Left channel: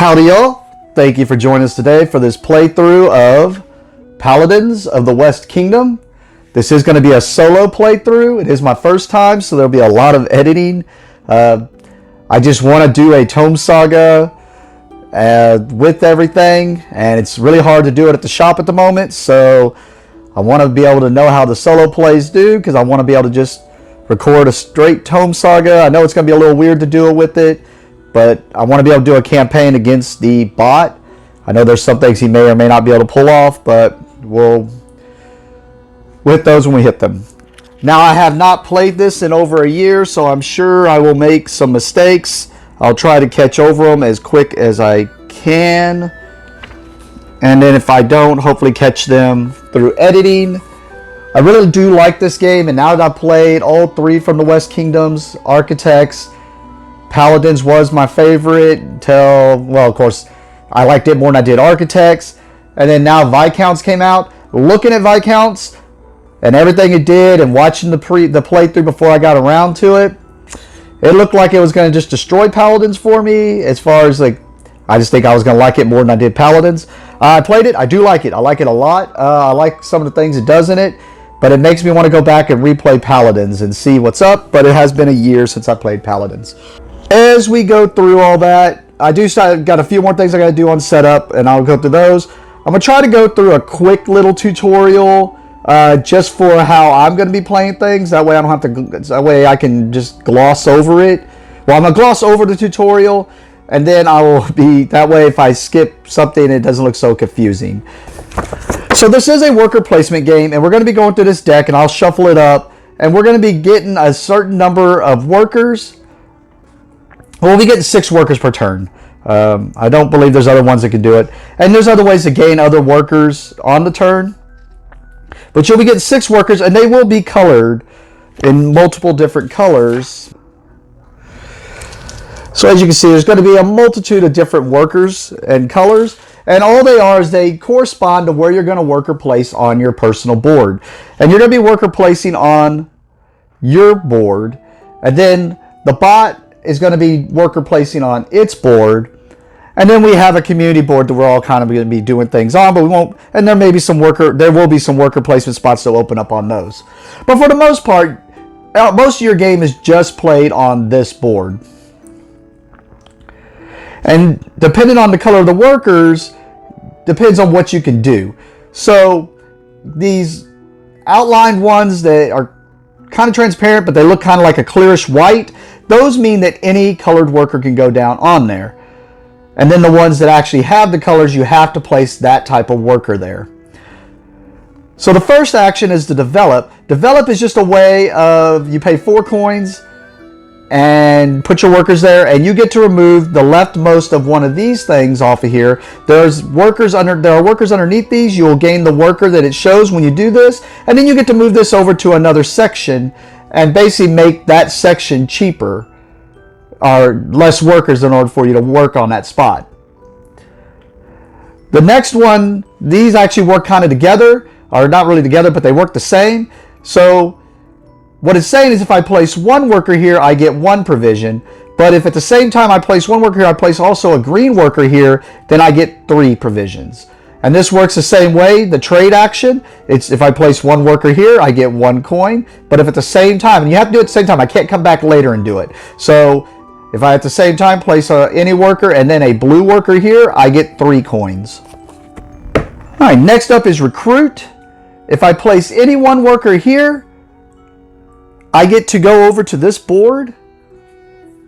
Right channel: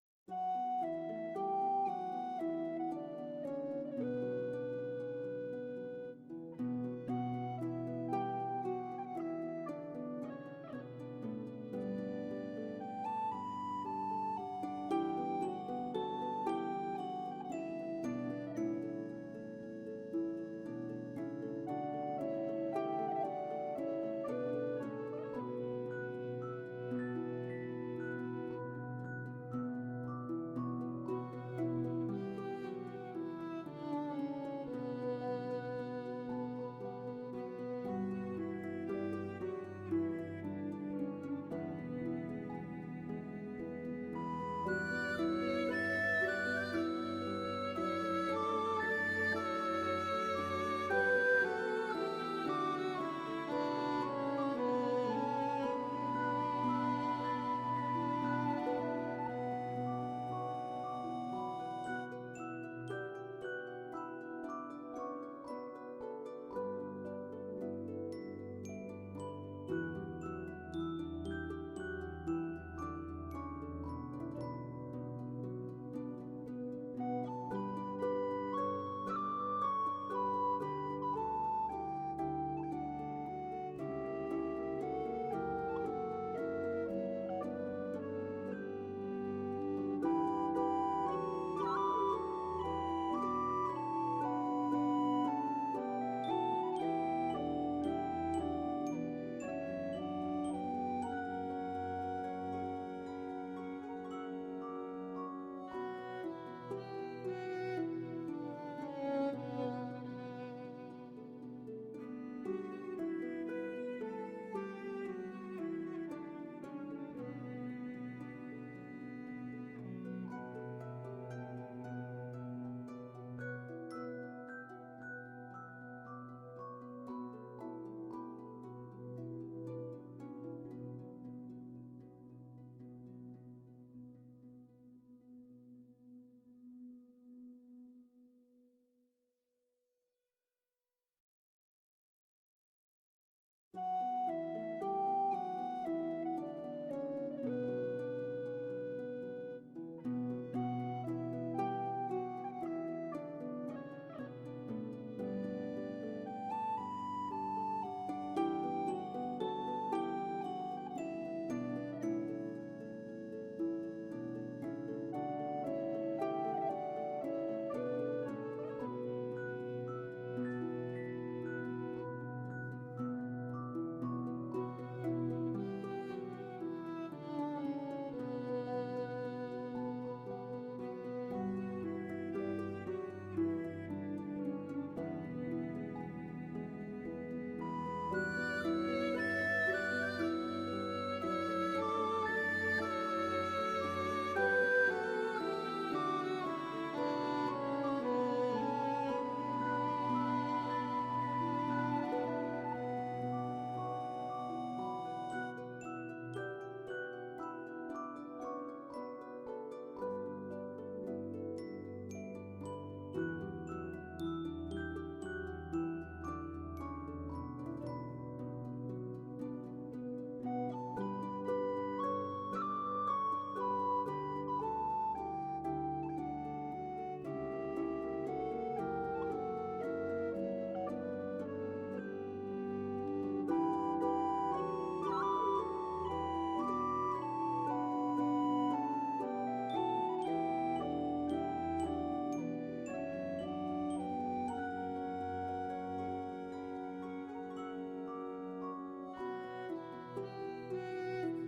Howdy y'all, thank you for joining us today for this playthrough of Paladins of the West Kingdom. This is going to be a solo playthrough. It is my first time, so there'll be a lot of editing. I just want to do a Tome Saga with everything, and it's really hard to do it at the shop at the moment, so I want to be able to know how the solo plays do, because I want to be able to just record a straight Tome Saga. I know it's going to be a little weird to do it with it, but I want to be able to do a campaign against the bot. I know there's some things he may or may not be able to pull off, but we'll hit those when we hit them. Now, I have not played this in over a year, so I'm sure I will make some mistakes. I'll try to catch over them as quick as I can. And then if I don't, hopefully catch them through editing. I really do like this game, and now that I've played all three from the West Kingdoms, Architects, Paladins was my favorite until, well, of course, I liked it more than I did Architects. And then now Viscounts came out. Looking at Viscounts and everything it did, and watching the playthrough before I got around to it, it looked like it was going to just destroy Paladins for me. As far as, like, I just think I was going to like it more than I did Paladins. I played it. I do like it. I like it a lot. I like some of the things it does in it. But it makes me want to go back and replay Paladins and see what's up. But it has been a year since I played Paladins. As we go through all that, I got a few more things I got to do on setup, and I'll go through those. I'm going to try to go through a quick little tutorial just for how I'm going to be playing things. That way I don't have to, that way I can just gloss over it. Well, I'm going to gloss over the tutorial, and then I will be, that way if I skip something, it doesn't look so confusing. So this is a worker placement game, and we're going to be going through this deck, and I'll shuffle it up, and we're going to be getting a certain number of workers. We'll be getting 6 workers per turn. I don't believe there's other ones that can do it. And there's other ways to gain other workers on the turn. But you'll be getting 6 workers, and they will be colored in multiple different colors. So as you can see, there's going to be a multitude of different workers and colors. And all they are is they correspond to where you're going to worker place on your personal board. And you're going to be worker placing on your board. And then the bot is going to be worker placing on its board, and then we have a community board that we're all kind of going to be doing things on, but we won't, and there will be some worker placement spots that will open up on those. But for the most part, most of your game is just played on this board. And depending on the color of the workers, depends on what you can do. So these outlined ones that are kind of transparent, but they look kind of like a clearish white, those mean that any colored worker can go down on there. And then the ones that actually have the colors, you have to place that type of worker there. So the first action is to develop. Develop is just a way of, you pay 4 coins and put your workers there, and you get to remove the leftmost of one of these things off of here. There are workers underneath these. You will gain the worker that it shows when you do this, and then you get to move this over to another section and basically make that section cheaper, or less workers in order for you to work on that spot. The next one, these actually work kind of together, or not really together, but they work the same. So what it's saying is if I place 1 worker here, I get 1 provision. But if at the same time I place 1 worker here, I place also a green worker here, then I get 3 provisions. And this works the same way, the trade action. It's if I place 1 worker here, I get 1 coin. But if at the same time, and you have to do it at the same time, I can't come back later and do it. So if I at the same time place any worker and then a blue worker here, I get 3 coins. All right, next up is recruit. If I place any 1 worker here, I get to go over to this board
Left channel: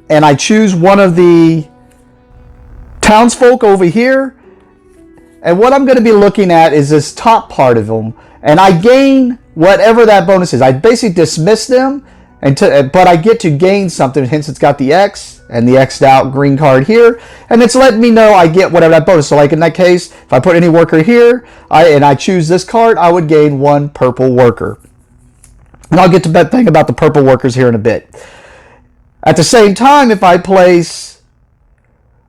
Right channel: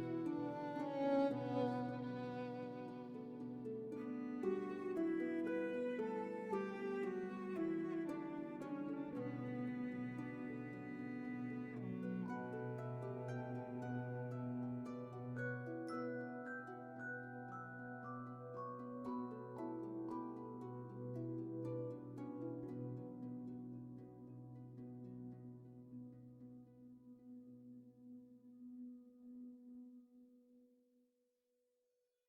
and I choose one of the townsfolk over here. And what I'm going to be looking at is this top part of them, and I gain whatever that bonus is. I basically dismiss them, but I get to gain something, hence it's got the X and the X'd out green card here, and it's letting me know I get whatever that bonus. So like in that case, if I put any worker here and I choose this card, I would gain 1 purple worker. And I'll get to that thing about the purple workers here in a bit. At the same time, if I place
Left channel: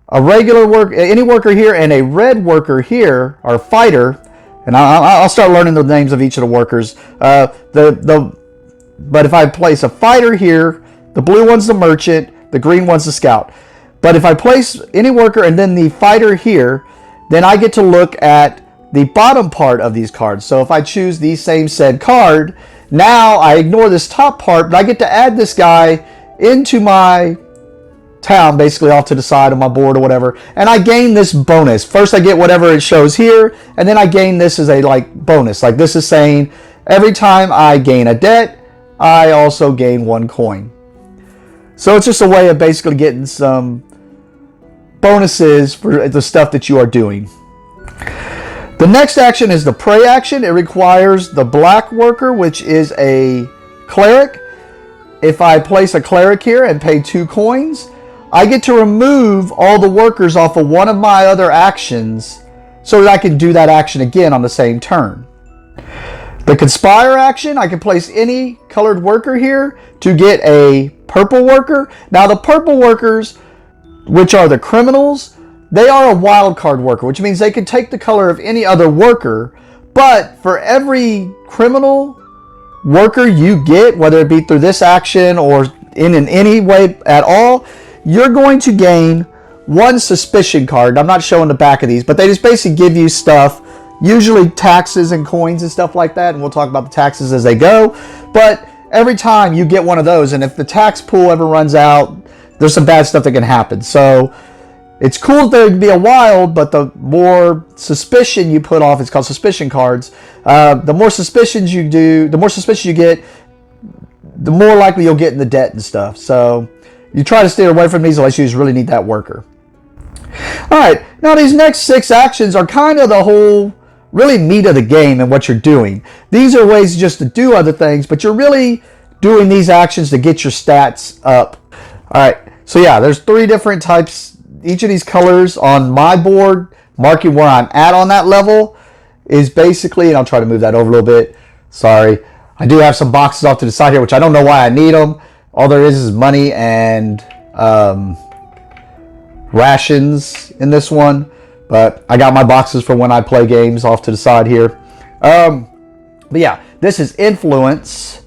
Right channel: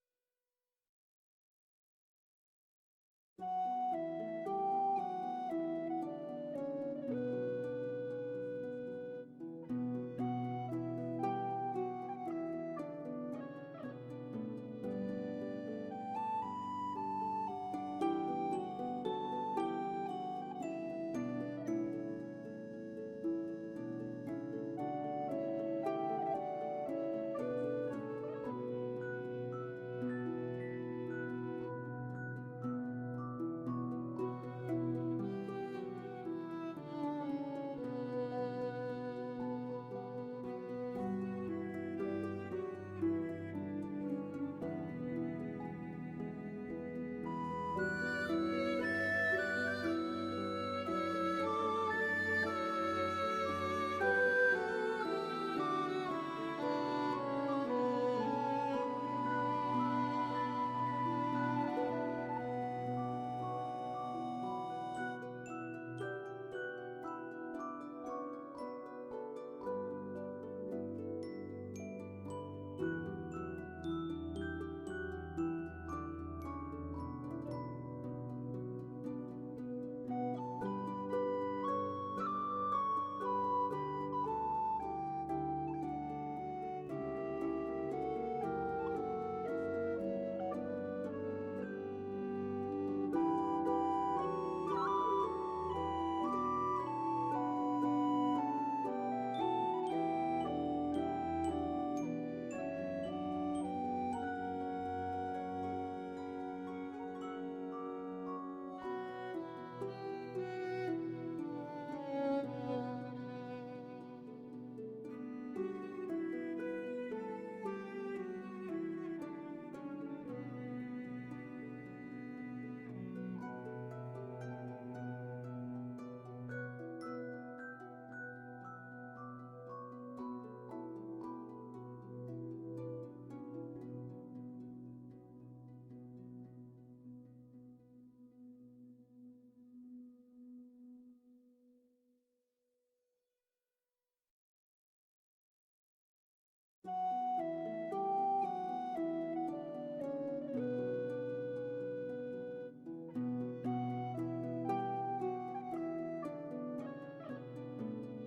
a regular worker, any worker here, and a red worker here, or fighter, and I'll start learning the names of each of the workers. But if I place a fighter here, the blue one's the merchant, the green one's the scout. But if I place any worker and then the fighter here, then I get to look at the bottom part of these cards. So if I choose the same said card, now I ignore this top part, but I get to add this guy into my town, basically off to the side of my board or whatever, and I gain this bonus. First I get whatever it shows here, and then I gain this as a bonus. Like this is saying every time I gain a debt, I also gain 1 coin. So it's just a way of basically getting some bonuses for the stuff that you are doing. The next action is the pray action. It requires the black worker, which is a cleric. If I place a cleric here and pay 2 coins, I get to remove all the workers off of one of my other actions so that I can do that action again on the same turn. The conspire action, I can place any colored worker here to get a purple worker. Now the purple workers, which are the criminals, they are a wild card worker, which means they can take the color of any other worker, but for every criminal worker you get, whether it be through this action or in any way at all, you're going to gain 1 suspicion card. I'm not showing the back of these, but they just basically give you stuff, usually taxes and coins and stuff like that, and we'll talk about the taxes as they go. But every time you get one of those, and if the tax pool ever runs out, there's some bad stuff that can happen. So it's cool that there can be a wild, but the more suspicion you put off, it's called suspicion cards. The more suspicions you do, the more suspicion you get, the more likely you'll get in the debt and stuff. So you try to steer away from these unless you just really need that worker. All right, now these next 6 actions are kind of the whole really meat of the game and what you're doing. These are ways just to do other things, but you're really doing these actions to get your stats up. All right, so yeah, there's 3 different types. Each of these colors on my board, marking where I'm at on that level, is basically, and I'll try to move that over a little bit. Sorry. I do have some boxes off to the side here, which I don't know why I need them. All there is money and rations in this one. But I got my boxes for when I play games off to the side here. But yeah, this is influence,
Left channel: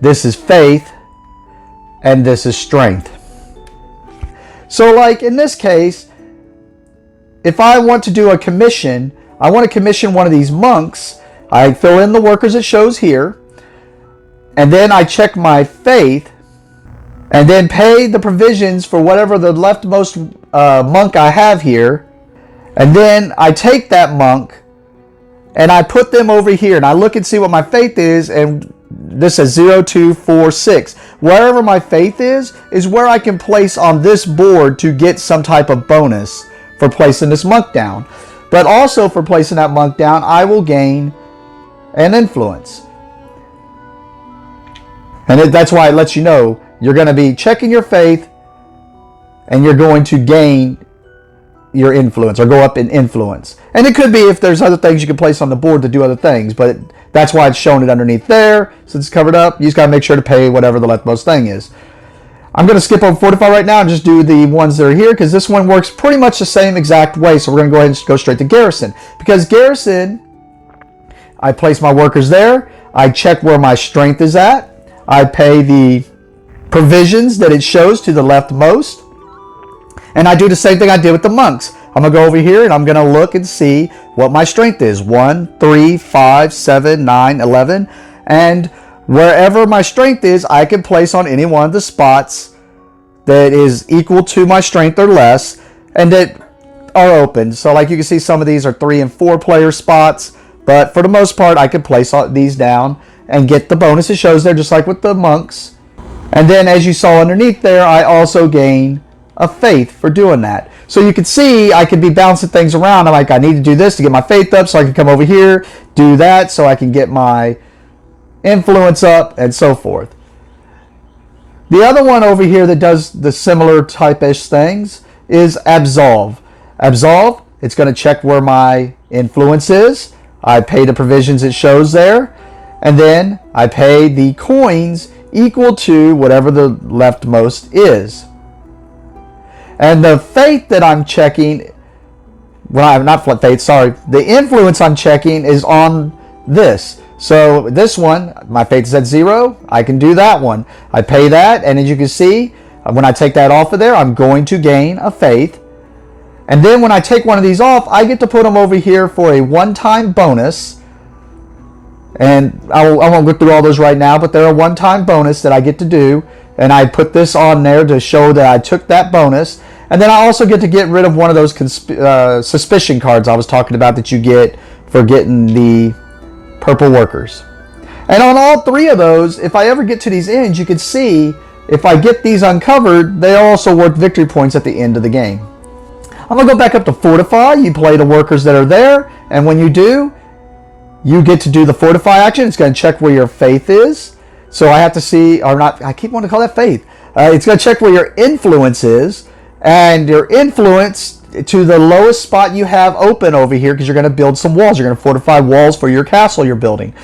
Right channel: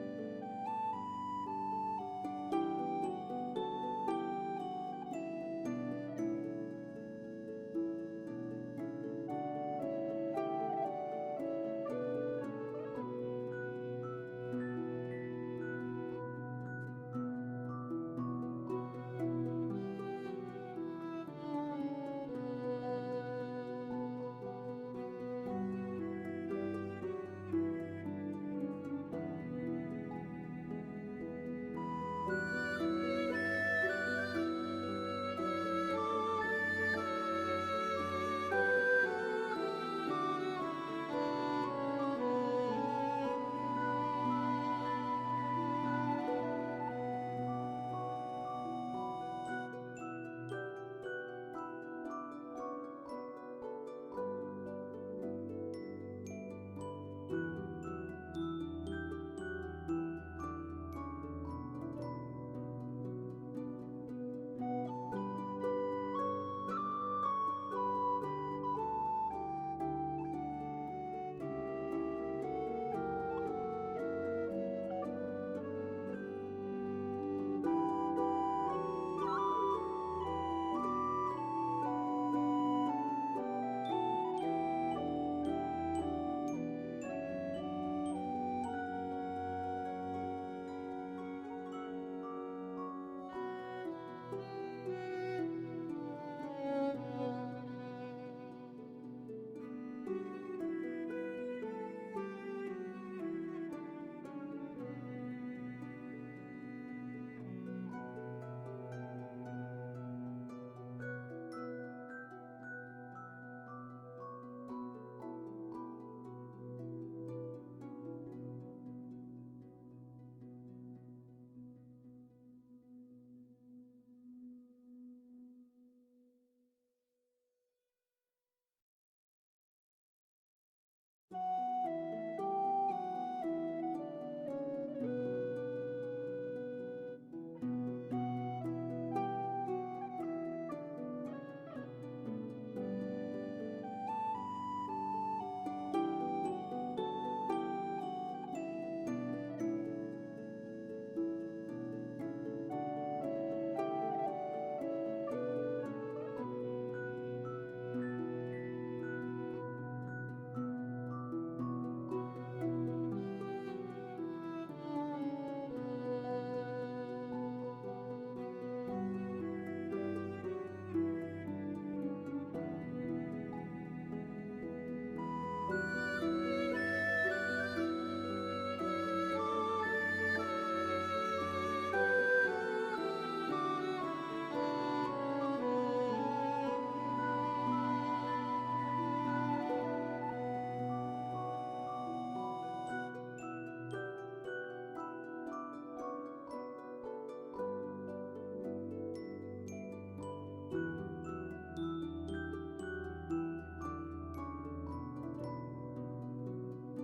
this is faith, and this is strength. So like in this case, if I want to do a commission, I want to commission one of these monks. I fill in the workers it shows here, and then I check my faith, and then pay the provisions for whatever the leftmost monk I have here, and then I take that monk and I put them over here, and I look and see what my faith is, and this says 0, 2, 4, 6. Wherever my faith is where I can place on this board to get some type of bonus for placing this monk down. But also for placing that monk down, I will gain an influence. And that's why it lets you know you're going to be checking your faith and you're going to gain your influence or go up in influence. And it could be if there's other things you can place on the board to do other things, but that's why it's showing it underneath there. Since it's covered up, you just got to make sure to pay whatever the leftmost thing is. I'm going to skip over Fortify right now and just do the ones that are here, because this one works pretty much the same exact way. So we're going to go ahead and go straight to Garrison. Because Garrison, I place my workers there. I check where my strength is at. I pay the provisions that it shows to the leftmost. And I do the same thing I did with the monks. I'm going to go over here and I'm going to look and see what my strength is. 1, 3, 5, 7, 9, 11. And wherever my strength is, I can place on any one of the spots that is equal to my strength or less, and that are open. So like you can see, some of these are 3 and 4 player spots, but for the most part, I can place these down and get the bonus it shows there, just like with the monks. And then as you saw underneath there, I also gain a faith for doing that. So you can see I could be bouncing things around. I'm like, I need to do this to get my faith up, so I can come over here, do that, so I can get my influence up, and so forth. The other one over here that does the similar type-ish things is Absolve. Absolve, it's going to check where my influence is. I pay the provisions it shows there, and then I pay the coins equal to whatever the leftmost is. And the faith that I'm checking, well, not faith, sorry, the influence I'm checking is on this. So this one, my faith is at 0. I can do that one. I pay that, and as you can see, When I take that off of there, I'm going to gain a faith. And then when I take one of these off, I get to put them over here for a one-time bonus. And I won't go through all those right now, but they're a one-time bonus that I get to do. And I put this on there to show that I took that bonus. And then I also get to get rid of one of those suspicion cards I was talking about that you get for getting the purple workers. And on all three of those, if I ever get to these ends, you can see if I get these uncovered, they also work victory points at the end of the game. I'm going to go back up to Fortify. You play the workers that are there, and when you do, you get to do the Fortify action. It's going to check where your faith is. So I have to see, or not, I keep wanting to call that faith. It's going to check where your influence is, and your influence to the lowest spot you have open over here, because you're going to build some walls. You're going to fortify walls for your castle you're building.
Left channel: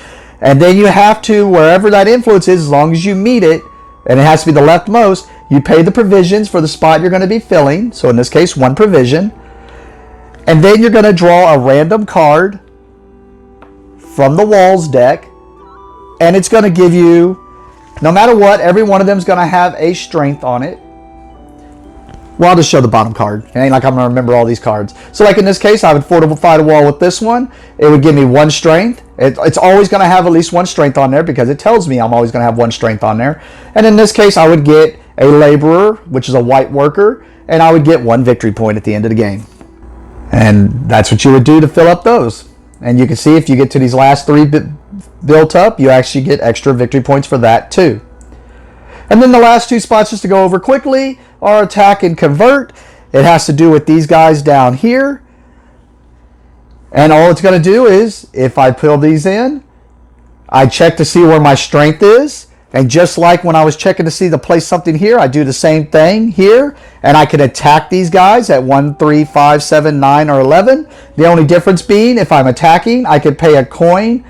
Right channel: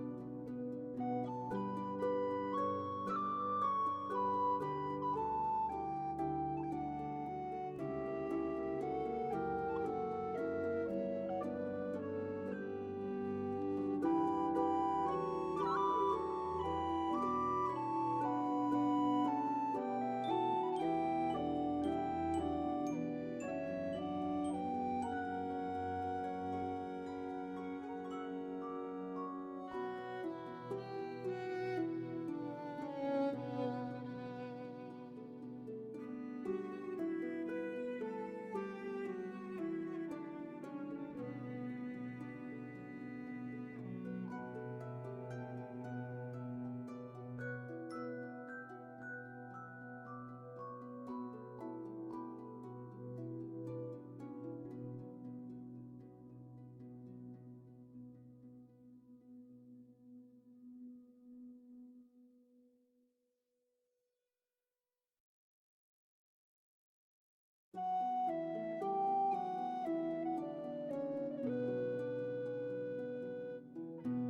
And then you have to, wherever that influence is, as long as you meet it, and it has to be the leftmost, you pay the provisions for the spot you're going to be filling. So in this case, 1 provision. And then you're going to draw a random card from the walls deck. And it's going to give you, no matter what, every one of them is going to have a strength on it. Well, I'll just show the bottom card. It ain't like I'm going to remember all these cards. So like in this case, I would fortify the wall with this one. It would give me 1 strength. It's always going to have at least 1 strength on there because it tells me I'm always going to have 1 strength on there. And in this case, I would get a laborer, which is a white worker, and I would get 1 victory point at the end of the game. And that's what you would do to fill up those. And you can see if you get to these last 3 built up, you actually get extra victory points for that too. And then the last 2 spots, just to go over quickly, are attack and convert. It has to do with these guys down here. And all it's going to do is, if I fill these in, I check to see where my strength is. And just like when I was checking to see to place something here, I do the same thing here. And I can attack these guys at 1, 3, 5, 7, 9, or 11. The only difference being, if I'm attacking, I could pay a coin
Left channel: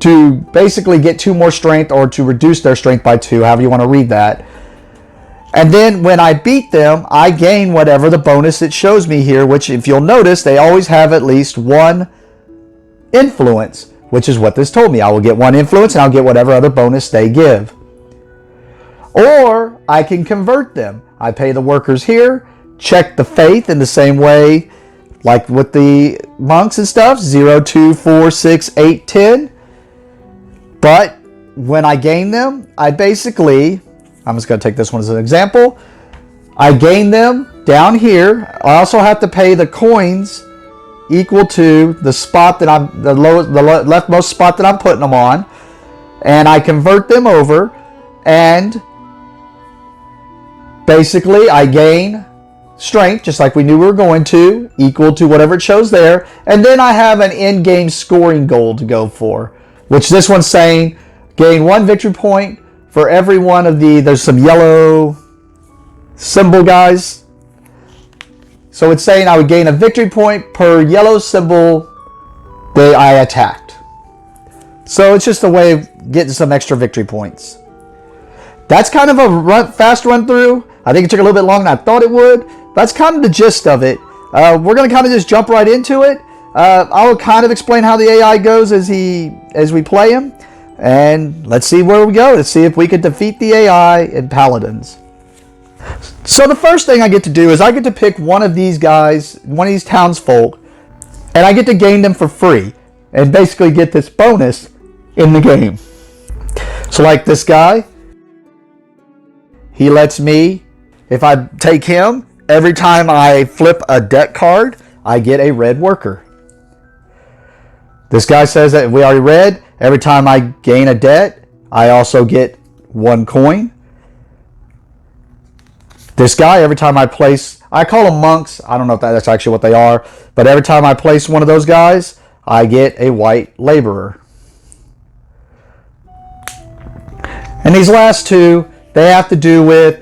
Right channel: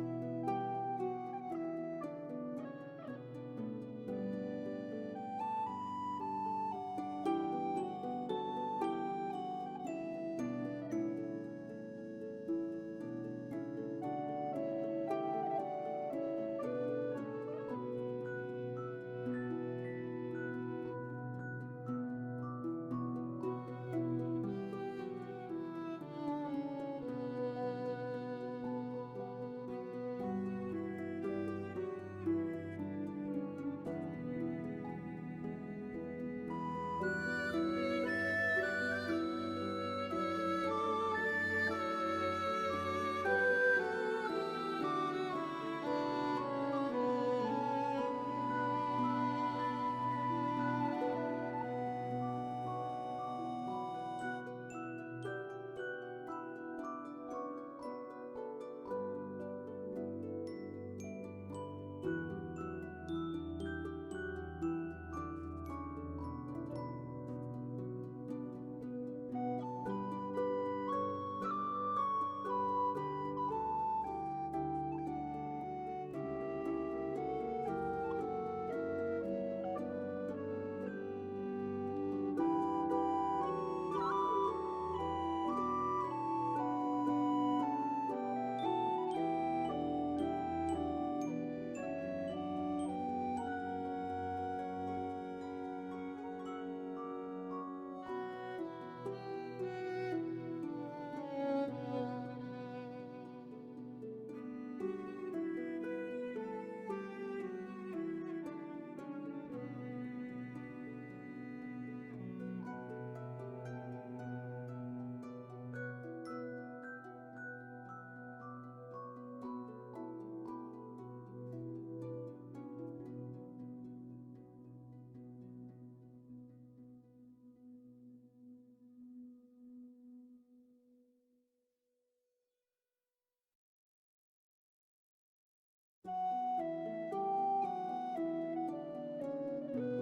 to basically get 2 more strength, or to reduce their strength by 2, however you want to read that. And then when I beat them, I gain whatever the bonus it shows me here, which if you'll notice, they always have at least 1 influence, which is what this told me. I will get 1 influence and I'll get whatever other bonus they give. Or I can convert them. I pay the workers here, check the faith in the same way like with the monks and stuff, 0, 2, 4, 6, 8, 10. But when I gain them, I basically, I'm just going to take this one as an example. I gain them down here. I also have to pay the coins equal to the spot that I'm, the leftmost spot that I'm putting them on. And I convert them over, and basically I gain strength, just like we knew we were going to, equal to whatever it shows there. And then I have an in-game scoring goal to go for, which this one's saying gain 1 victory point for every one of the, there's some yellow symbol guys. So it's saying I would gain a victory point per yellow symbol that I attacked. So it's just a way of getting some extra victory points. That's kind of a fast run through. I think it took a little bit longer than I thought it would. That's kind of the gist of it. We're going to kind of just jump right into it. I'll kind of explain how the AI goes as we play him. And let's see where we go. Let's see if we can defeat the AI in Paladins. So the first thing I get to do is I get to pick one of these guys, one of these townsfolk, and I get to gain them for free and basically get this bonus in the game. So like this guy, he lets me, if I take him, every time I flip a deck card, I get a red worker. This guy says that we already read, every time I gain a debt, I also get 1 coin. This guy, every time I place, I call them monks. I don't know if that's actually what they are, but every time I place one of those guys, I get a white laborer. And these last 2, they have to do with,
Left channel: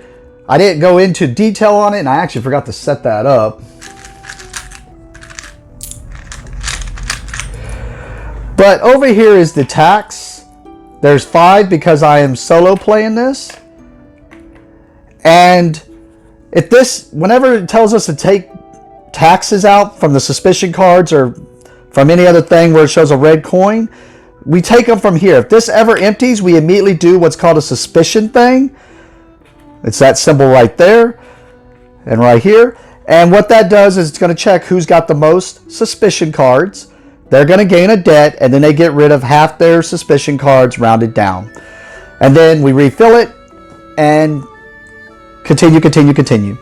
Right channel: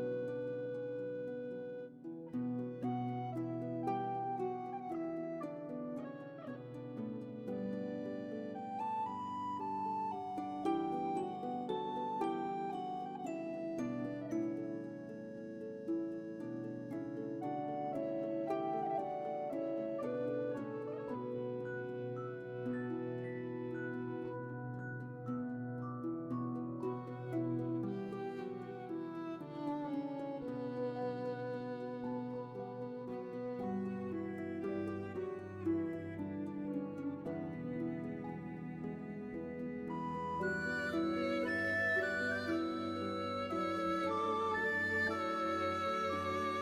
I didn't go into detail on it, and I actually forgot to set that up. But over here is the tax. There's 5 because I am solo playing this. And if this, whenever it tells us to take taxes out from the suspicion cards or from any other thing where it shows a red coin, we take them from here. If this ever empties, we immediately do what's called a suspicion thing. It's that symbol right there and right here. And what that does is it's going to check who's got the most suspicion cards. They're going to gain a debt, and then they get rid of half their suspicion cards rounded down. And then we refill it and continue.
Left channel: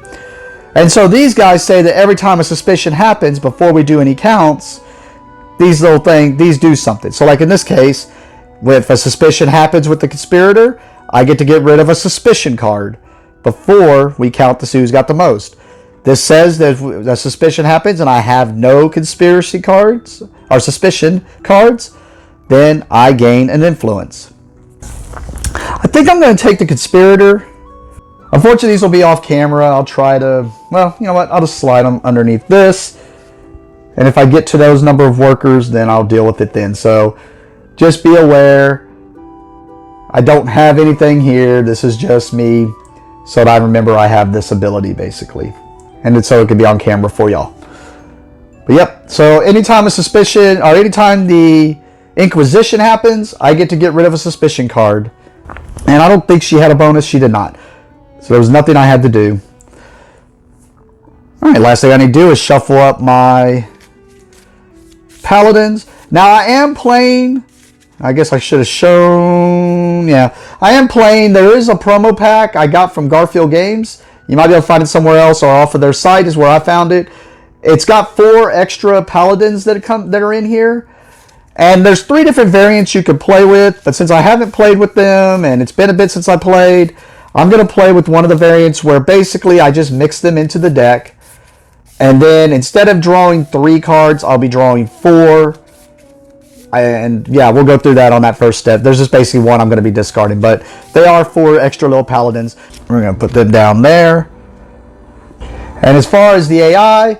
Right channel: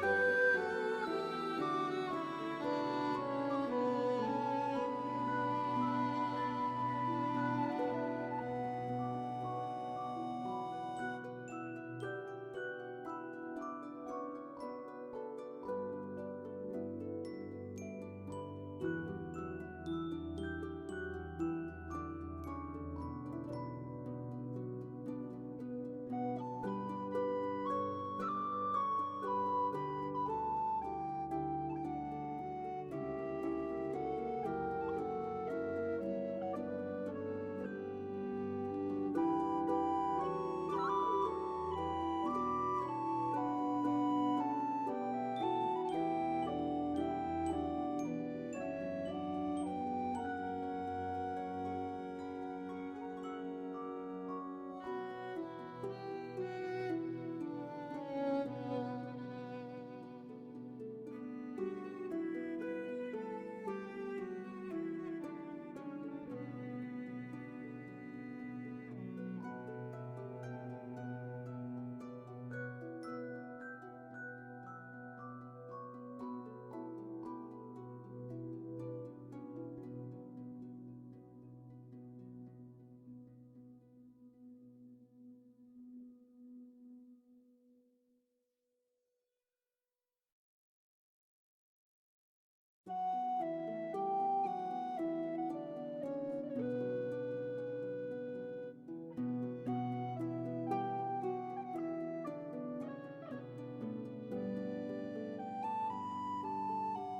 And so these guys say that every time a suspicion happens before we do any counts, these little things, these do something. So like in this case, if a suspicion happens with the conspirator, I get to get rid of a suspicion card before we count to see who's got the most. This says that if a suspicion happens and I have no conspiracy cards or suspicion cards, then I gain an influence. I think I'm going to take the conspirator. Unfortunately, these will be off camera. I'll try to, well, you know what? I'll just slide them underneath this. And if I get to those number of workers, then I'll deal with it then. So just be aware. I don't have anything here. This is just me. So that I remember I have this ability, basically. And so it can be on camera for y'all. But yep, so anytime a suspicion, or anytime the Inquisition happens, I get to get rid of a suspicion card. And I don't think she had a bonus. She did not. So there was nothing I had to do. Alright, last thing I need to do is shuffle up my Paladins. Now I am playing, I guess I should have shown, yeah. I am playing, there is a promo pack I got from Garfield Games. You might be able to find it somewhere else, or off of their site is where I found it. It's got 4 extra Paladins that are in here. And there's 3 different variants you can play with, but since I haven't played with them, and it's been a bit since I played, I'm going to play with one of the variants where basically I just mix them into the deck. And then instead of drawing 3 cards, I'll be drawing 4. And yeah, we'll go through that on that first step. There's just basically one I'm going to be discarding, but they are 4 extra little Paladins. We're going to put them down there. And as far as the AI,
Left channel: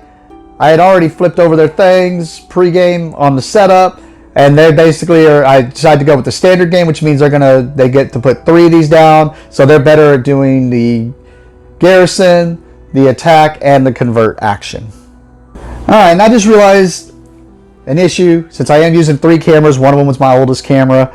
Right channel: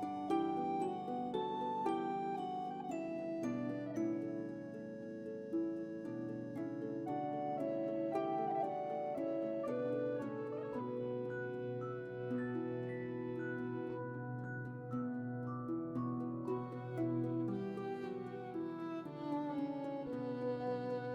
I had already flipped over their things pre-game on the setup, and they basically are, I decided to go with the standard game, which means they get to put 3 of these down, so they're better at doing the garrison, the attack, and the convert action. Alright, and I just realized an issue, since I am using 3 cameras, one of them was my oldest camera.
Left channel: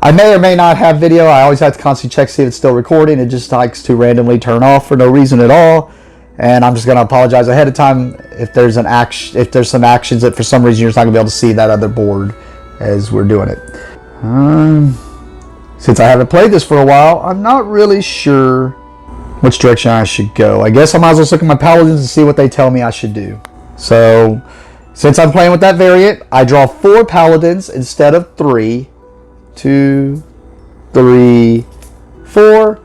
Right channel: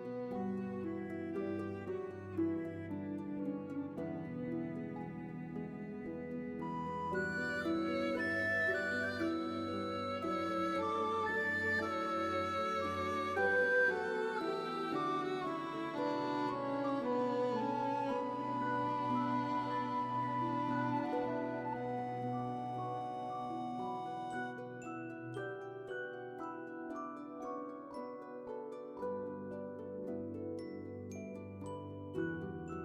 I may or may not have video. I always have to constantly check to see if it's still recording. It just likes to randomly turn off for no reason at all. And I'm just going to apologize ahead of time if there's some actions that for some reason you're just not going to be able to see that other board as we're doing it. Since I haven't played this for a while, I'm not really sure which direction I should go. I guess I might as well look at my Paladins and see what they tell me I should do. So, since I'm playing with that variant, I draw 4 Paladins instead of 3. 2, 3, 4.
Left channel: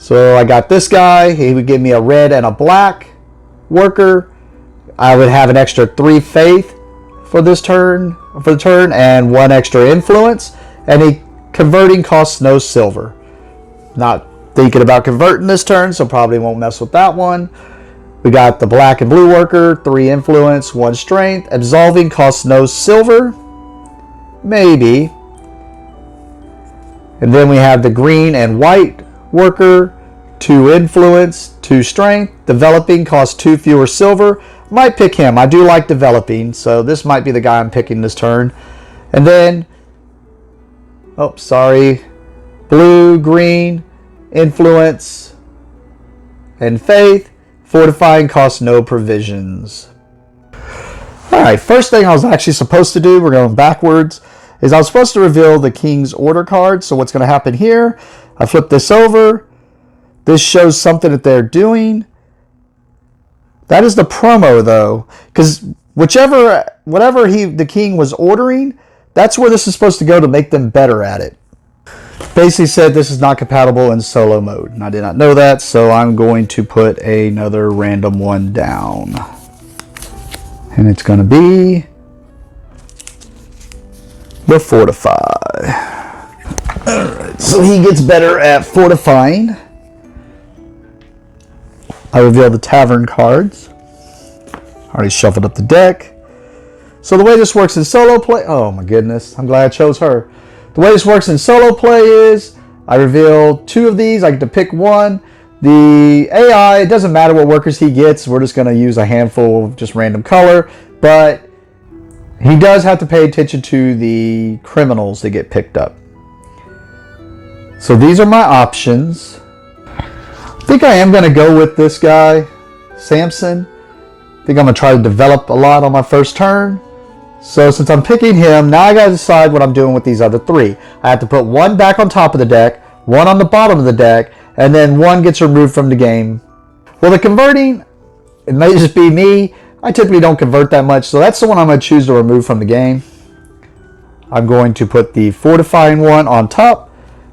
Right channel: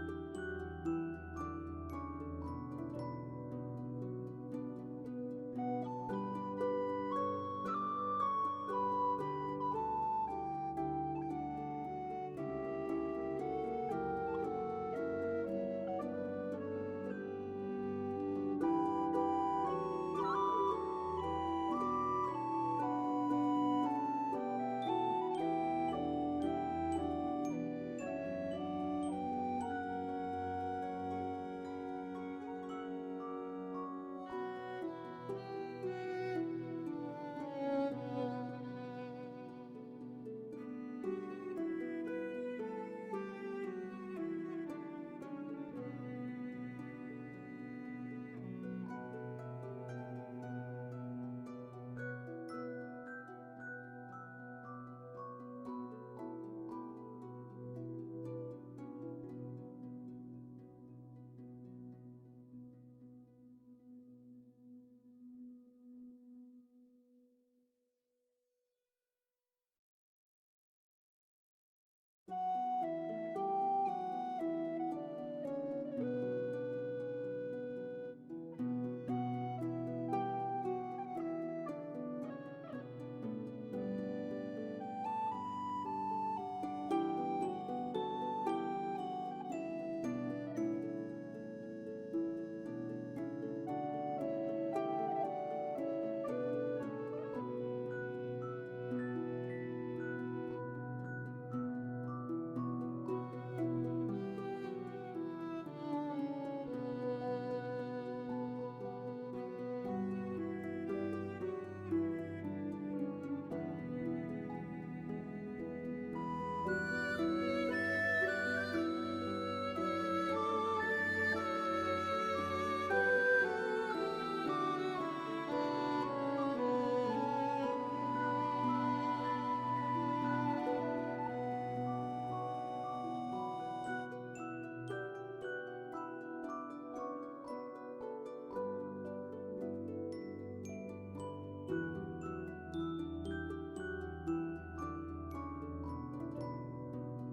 So I got this guy. He would give me a red and a black worker. I would have an extra 3 faith for the turn, and 1 extra influence. And converting costs no silver. Not thinking about converting this turn, so probably won't mess with that one. We got the black and blue worker, 3 influence, 1 strength. Absolving costs no silver. Maybe. And then we have the green and white worker, 2 influence, 2 strength. Developing costs 2 fewer silver. Might pick him. I do like developing, so this might be the guy I'm picking this turn. And then, oh, sorry, blue, green, influence, and faith. Fortifying costs no provisions. Alright, first thing I was actually supposed to do, we're going backwards, is I was supposed to reveal the King's Order card. So what's going to happen here, I flip this over. This shows something that they're doing. That is the promo though, because whatever the king was ordering, that's where this is supposed to go to make them better at it. Basically said this is not compatible in solo mode, and I did not know that, so I'm going to put another random one down. And it's going to be the Fortify. Alright, so he gets better at fortifying. I reveal the Tavern cards. Already shuffled up the deck. So the way this works in solo play, oh my goodness, I'm glad I chose her. The way this works in solo play is I reveal 2 of these. I get to pick 1. The AI, it doesn't matter what workers he gets. We're just going to use a handful of just random color. But he does have to pay attention to the criminals that get picked up. So these are my options. I think I am going to go with this guy, Samson. I think I'm going to try to develop a lot on my first turn. So since I'm picking him, now I got to decide what I'm doing with these other three. I have to put one back on top of the deck, one on the bottom of the deck, and then one gets removed from the game. Well, the converting, it may just be me. I typically don't convert that much, so that's the one I'm going to choose to remove from the game. I'm going to put the fortifying one on top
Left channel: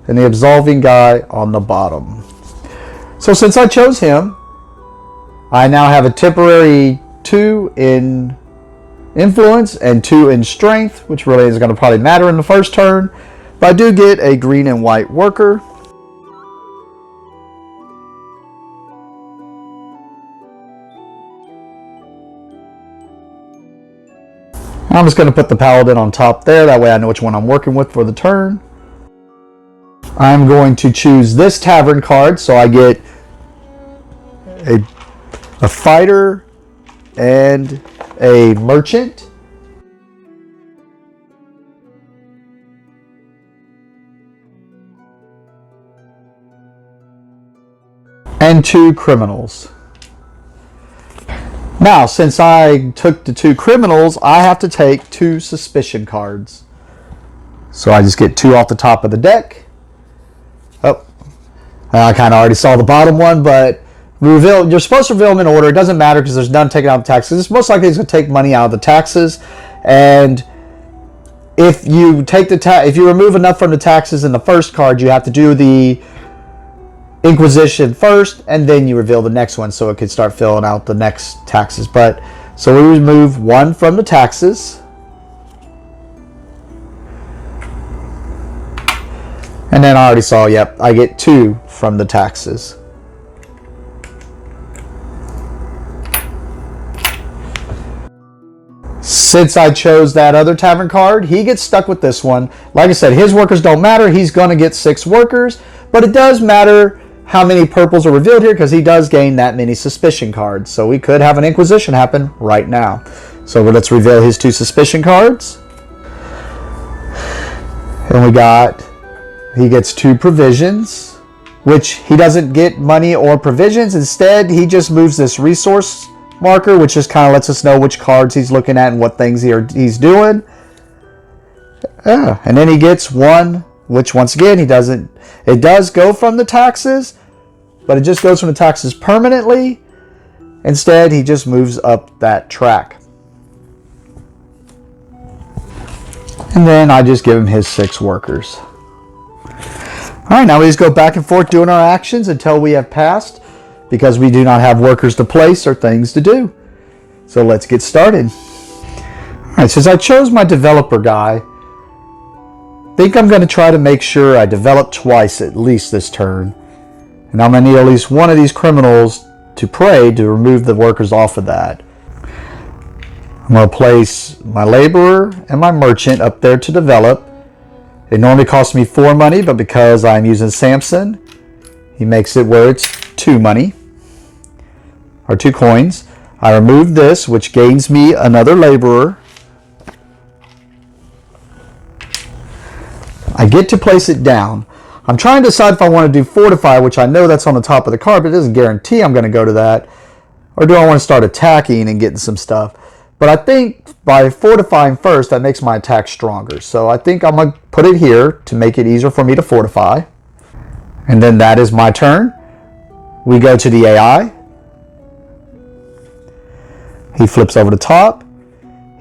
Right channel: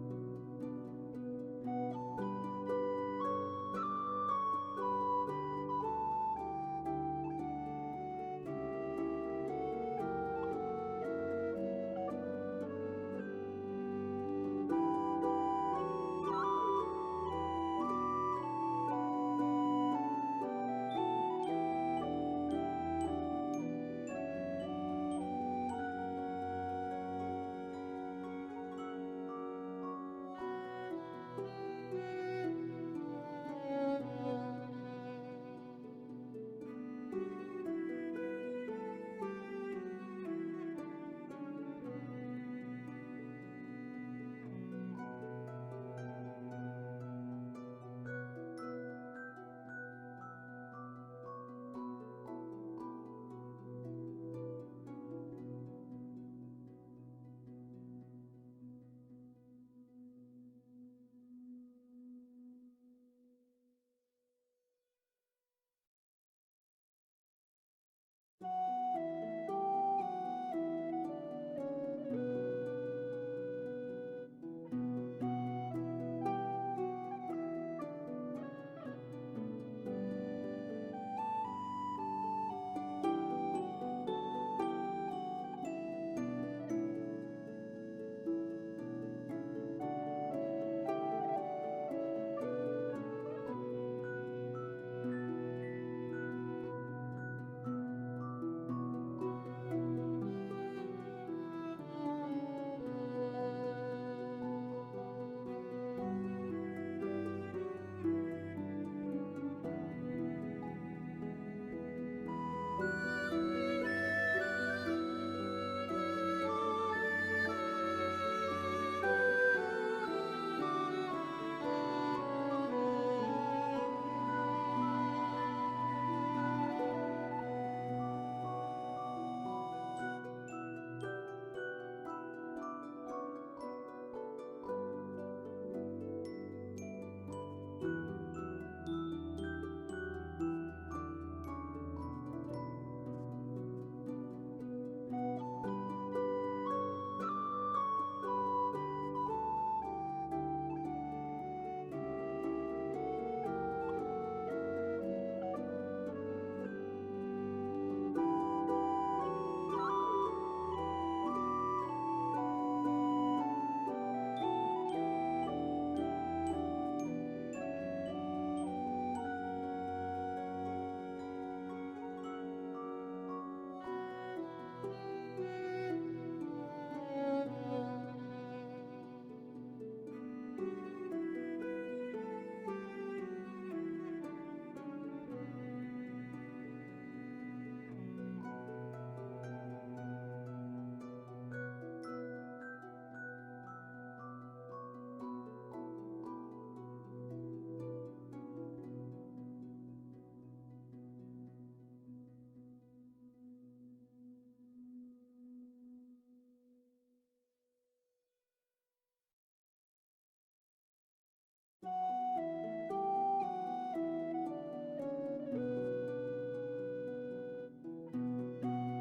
and the absolving guy on the bottom. So since I chose him, I now have a temporary 2 in influence and 2 in strength, which really is going to probably matter in the first turn. But I do get a green and white worker. I'm just going to put the Paladin on top there. That way I know which one I'm working with for the turn. I'm going to choose this Tavern card, so I get a fighter and a merchant. And 2 criminals. Now, since I took the 2 criminals, I have to take 2 suspicion cards. So I just get 2 off the top of the deck. Oh, I kind of already saw the bottom one, but reveal. You're supposed to reveal them in order. It doesn't matter because there's none taken out of taxes. It's most likely it's going to take money out of the taxes, and if you take the if you remove enough from the taxes in the first card, you have to do the Inquisition first, and then you reveal the next one, so it could start filling out the next taxes. But so we remove 1 from the taxes, and then I already saw. Yep, I get 2 from the taxes. Since I chose that other Tavern card, he gets stuck with this one. Like I said, his workers don't matter. He's going to get 6 workers, but it does matter how many purples are revealed here because he does gain that many suspicion cards. So we could have an Inquisition happen right now. So let's reveal his 2 suspicion cards. And he gets 2 provisions, which he doesn't get money or provisions. Instead, he just moves this resource marker, which just kind of lets us know which cards he's looking at and what things he's doing. And then he gets 1, which once again, it does go from the taxes, but it just goes from the taxes permanently. Instead, he just moves up that track. And then I just give him his 6 workers. All right, now we just go back and forth doing our actions until we have passed, because we do not have workers to place or things to do. So let's get started. All right, since I chose my developer guy, I think I'm going to try to make sure I develop twice at least this turn. And I'm going to need at least one of these criminals to pray to remove the workers off of that. I'm going to place my laborer and my merchant up there to develop. It normally costs me 4 money, but because I'm using Samson, he makes it where it's 2 money, or 2 coins. I remove this, which gains me another laborer. I get to place it down. I'm trying to decide if I want to do fortify, which I know that's on the top of the card, but it doesn't guarantee I'm going to go to that. Or do I want to start attacking and getting some stuff? But I think by fortifying first, that makes my attack stronger. So I think I'm going to put it here to make it easier for me to fortify. And then that is my turn. We go to the AI. He flips over the top.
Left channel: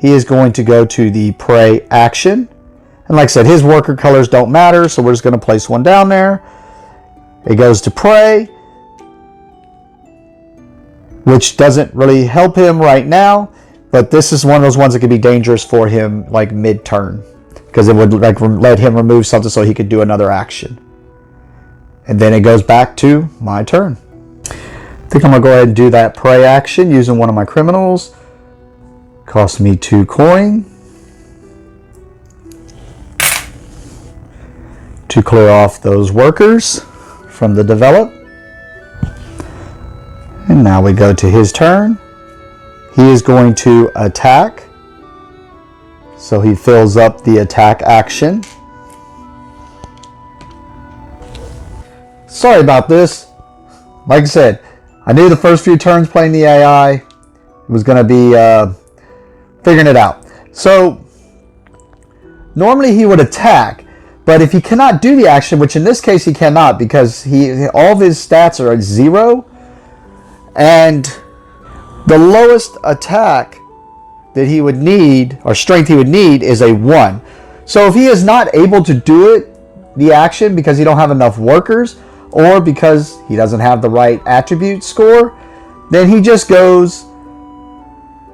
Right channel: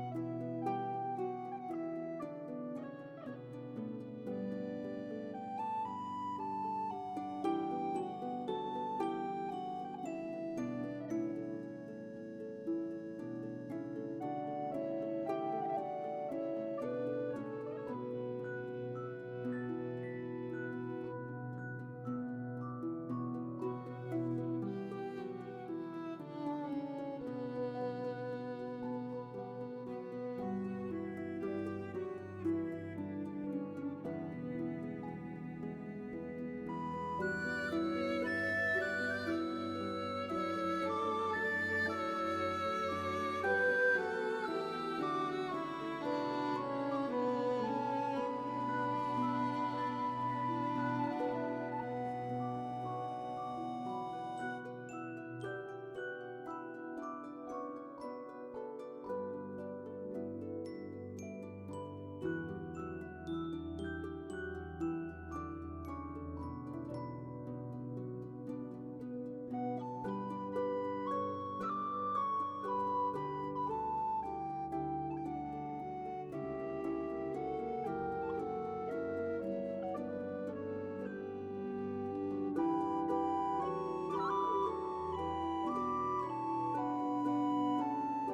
He is going to go to the pray action. And like I said, his worker colors don't matter, so we're just going to place 1 down there. It goes to pray, which doesn't really help him right now, but this is one of those ones that could be dangerous for him like mid-turn, because it would like let him remove something so he could do another action. And then it goes back to my turn. I think I'm going to go ahead and do that pray action using one of my criminals. Cost me 2 coin. To clear off those workers from the develop. And now we go to his turn. He is going to attack. So he fills up the attack action. Sorry about this. Like I said, I knew the first few turns playing the AI was going to be figuring it out. So normally he would attack, but if he cannot do the action, which in this case he cannot because all of his stats are at 0, and the lowest attack that he would need, or strength he would need, is a 1. So if he is not able to do it, the action, because he don't have enough workers, or because he doesn't have the right attribute score, then he just goes,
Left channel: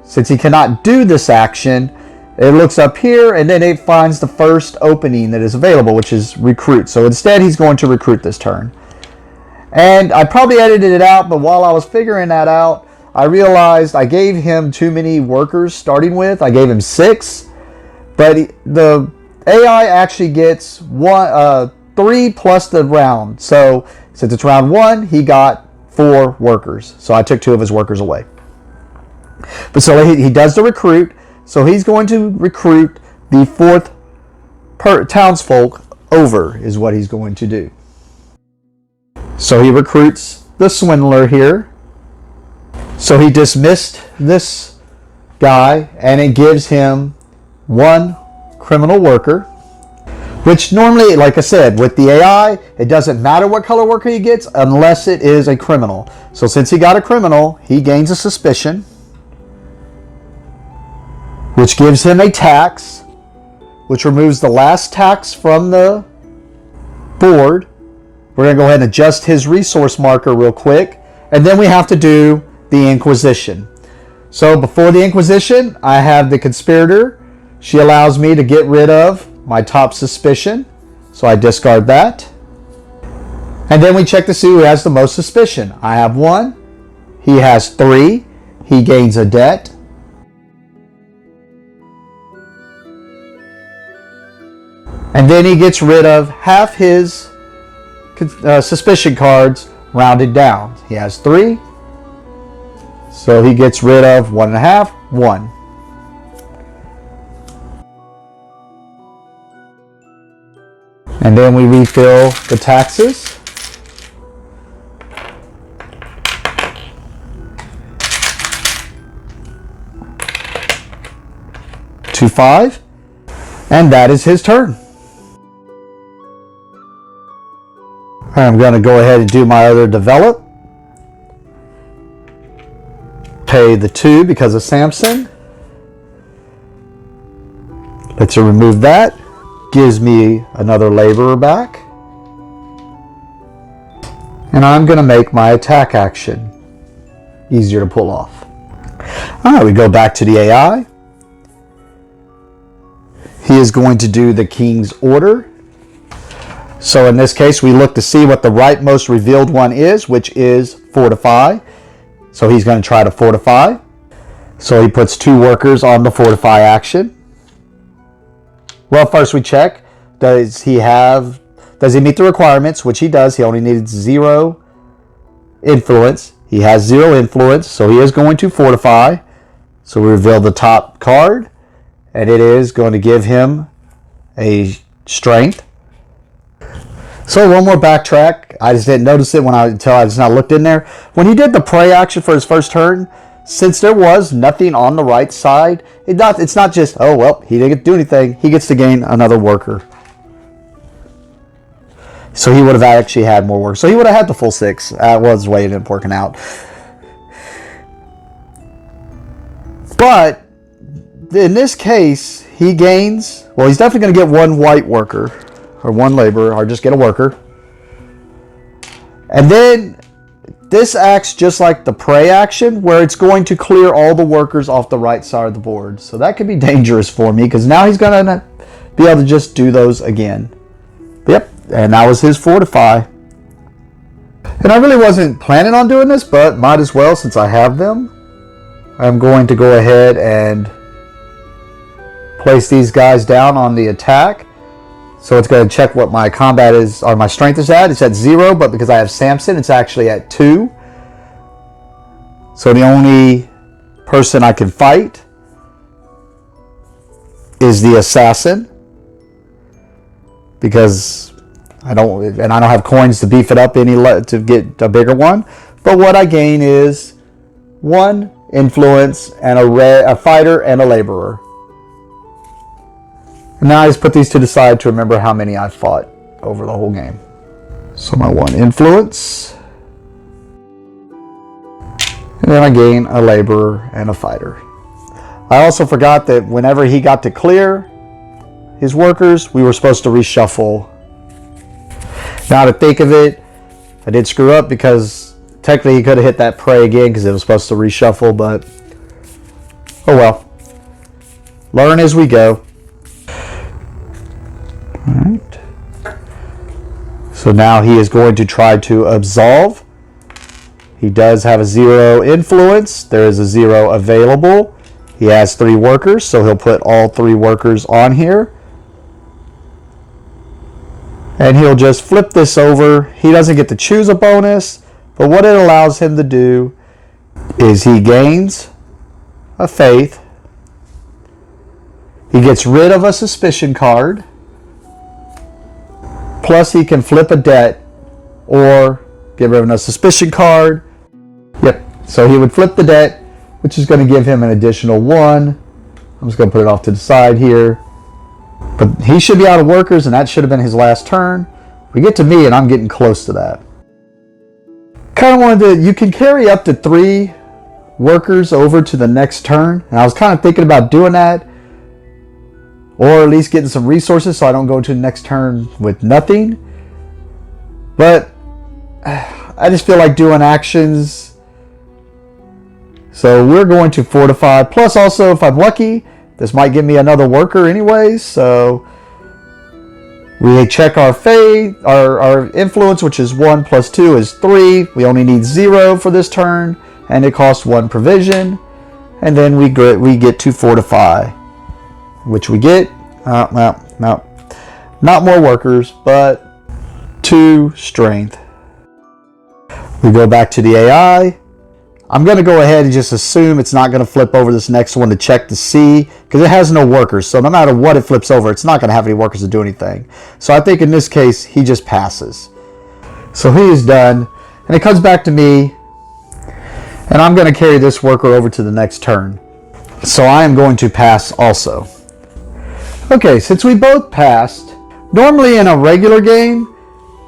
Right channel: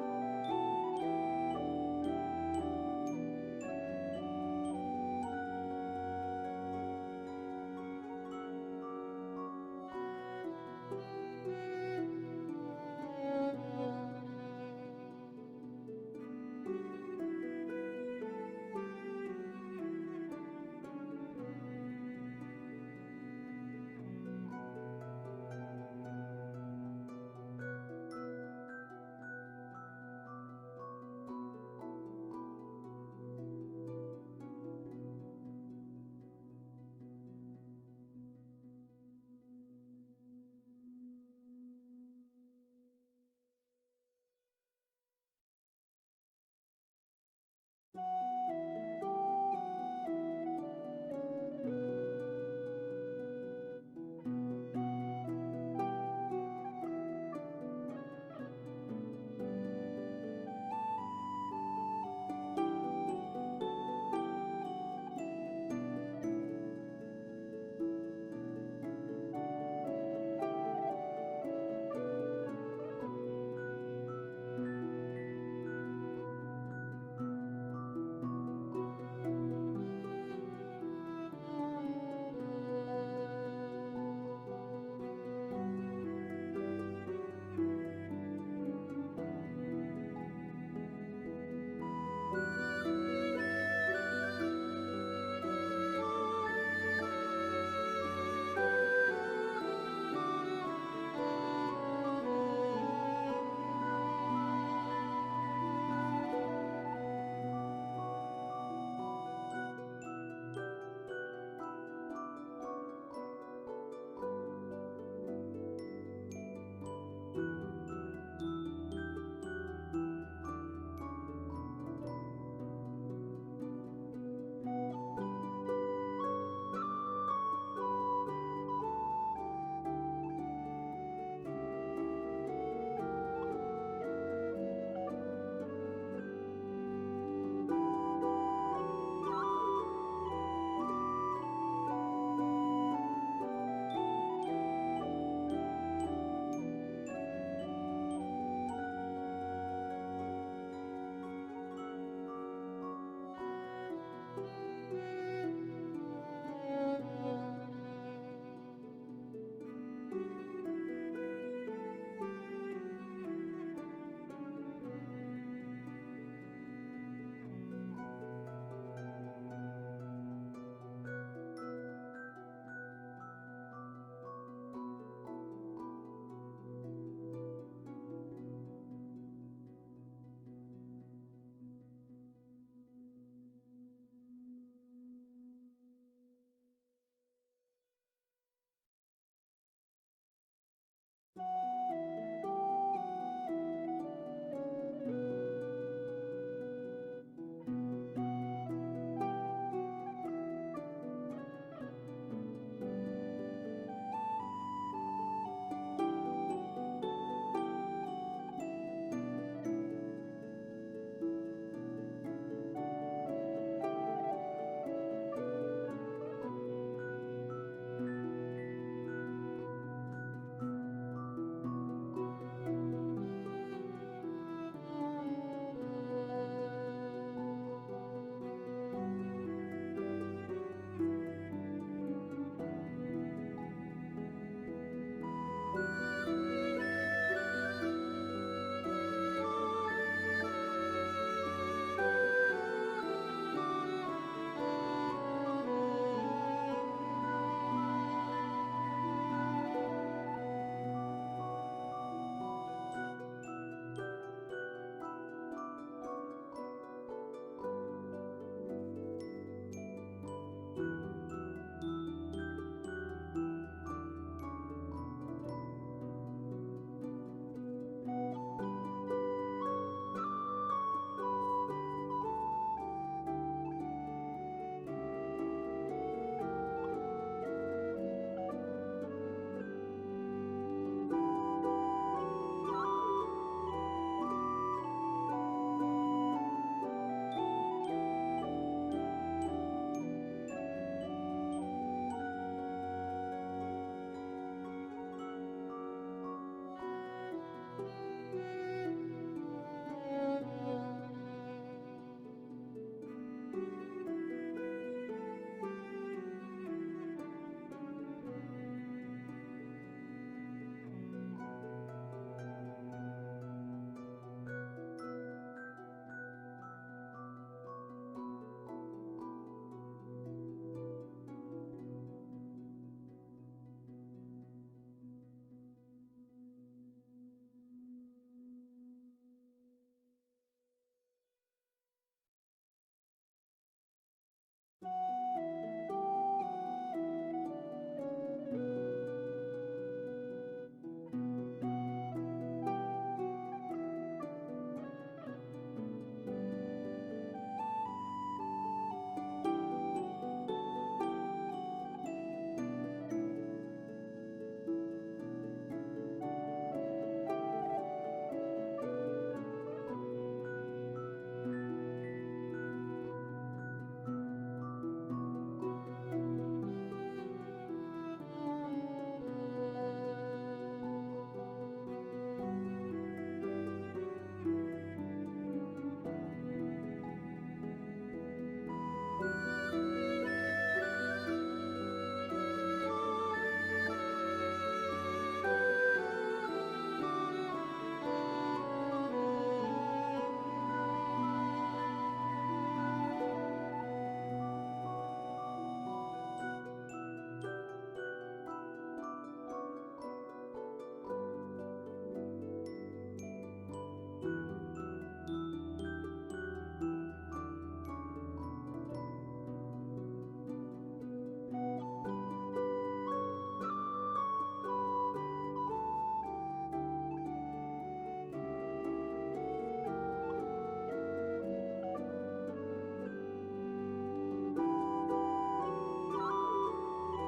since he cannot do this action, it looks up here and then it finds the first opening that is available, which is recruit. So instead he's going to recruit this turn. And I probably edited it out, but while I was figuring that out, I realized I gave him too many workers starting with. I gave him 6, but the AI actually gets 3 plus the round. So since it's round 1, he got 4 workers. So I took 2 of his workers away. But so he does the recruit. So he's going to recruit the 4th townsfolk over is what he's going to do. So he recruits the swindler here. So he dismissed this guy and it gives him 1 criminal worker, which normally, like I said, with the AI, it doesn't matter what color worker he gets unless it is a criminal. So since he got a criminal, he gains a suspicion, which gives him a tax, which removes the last tax from the board. We're going to go ahead and adjust his resource marker real quick, and then we have to do the Inquisition. So before the Inquisition, I have the conspirator. She allows me to get rid of my top suspicion, so I discard that. And then we check to see who has the most suspicion. I have 1. He has 3. He gains a debt. And then he gets rid of half his suspicion cards rounded down. He has 3. So he gets rid of 1.5, 1. And then we refill the taxes. To 5. And that is his turn. I'm going to go ahead and do my other develop. Pay the 2 because of Samson. Let's remove that. Gives me another laborer back. And I'm going to make my attack action easier to pull off. Alright, we go back to the AI. He is going to do the king's order. So in this case, we look to see what the rightmost revealed one is, which is fortify. So he's going to try to fortify. So he puts 2 workers on the fortify action. Well, first we check, does he meet the requirements, which he does. He only needs 0 influence. He has 0 influence, so he is going to fortify. So we reveal the top card, and it is going to give him a strength. So one more backtrack. I just didn't notice it until I just not looked in there. When he did the prey action for his first turn, since there was nothing on the right side, it's not just, oh, well, he didn't get to do anything. He gets to gain another worker. So he would have actually had more work. So he would have had the full 6. That was the way it ended up working out. But in this case, he gains, well, he's definitely going to get 1 white worker. Or 1 laborer, or just get a worker. And then this acts just like the prey action, where it's going to clear all the workers off the right side of the board. So that could be dangerous for me, because now he's going to be able to just do those again. Yep, and that was his fortify. And I really wasn't planning on doing this, but might as well since I have them. I'm going to go ahead and place these guys down on the attack. So it's going to check what my combat is, or my strength is at. It's at 0, but because I have Samson, it's actually at 2. So the only person I can fight is the assassin, because I don't have coins to beef it up to get a bigger one. But what I gain is 1 influence and a fighter and a laborer. And now I just put these to the side to remember how many I fought over the whole game. So my 1 influence. And then I gain a laborer and a fighter. I also forgot that whenever he got to clear his workers, we were supposed to reshuffle. Now to think of it, I did screw up because technically he could have hit that prey again because it was supposed to reshuffle, but oh well. Learn as we go. Alright. So now he is going to try to absolve. He does have a 0 influence. There is a 0 available. He has 3 workers, so he'll put all 3 workers on here. And he'll just flip this over. He doesn't get to choose a bonus, but what it allows him to do is he gains a faith. He gets rid of a suspicion card. Plus he can flip a debt or get rid of a suspicion card. Yep, so he would flip the debt, which is going to give him an additional 1. I'm just going to put it off to the side here. But he should be out of workers, and that should have been his last turn. We get to me, and I'm getting close to that. Kind of wanted to, you can carry up to 3 workers over to the next turn. And I was kind of thinking about doing that. Or at least getting some resources so I don't go to the next turn with nothing. But I just feel like doing actions. So we're going to fortify. Plus also, if I'm lucky, this might give me another worker anyways. So we check our faith, our influence, which is 1 plus 2 is 3. We only need 0 for this turn. And it costs 1 provision. And then we get to fortify. Which we get, no, not more workers, but 2 strength. We go back to the AI. I'm going to go ahead and just assume it's not going to flip over this next one to check to see, because it has no workers. So no matter what it flips over, it's not going to have any workers to do anything. So I think in this case, he just passes. So he is done, and it comes back to me, and I'm going to carry this worker over to the next turn. So I am going to pass also. Okay, since we both passed, normally in a regular game,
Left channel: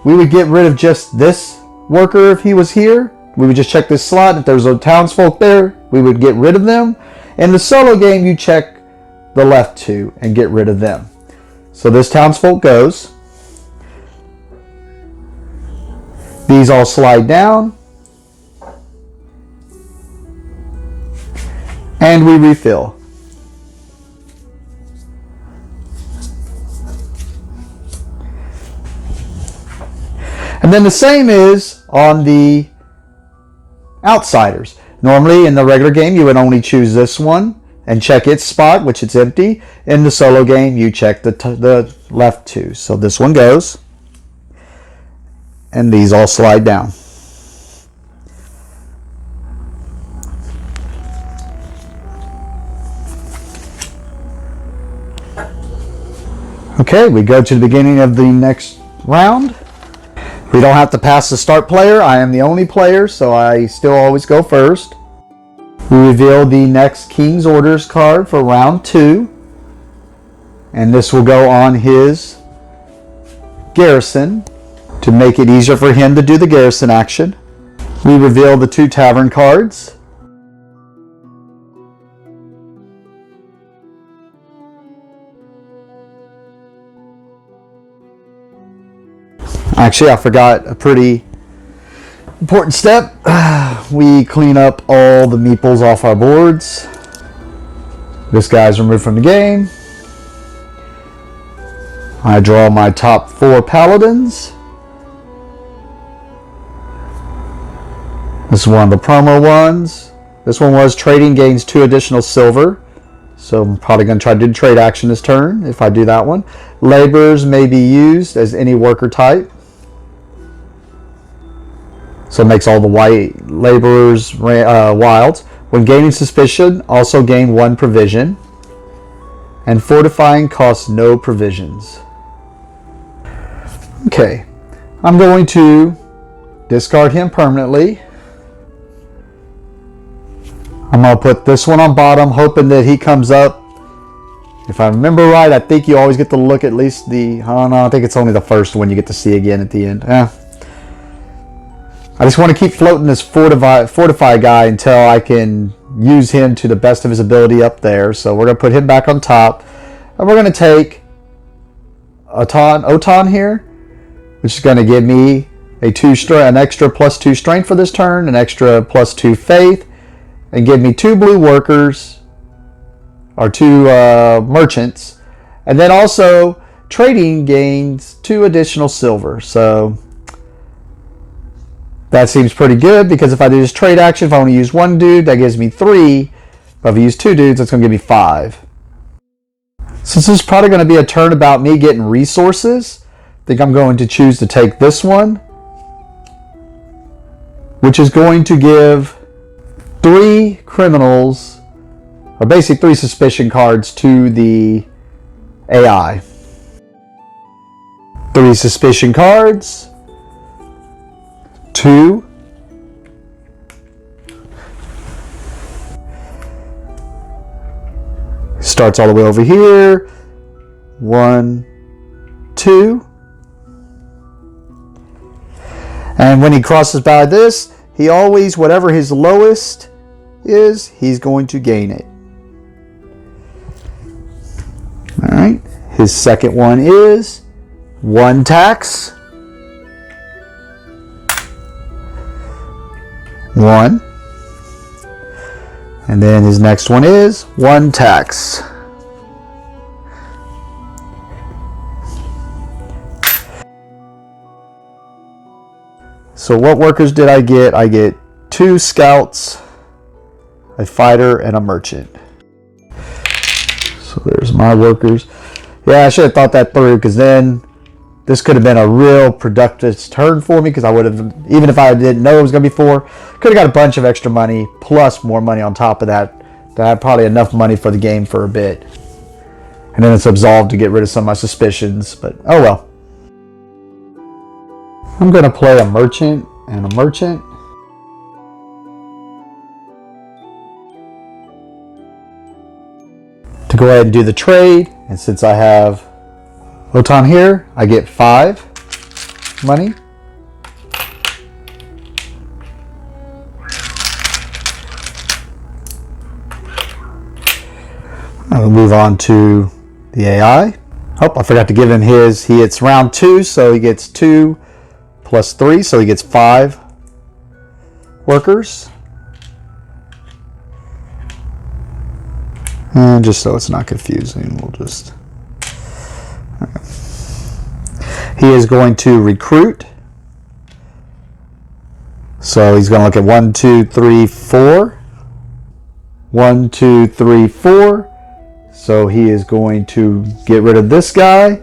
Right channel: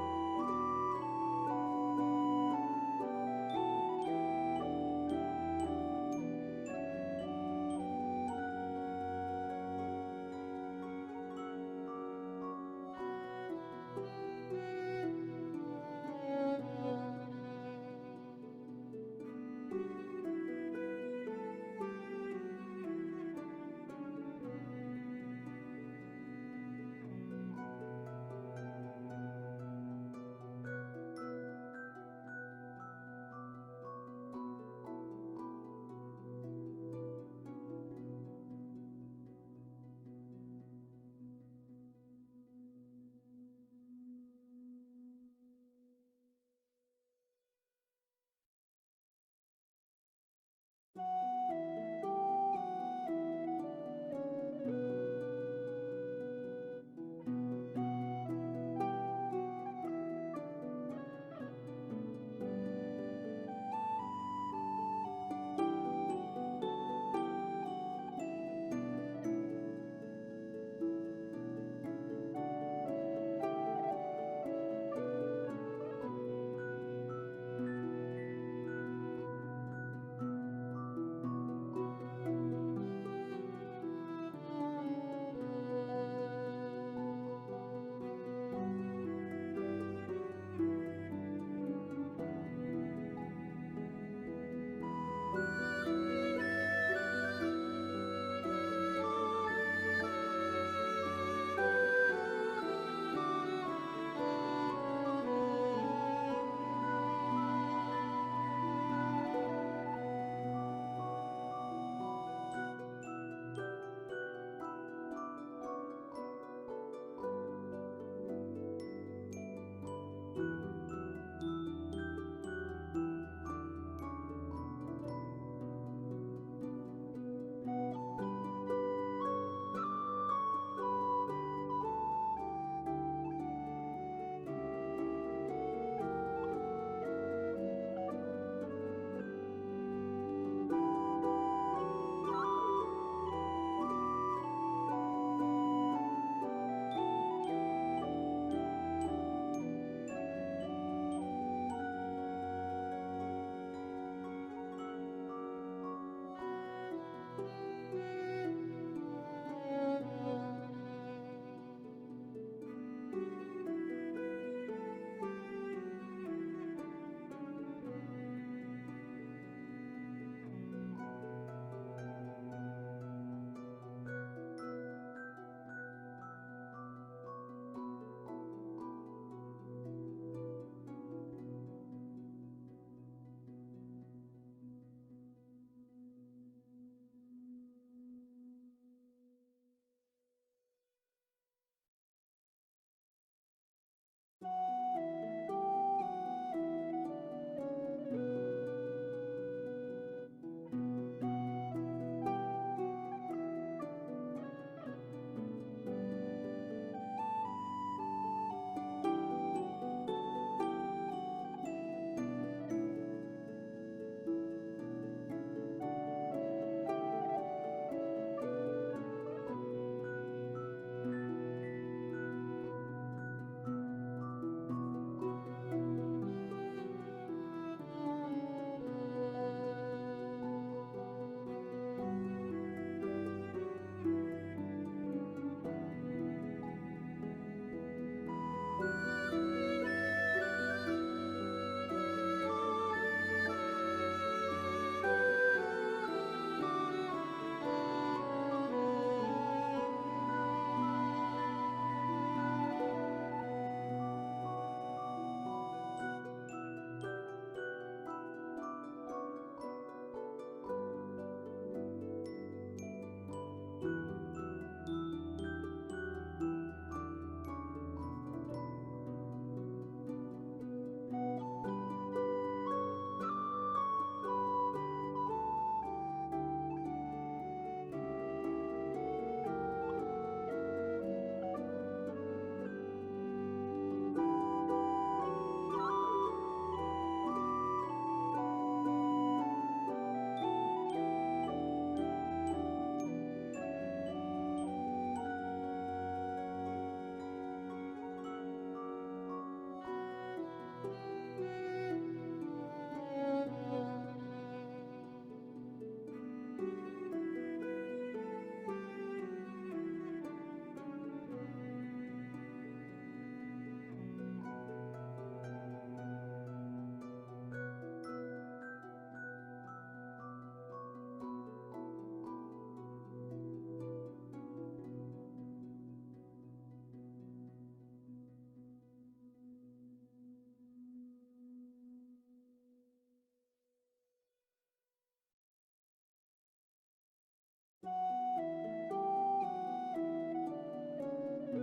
we would get rid of just this worker if he was here. We would just check this slot. If there was a townsfolk there, we would get rid of them. In the solo game, you check the left 2 and get rid of them. So this townsfolk goes. These all slide down. And we refill. And then the same is on the outsiders. Normally in the regular game you would only choose this one and check its spot, which it's empty. In the solo game you check the left 2. So this one goes. And these all slide down. Okay, we go to the beginning of the next round. We don't have to pass the start player. I am the only player, so I still always go first. We reveal the next King's Orders card for round 2. And this will go on his garrison to make it easier for him to do the garrison action. We reveal the 2 tavern cards. Actually, I forgot a pretty important step. We clean up all the meeples off our boards. This guy's removed from the game. I draw my top 4 Paladins. This is one of the promo ones. This one was trading gains 2 additional silver. So I'm probably going to try to do the trade action this turn if I do that one. Laborers may be used as any worker type. So it makes all the white laborers wilds. When gaining suspicion, also gain 1 provision. And fortifying costs no provisions. Okay, I'm going to discard him permanently. I'm going to put this one on bottom, hoping that he comes up. If I remember right, I think you always get to look at least the... I don't know, I think it's only the first one you get to see again at the end. I just want to keep floating this Fortify guy until I can use him to the best of his ability up there. So we're going to put him back on top. And we're going to take Otan here, which is going to give me an extra +2 strength for this turn, an extra +2 faith, and give me 2 blue workers, or 2 merchants. And then also trading gains 2 additional silver. So that seems pretty good, because if I do this trade action, if I only use 1 dude, that gives me 3. But if I use 2 dudes, that's going to give me 5. Since this is probably going to be a turn about me getting resources, I think I'm going to choose to take this one, which is going to give 3 criminals, or basically 3 suspicion cards to the AI. 3 suspicion cards. 2. Starts all the way over here. 1, 2. And when he crosses by this, he always, whatever his lowest is, he's going to gain it. Alright. His second one is 1 tax. 1. And then his next one is 1 tax. So what workers did I get? I get 2 scouts, a fighter, and a merchant. So there's my workers. Yeah, I should have thought that through, because then this could have been a real productive turn for me, because I would have, even if I didn't know it was going to be 4, could have got a bunch of extra money, plus more money on top of that. To have probably enough money for the game for a bit. And then it's absolved to get rid of some of my suspicions, but oh well. I'm going to play a merchant and a merchant. To go ahead and do the trade, and since I have Otan here, I get 5 money. I'll move on to the AI. Oh, I forgot to give him his. It's round 2, so he gets 2 plus 3, so he gets 5 workers. And just so it's not confusing, we'll just... He is going to recruit. So he's going to look at 1, 2, 3, 4. 1, 2, 3, 4. So he is going to get rid of this guy,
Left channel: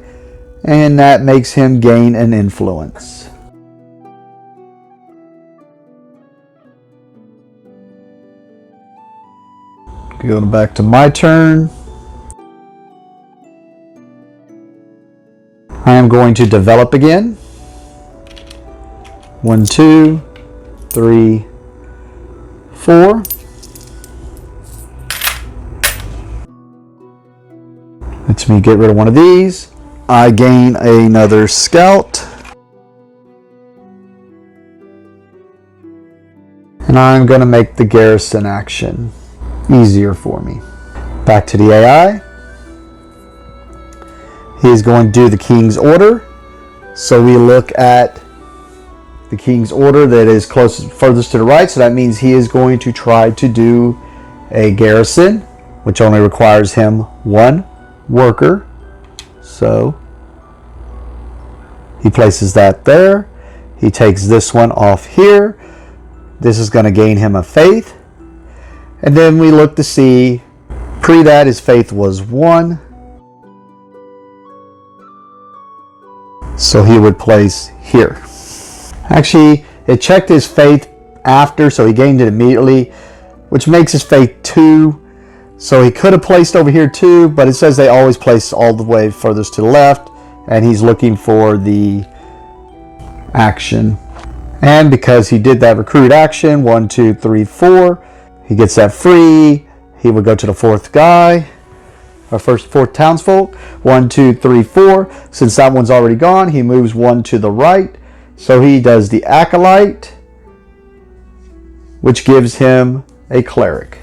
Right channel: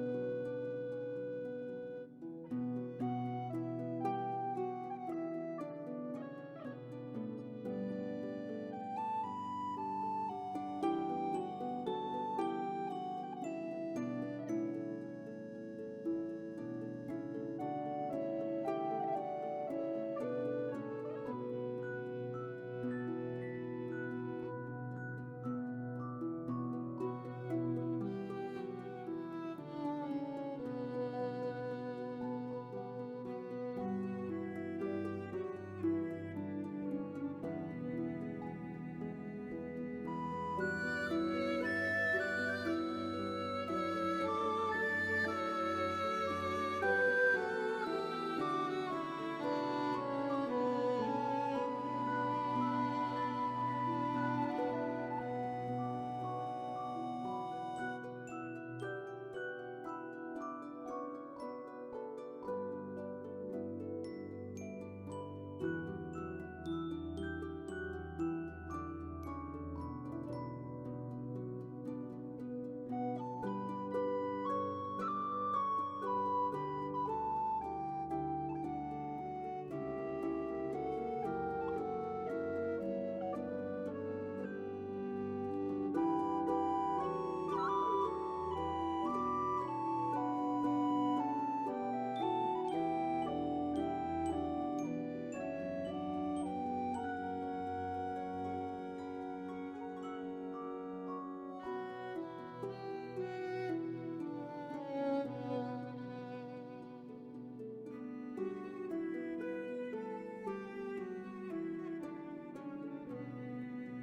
and that makes him gain an influence. Going back to my turn. I am going to develop again. 1, 2, 3, 4. Lets me get rid of one of these. I gain another scout. And I'm going to make the garrison action easier for me. Back to the AI. He is going to do the king's order. So we look at the king's order that is furthest to the right. So that means he is going to try to do a garrison, which only requires him 1 worker. So he places that there. He takes this one off here. This is going to gain him a faith. And then we look to see, pre that his faith was 1. So he would place here. Actually, it checked his faith after, so he gained it immediately, which makes his faith 2. So he could have placed over here 2, but it says they always place all the way furthest to the left, and he's looking for the action. And because he did that recruit action, 1, 2, 3, 4, he gets that free. He would go to the fourth guy, our fourth townsfolk. 1, 2, 3, 4. Since that one's already gone, he moves one to the right. So he does the acolyte, which gives him a cleric.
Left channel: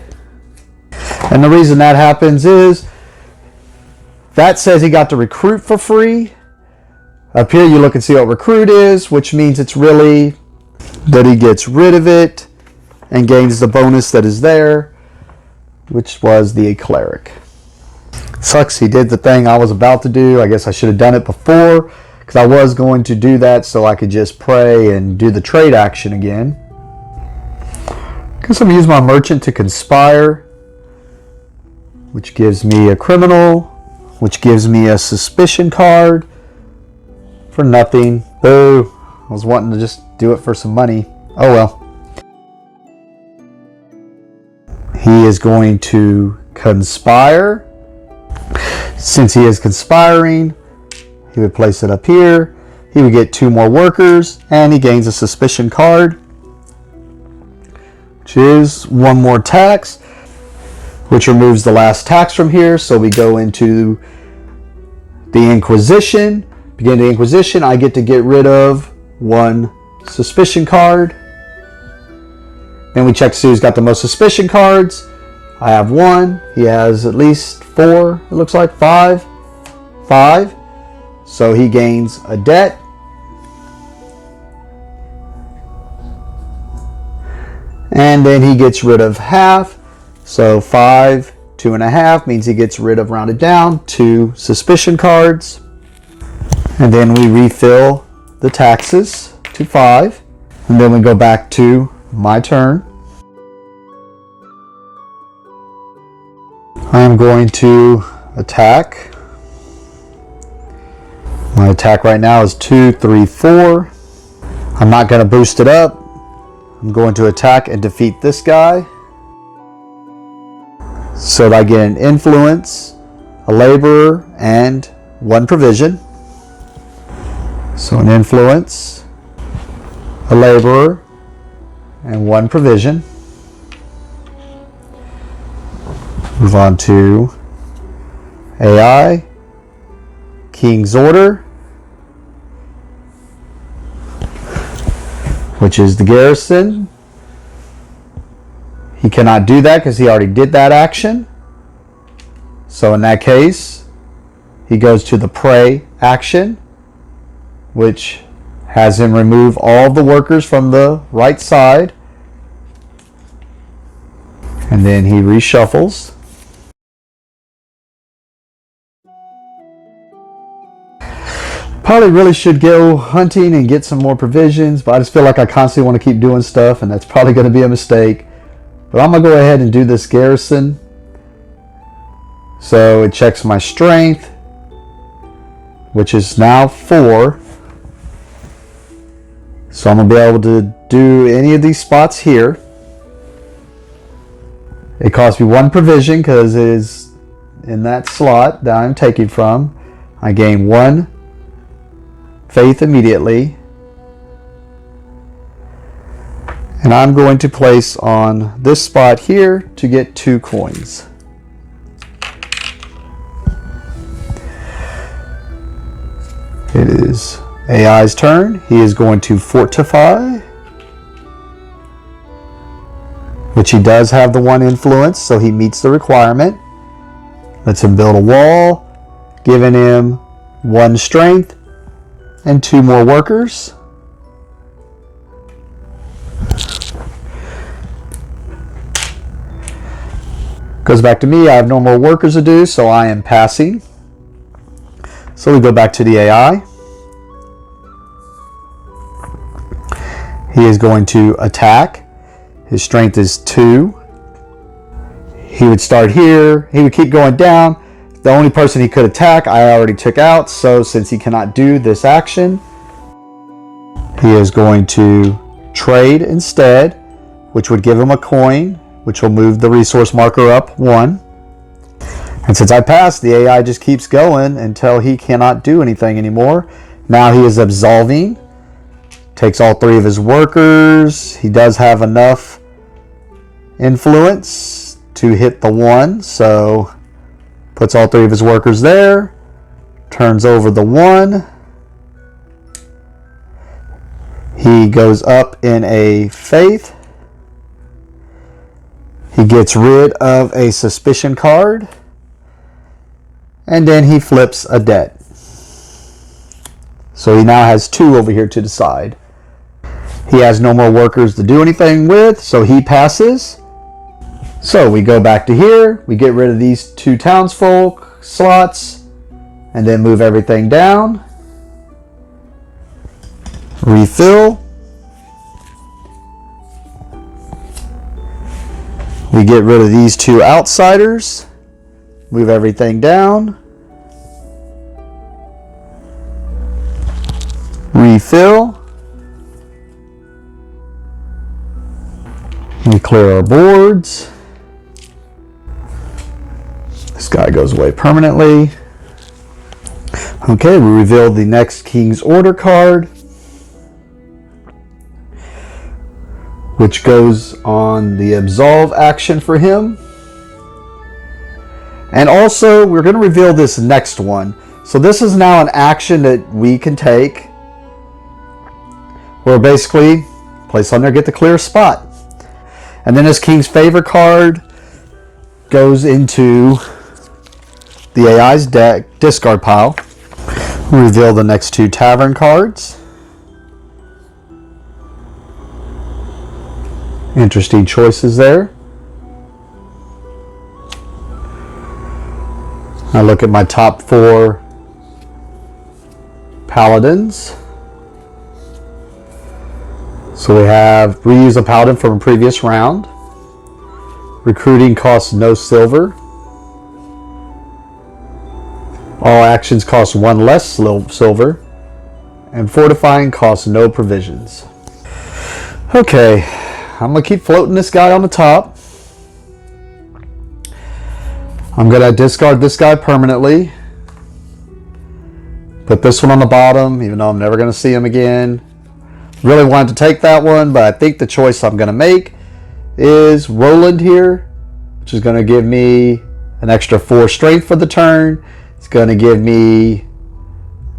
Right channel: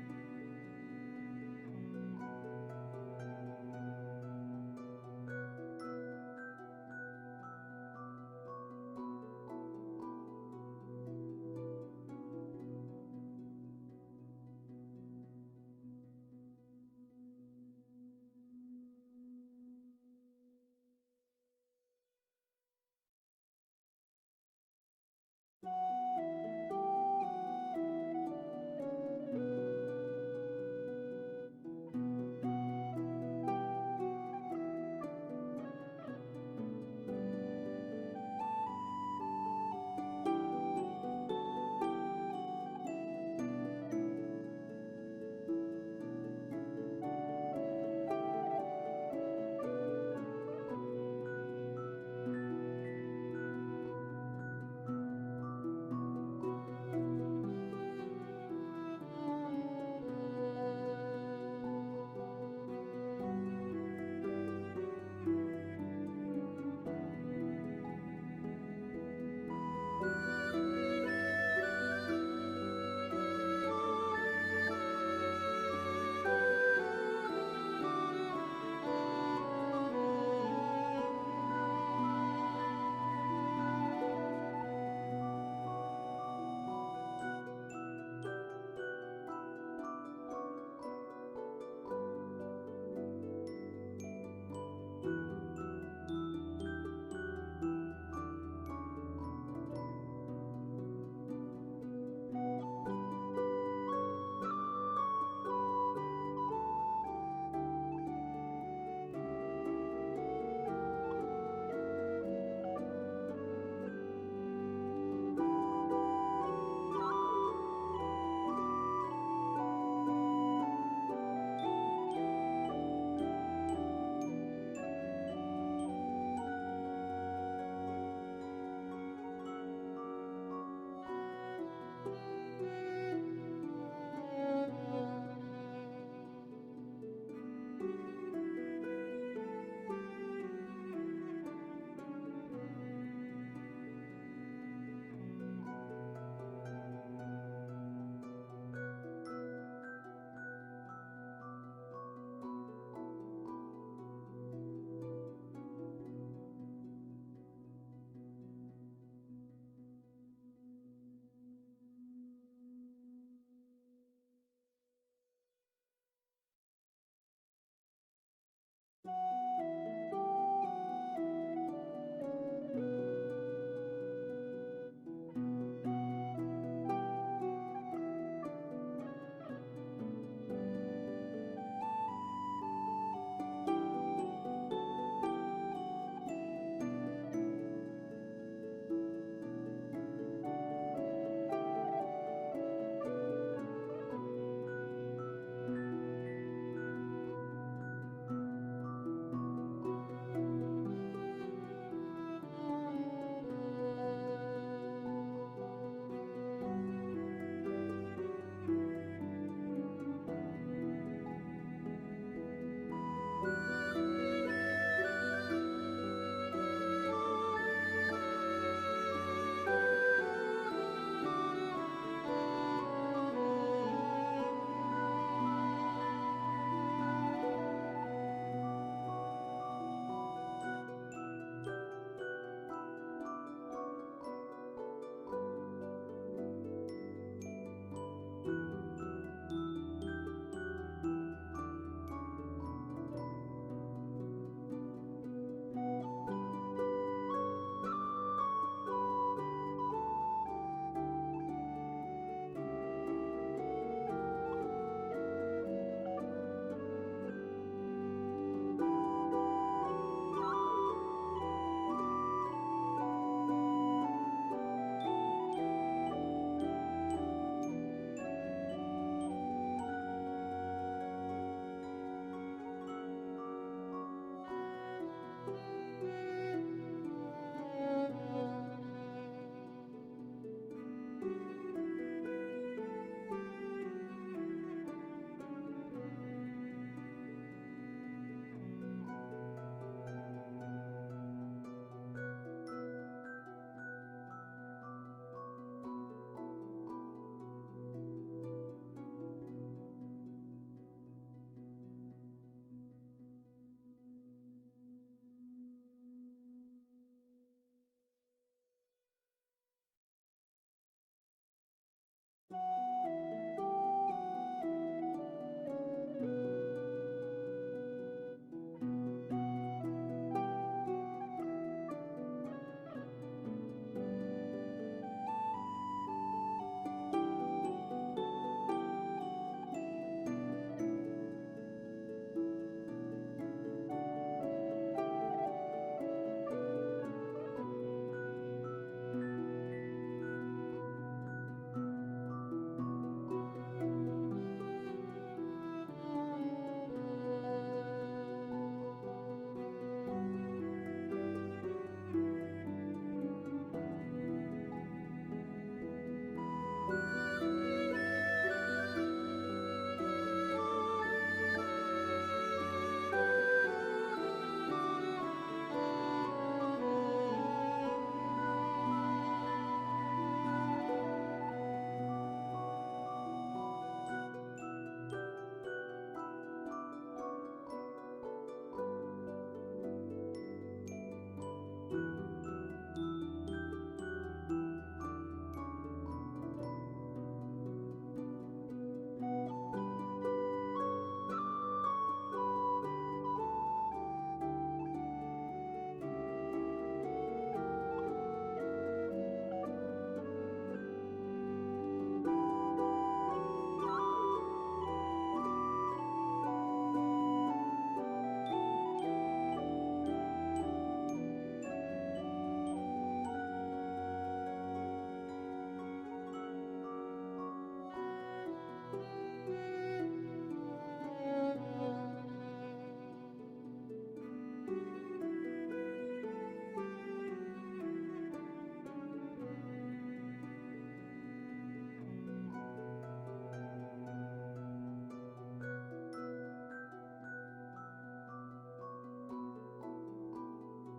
And the reason that happens is that says he got to recruit for free. Up here you look and see what recruit is, which means it's really that he gets rid of it and gains the bonus that is there, which was the cleric. Sucks he did the thing I was about to do. I guess I should have done it before, because I was going to do that so I could just pray and do the trade action again. Guess I'm going to use my merchant to conspire, which gives me a criminal, which gives me a suspicion card for nothing. Boo. I was wanting to just do it for some money. Oh well. He is going to conspire. Since he is conspiring, he would place it up here. He would get 2 more workers, and he gains a suspicion card, which is 1 more tax, which removes the last tax from here. So we go into the Inquisition. Begin the Inquisition. I get to get rid of 1 suspicion card. Then we check to see who's got the most suspicion cards. I have 1. He has at least 4. It looks like 5. 5. So he gains a debt. And then he gets rid of half. So 5, 2.5 means he gets rid of, rounded down, 2 suspicion cards. And then we refill the taxes to 5. And then we go back to my turn. I'm going to attack. My attack right now is 2, 3, 4. I'm not going to boost it up. I'm going to attack and defeat this guy, so that I get an influence, a laborer, and 1 provision. So an influence, a laborer, and 1 provision. Move on to AI, King's Order, which is the garrison. He cannot do that because he already did that action. So in that case, he goes to the pray action, which has him remove all of the workers from the right side. And then he reshuffles. Probably really should go hunting and get some more provisions, but I just feel like I constantly want to keep doing stuff, and that's probably going to be a mistake. But I'm going to go ahead and do this garrison. So it checks my strength, which is now 4. So I'm going to be able to do any of these spots here. It costs me 1 provision because it is in that slot that I'm taking from. I gain 1 faith immediately. And I'm going to place on this spot here to get 2 coins. It is AI's turn. He is going to fortify, which he does have the 1 influence, so he meets the requirement. Lets him build a wall, giving him 1 strength and 2 more workers. Goes back to me. I have no more workers to do, so I am passing. So we go back to the AI. He is going to attack. His strength is 2. He would start here. He would keep going down. The only person he could attack, I already took out. So since he cannot do this action, he is going to trade instead, which would give him a coin, which will move the resource marker up 1. And since I passed, the AI just keeps going until he cannot do anything anymore. Now he is absolving Takes all 3 of his workers. He does have enough influence to hit the 1, so puts all 3 of his workers there. Turns over the 1. He goes up in a faith. He gets rid of a suspicion card. And then he flips a debt. So he now has 2 over here to the side. He has no more workers to do anything with, so he passes. So we go back to here. We get rid of these 2 townsfolk slots. And then move everything down. Refill. We get rid of these 2 outsiders. Move everything down. Refill. We clear our boards. This guy goes away permanently. Okay, we reveal the next King's Order card, which goes on the absolve action for him. And also, we're going to reveal this next one. So this is now an action that we can take, where basically, place on there, get the clear spot. And then this King's Favor card goes into the AI's deck discard pile. Reveal the next 2 tavern cards. Interesting choices there. I look at my top 4 Paladins. So we have reuse a Paladin from a previous round. Recruiting costs no silver. All actions cost 1 less silver. And fortifying costs no provisions. Okay, I'm going to keep floating this guy on the top. I'm going to discard this guy permanently. Put this one on the bottom, even though I'm never going to see him again. Really wanted to take that one, but I think the choice I'm going to make is Roland here, which is going to give me an extra 4 strength for the turn. It's going to give me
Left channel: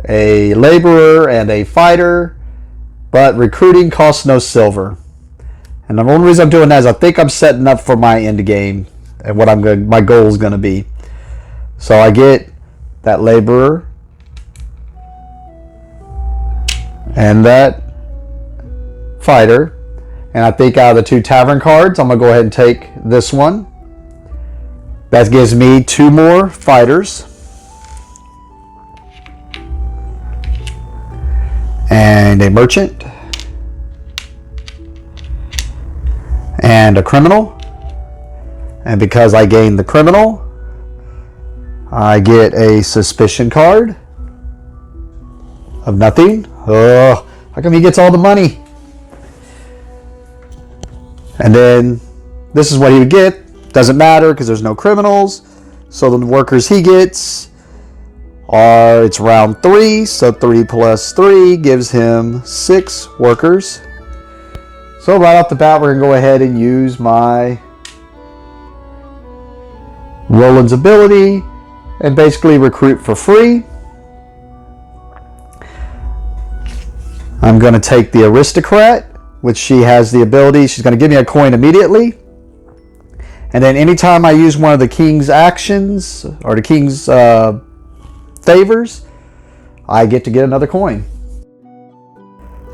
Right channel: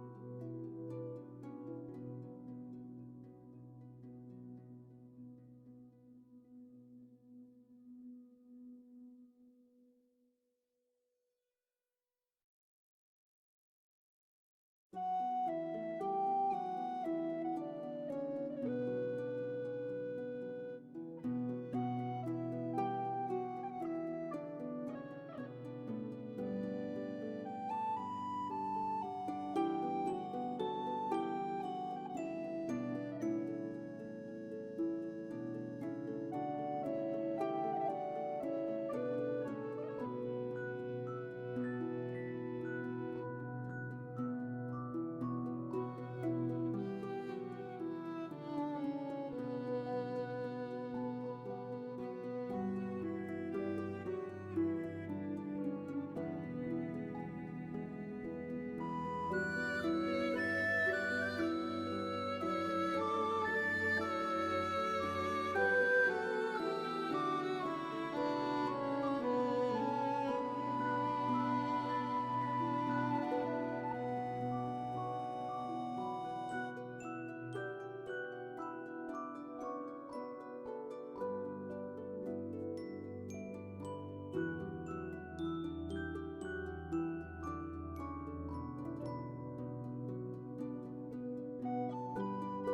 a laborer and a fighter, but recruiting costs no silver. And the only reason I'm doing that is I think I'm setting up for my end game and what my goal is going to be. So I get that laborer and that fighter, and I think out of the 2 tavern cards, I'm going to go ahead and take this one. That gives me 2 more fighters. And a merchant. And a criminal. And because I gained the criminal, I get a suspicion card of nothing. Oh, how come he gets all the money? And then this is what he would get. Doesn't matter because there's no criminals. So the workers he gets are, it's round 3, so 3 plus 3 gives him 6 workers. So right off the bat, we're going to go ahead and use my Roland's ability and basically recruit for free. I'm going to take the aristocrat, which she has the ability, she's going to give me a coin immediately. And then anytime I use one of the king's actions or the king's favors, I get to get another coin.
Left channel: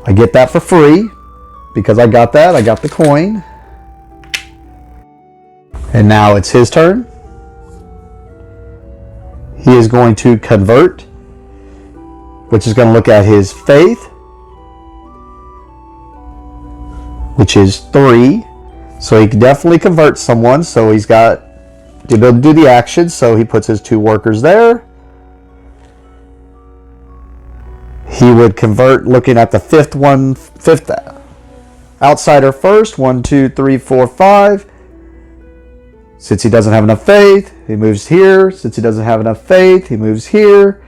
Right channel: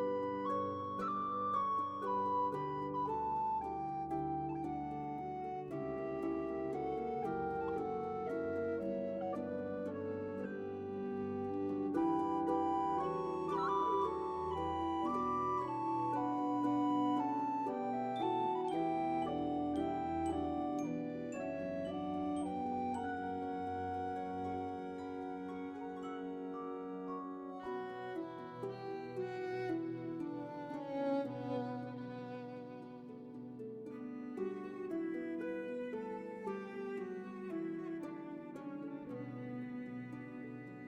I get that for free because I got that. I got the coin. And now it's his turn. He is going to convert, which is going to look at his faith, which is 3. So he can definitely convert someone. So he's got the ability to do the action. So he puts his 2 workers there. He would convert looking at the fifth outsider first. 1, 2, 3, 4, 5. Since he doesn't have enough faith, he moves here. Since he doesn't have enough faith, he moves here.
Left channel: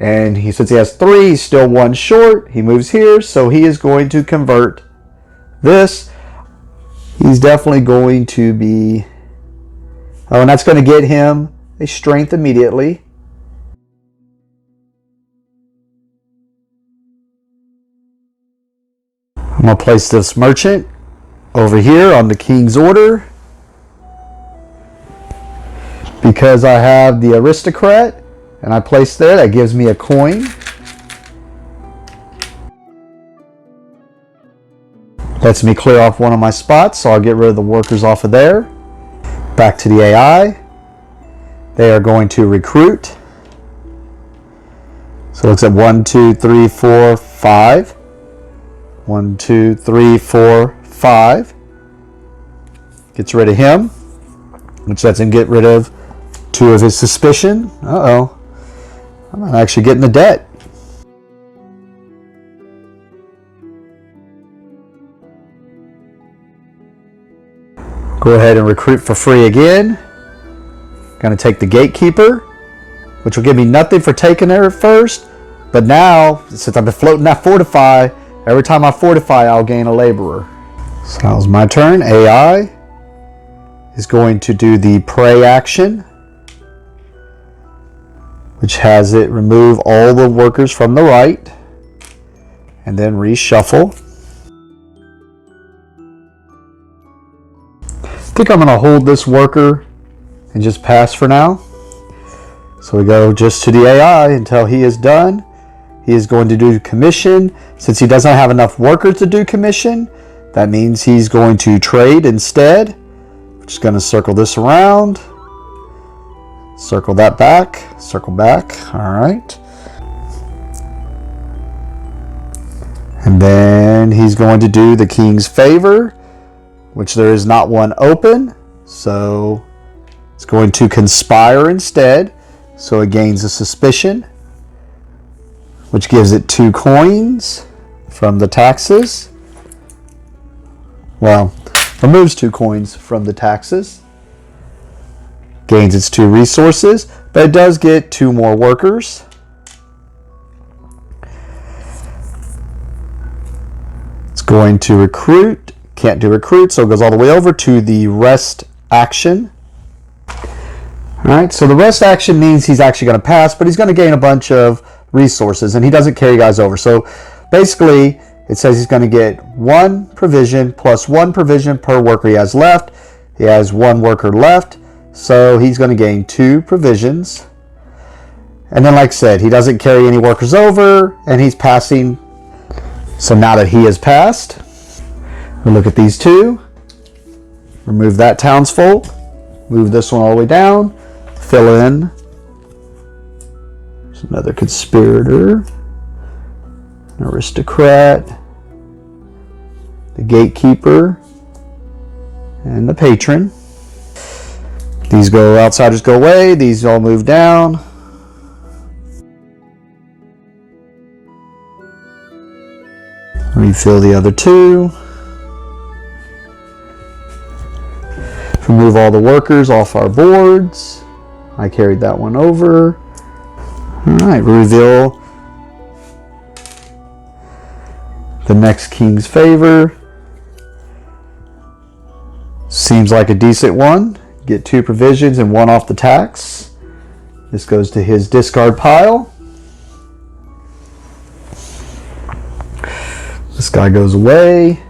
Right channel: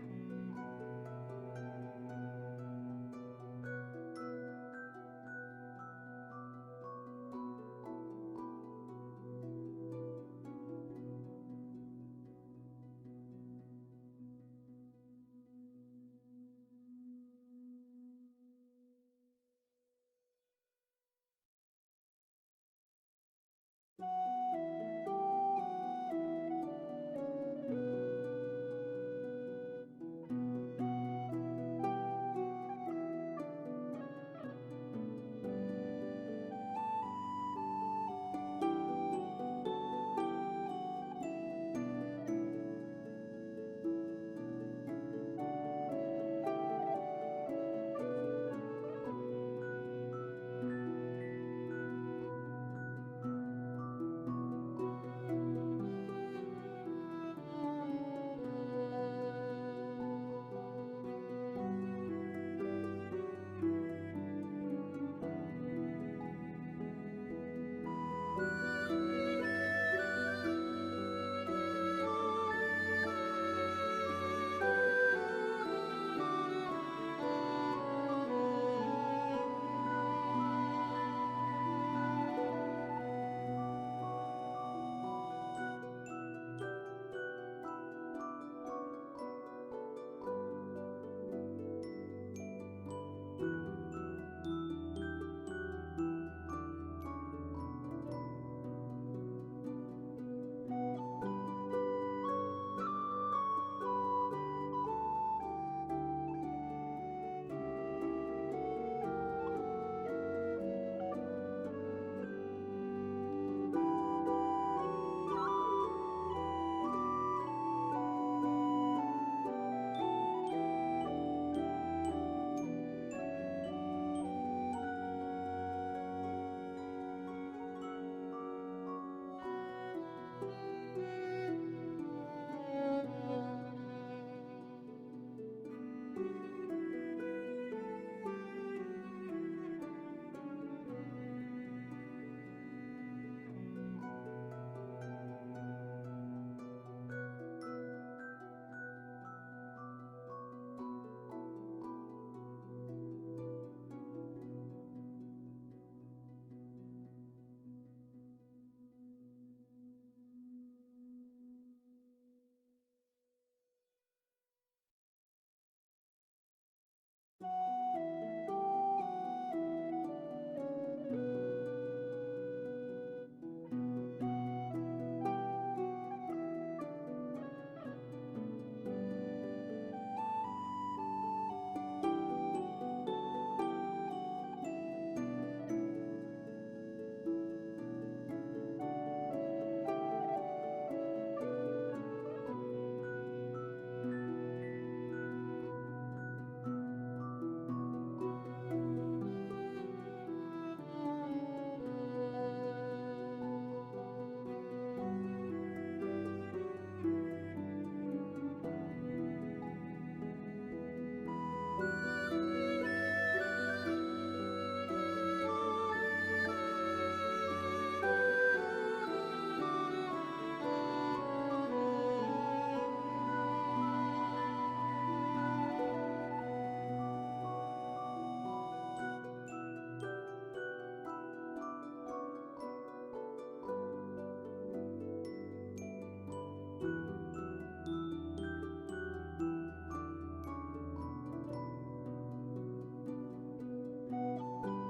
And since he has 3, he's still 1 short. He moves here, so he is going to convert this. He's definitely going to be... Oh, and that's going to get him a strength immediately. I'm going to place this merchant over here on the king's order. Because I have the aristocrat, and I place there, that gives me a coin. Lets me clear off one of my spots, so I'll get rid of the workers off of there. Back to the AI. They are going to recruit. So it looks at 1, 2, 3, 4, 5. 1, 2, 3, 4, 5. Gets rid of him, which lets him get rid of 2 of his suspicion. Uh-oh. I'm not actually getting the debt. Go ahead and recruit for free again. Gonna take the gatekeeper, which will give me nothing for taking there at first. But now, since I've been floating that fortify, every time I fortify, I'll gain a laborer. So that was my turn. AI is going to do the pray action, which has it remove all the workers from the right and then reshuffle. I think I'm going to hold this worker and just pass for now. So we go just to the AI until he is done. He is going to do commission. Since he doesn't have enough workers to do commission, that means he's going to trade instead. I'm just going to circle this around. Circle that back. Circle back. All right. And then he's going to do the king's favor, which there is not one open. So it's going to conspire instead. So it gains a suspicion, which gives it 2 coins from the taxes. Well, removes 2 coins from the taxes. Gains its 2 resources, but it does get 2 more workers. It's going to recruit. Can't do recruit, so it goes all the way over to the rest action. Alright, so the rest action means he's actually going to pass, but he's going to gain a bunch of resources, and he doesn't carry guys over. So basically, it says he's going to get 1 provision plus 1 provision per worker he has left. He has 1 worker left, so he's going to gain 2 provisions. And then, like I said, he doesn't carry any workers over, and he's passing. So now that he has passed, we'll look at these 2. Remove that townsfolk. Move this one all the way down. Fill in. There's another conspirator. An aristocrat. The gatekeeper. And the patron. These go, outsiders go away. These all move down. Refill the other 2. Remove all the workers off our boards. I carried that one over. Alright, reveal the next king's favor. Seems like a decent one. Get 2 provisions and 1 off the tax. This goes to his discard pile. This guy goes away.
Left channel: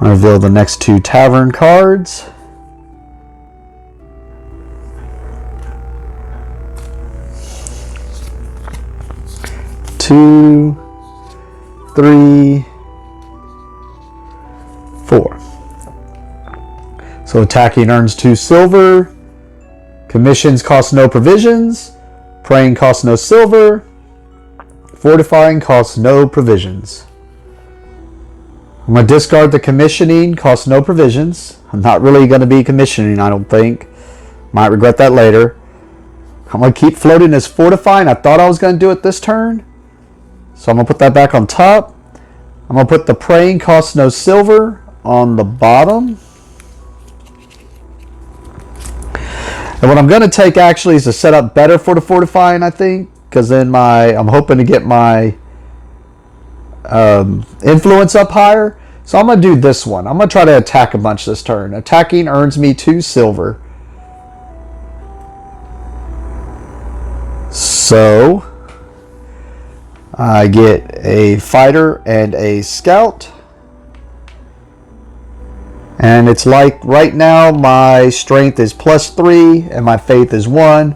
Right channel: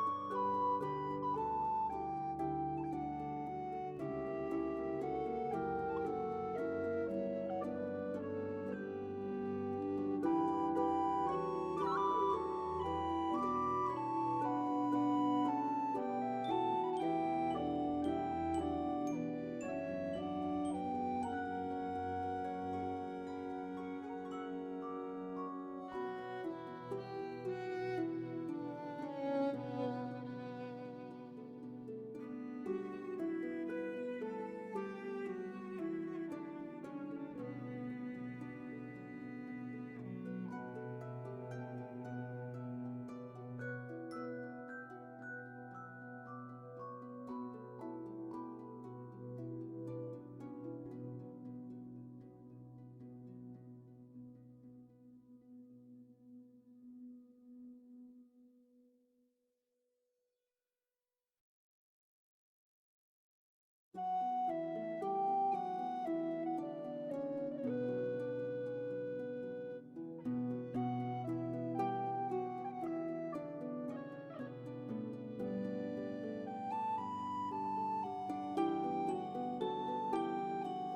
I reveal the next 2 tavern cards. Two, 3, 4. So attacking earns 2 silver. Commissions cost no provisions. Praying costs no silver. Fortifying costs no provisions. I'm going to discard the commissioning, costs no provisions. I'm not really going to be commissioning, I don't think. Might regret that later. I'm going to keep floating this fortifying. I thought I was going to do it this turn. So I'm going to put that back on top. I'm going to put the praying costs no silver on the bottom. And what I'm going to take actually is to set up better for the fortifying, I think, because then I'm hoping to get my influence up higher. So I'm going to do this one. I'm going to try to attack a bunch this turn. Attacking earns me 2 silver. So I get a fighter and a scout. And it's like right now my strength is +3 and my faith is 1.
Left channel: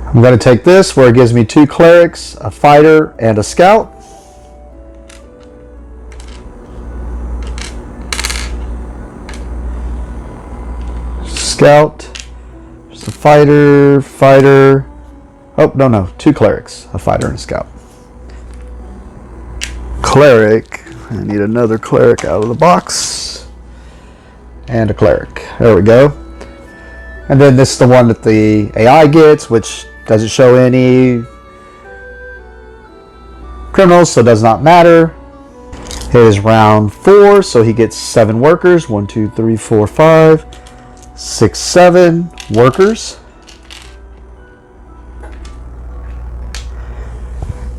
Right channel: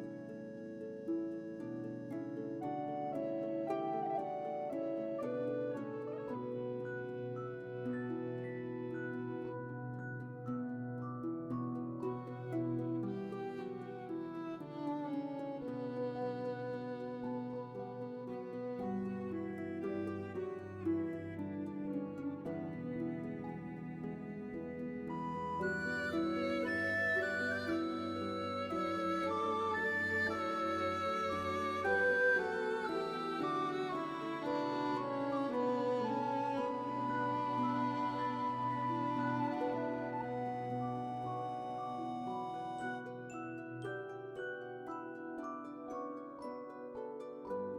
I'm going to take this where it gives me 2 clerics, a fighter, and a scout. Scout, just a fighter. Oh, no, 2 clerics, a fighter and a scout. Cleric, I need another cleric out of the box. And a cleric, there we go. And then this is the one that the AI gets, which doesn't show any criminals, so it does not matter. It is round 4, so he gets 7 workers. 1, 2, 3, 4, 5, 6, 7 workers.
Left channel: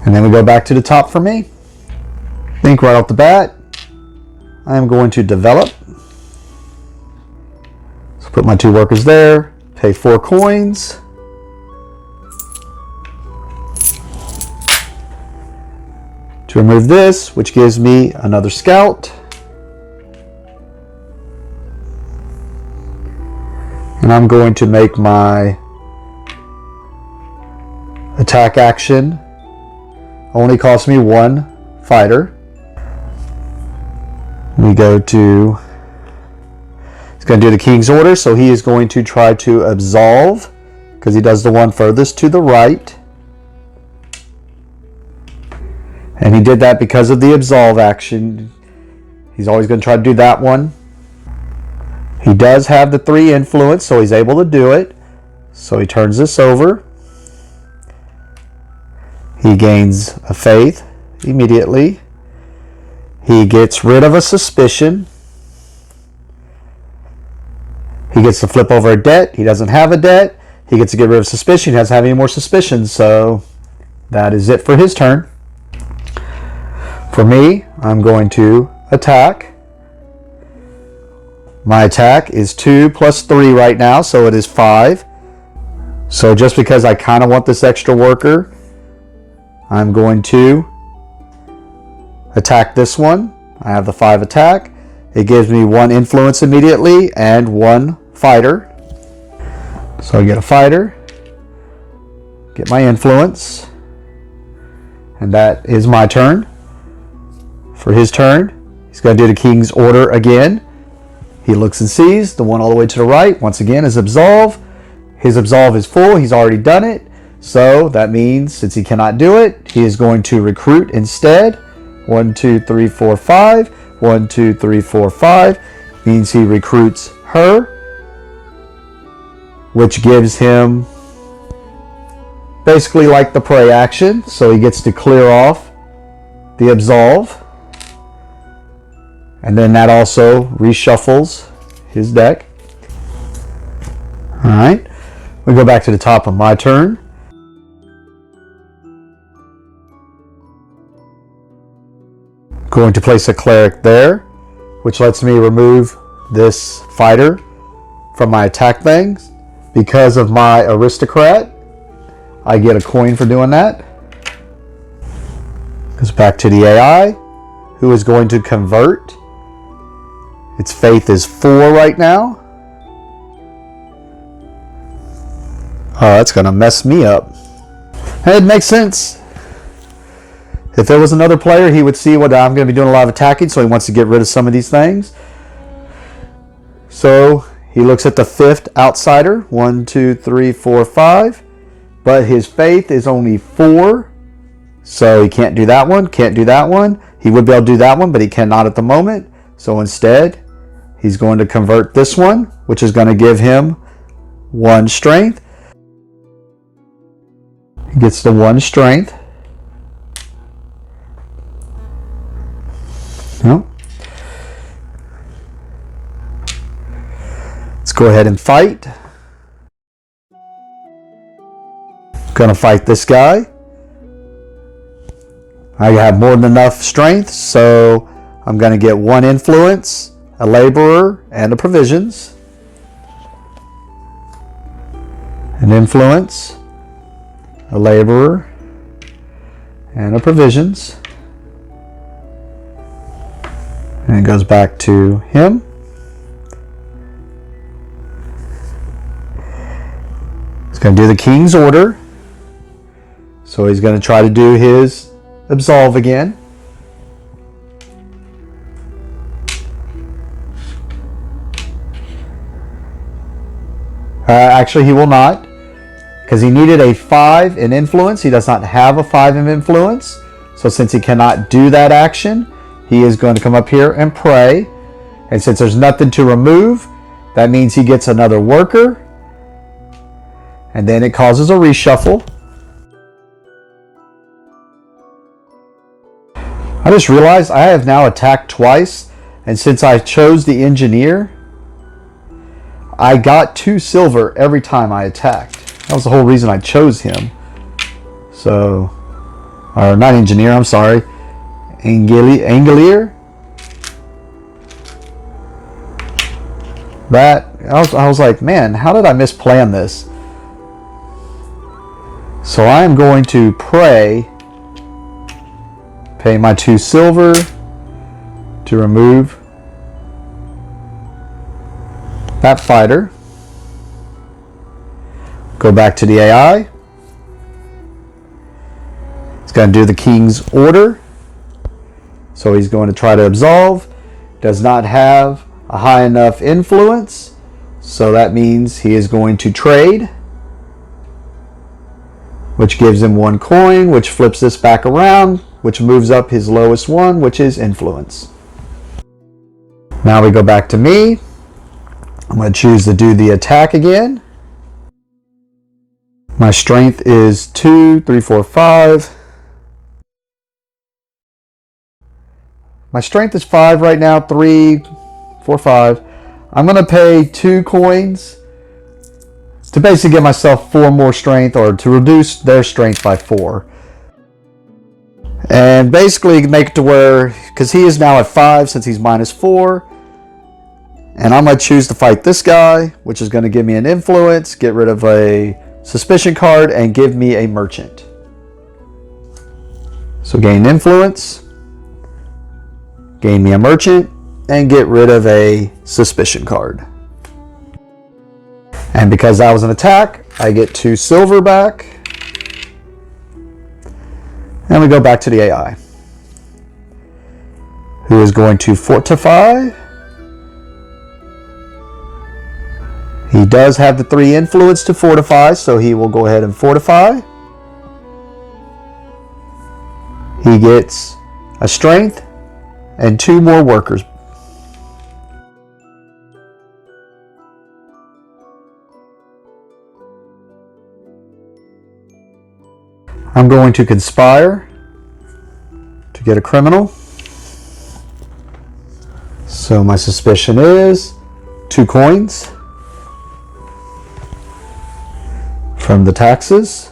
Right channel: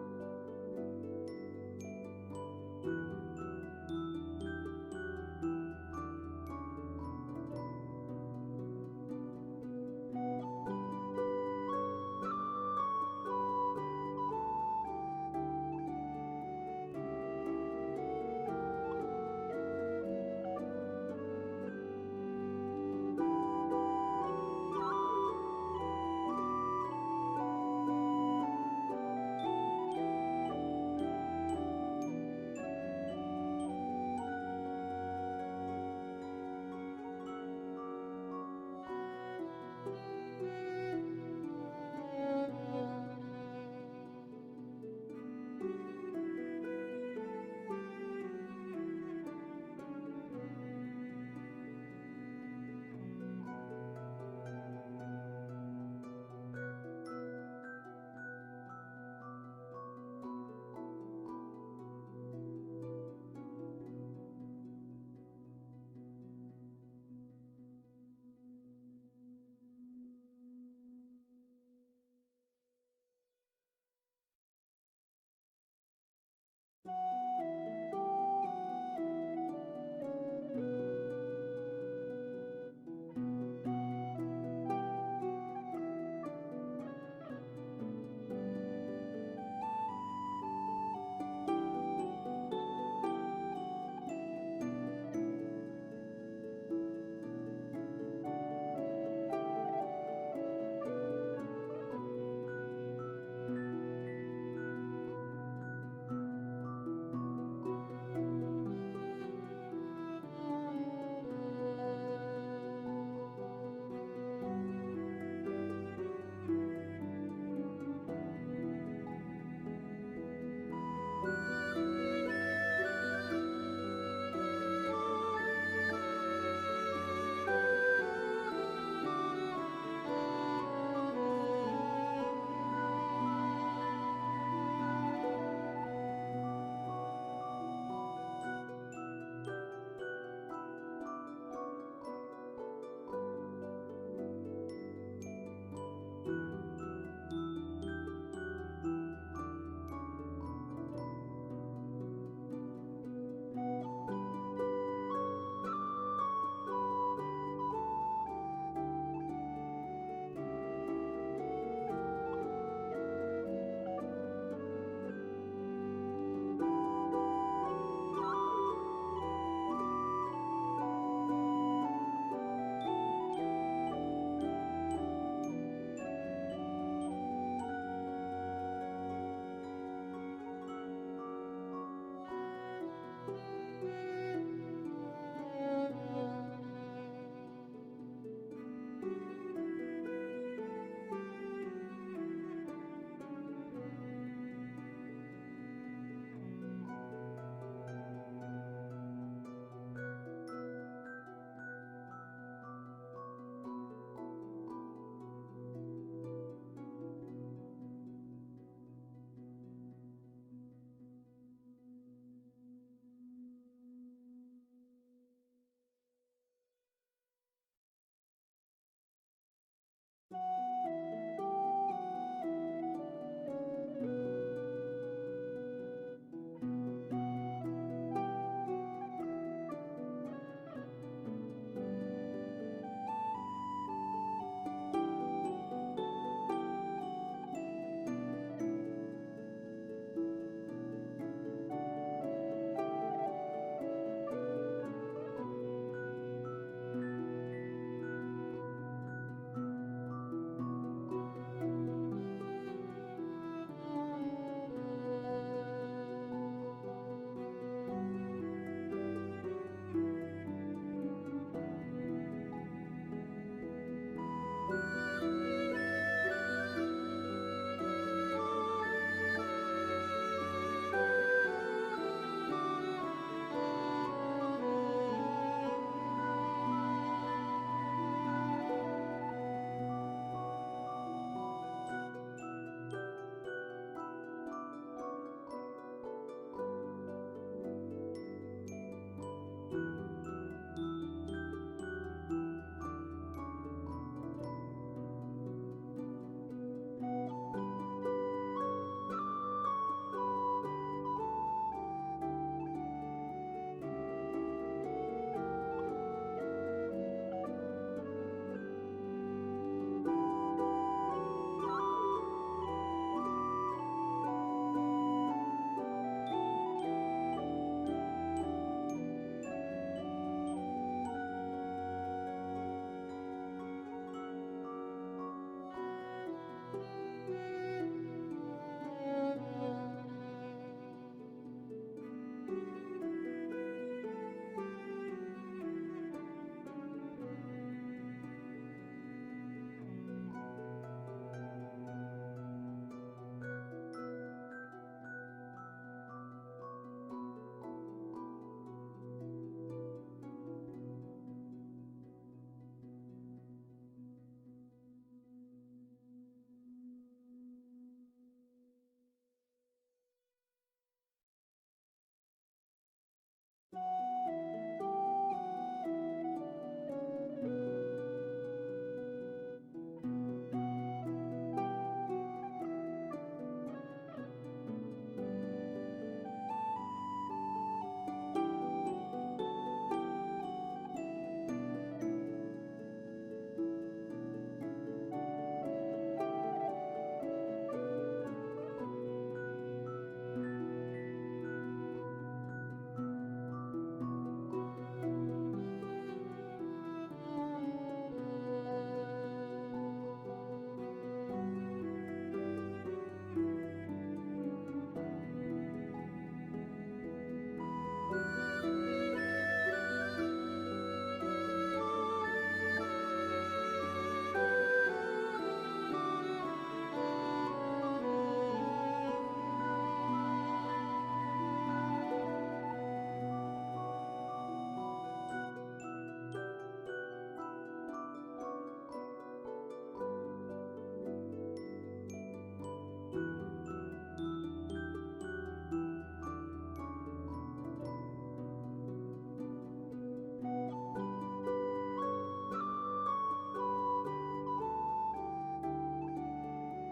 And then we go back to the top for me. I think right off the bat, I'm going to develop. So put my 2 workers there, pay 4 coins. To remove this, which gives me another scout. And I'm going to make my attack action only cost me 1 fighter. We go to, he's going to do the king's order, so he is going to try to absolve because he does the one furthest to the right. And he did that because of the absolve action. He's always going to try to do that one. He does have the 3 influence, so he's able to do it. So he turns this over. He gains a faith immediately. He gets rid of a suspicion. He gets to flip over a debt. He doesn't have a debt. He gets to get rid of suspicion. He doesn't have any more suspicions. So that is it for his turn. For me, I'm going to attack. My attack is 2 plus 3 right now, so it is 5. So just because I kind of want this extra worker, I'm going to attack this one. I have the 5 attack. It gives me 1 influence immediately and 1 fighter. So I get a fighter, get my influence, and that is my turn. For his turn, he's going to do the king's order again. He looks and sees the one all the way to the right. Once again is absolve. His absolve is full. He's already done it. So that means since he cannot do it, he is going to recruit instead. 1, 2, 3, 4, 5. 1, 2, 3, 4, 5. Means he recruits her, which gives him basically like the prey action. So he gets to clear off the absolve. And then that also reshuffles his deck. Alright, we go back to the top of my turn. Going to place a cleric there, which lets me remove this fighter from my attack things. Because of my aristocrat, I get a coin for doing that. Goes back to the AI, who is going to convert. Its faith is 4 right now. Oh, that's going to mess me up. It makes sense. If there was another player, he would see what I'm going to be doing a lot of attacking, so he wants to get rid of some of these things. So he looks at the 5th outsider. 1, 2, 3, 4, 5. But his faith is only 4. So he can't do that one, can't do that one. He would be able to do that one, but he cannot at the moment. So instead, he's going to convert this one, which is going to give him 1 strength. He gets the 1 strength. No. Let's go ahead and fight. Gonna fight this guy. I have more than enough strength, so I'm gonna get 1 influence, a laborer, and a provisions. An influence, a laborer, and a provisions. And it goes back to him. He's going to do the king's order. So he's going to try to do his absolve again. Actually, he will not, because he needed a 5 in influence. He does not have a 5 in influence. So since he cannot do that action, he is going to come up here and pray. And since there's nothing to remove, that means he gets another worker. And then it causes a reshuffle. I just realized I have now attacked twice. And since I chose the engineer, I got 2 silver every time I attacked. That was the whole reason I chose him. So, or not engineer, I'm sorry. Angelier. That, I was like, man, how did I misplan this? So I am going to pay my 2 silver to remove that fighter. Go back to the AI. It's going to do the king's order. So he's going to try to absolve. Does not have a high enough influence. So that means he is going to trade, which gives him 1 coin, which flips this back around, which moves up his lowest one, which is influence. Now we go back to me. I'm going to choose to do the attack again. My strength is 2, 3, 4, 5. My strength is 5 right now, 3, 4, 5. I'm going to pay 2 coins to basically give myself 4 more strength, or to reduce their strength by 4. And basically make it to where, because he is now at 5 since he's -4. And I'm going to choose to fight this guy, which is going to give me an influence, get rid of a suspicion card, and give me a merchant. So gain influence, gain me a merchant, and get rid of a suspicion card. And because that was an attack, I get 2 silver back. And we go back to the AI, who is going to fortify. He does have the 3 influence to fortify, so he will go ahead and fortify. He gets a strength and 2 more workers. I'm going to conspire to get a criminal. So my suspicion is 2 coins from the taxes.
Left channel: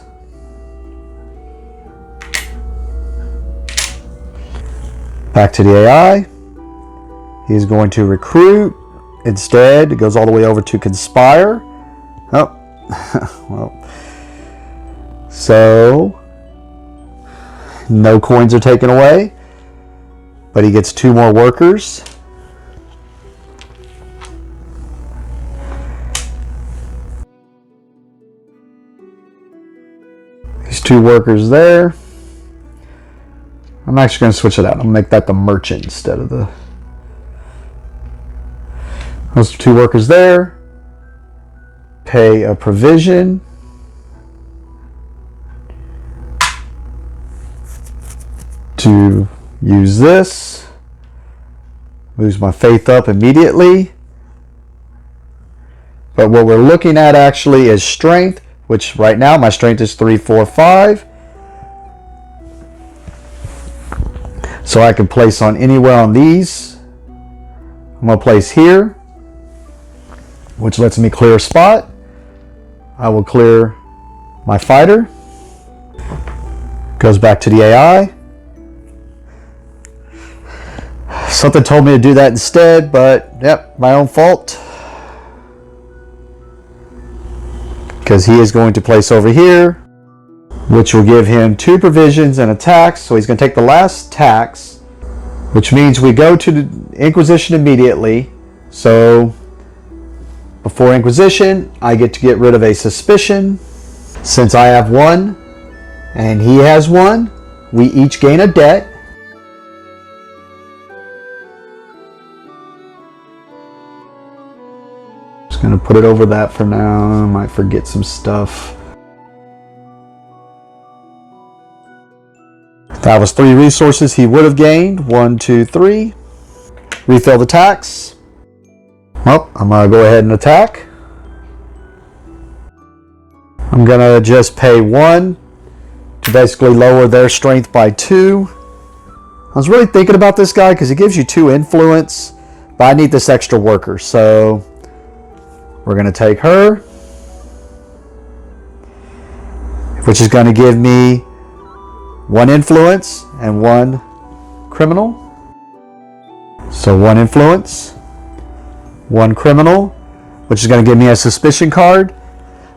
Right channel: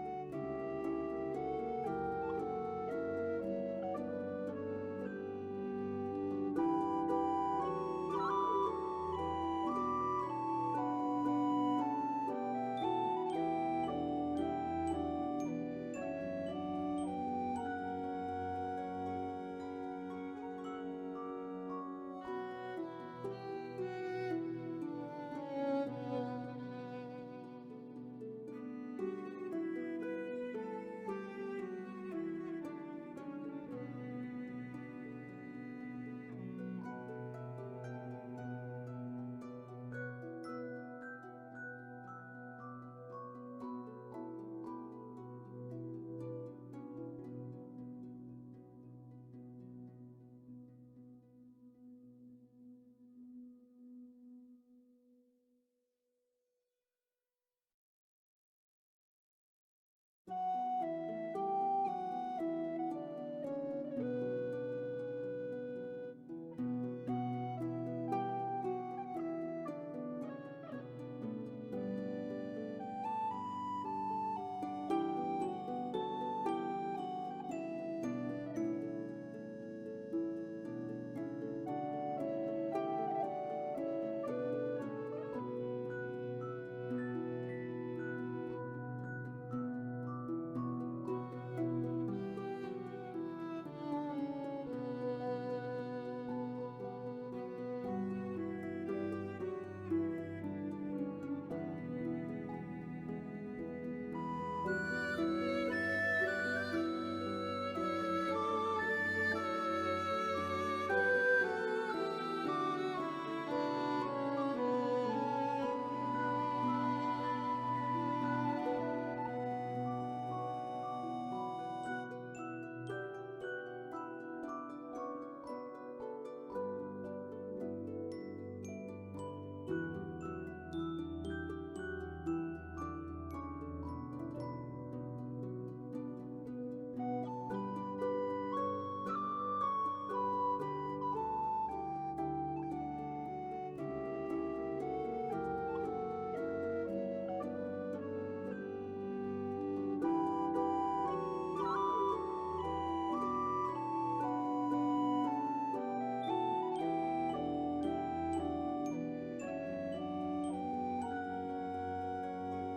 Back to the AI. He's going to recruit. Instead, it goes all the way over to conspire. Oh, well. So, no coins are taken away, but he gets 2 more workers. These 2 workers there. I'm actually going to switch it out. I'm going to make that the merchant instead of the... Those 2 workers there. Pay a provision. To use this. Moves my faith up immediately. But what we're looking at actually is strength, which right now my strength is 3, 4, 5. So I can place on anywhere on these. I'm going to place here, which lets me clear a spot. I will clear my fighter. Goes back to the AI. Something told me to do that instead, but yep, my own fault. Because he is going to place over here, which will give him 2 provisions and a tax. So he's going to take the last tax, which means we go to the Inquisition immediately. So before Inquisition, I get to get rid of a suspicion. Since I have 1 and he has 1, we each gain a debt. Just going to put it over that for now. I might forget some stuff. That was 3 resources he would have gained. 1, 2, 3. Refill the tax. Well, I'm going to go ahead and attack. I'm going to just pay 1 to basically lower their strength by 2. I was really thinking about this guy because he gives you 2 influence, but I need this extra worker, so we're going to take her, which is going to give me 1 influence and 1 criminal. So 1 influence, 1 criminal, which is going to give me a suspicion card.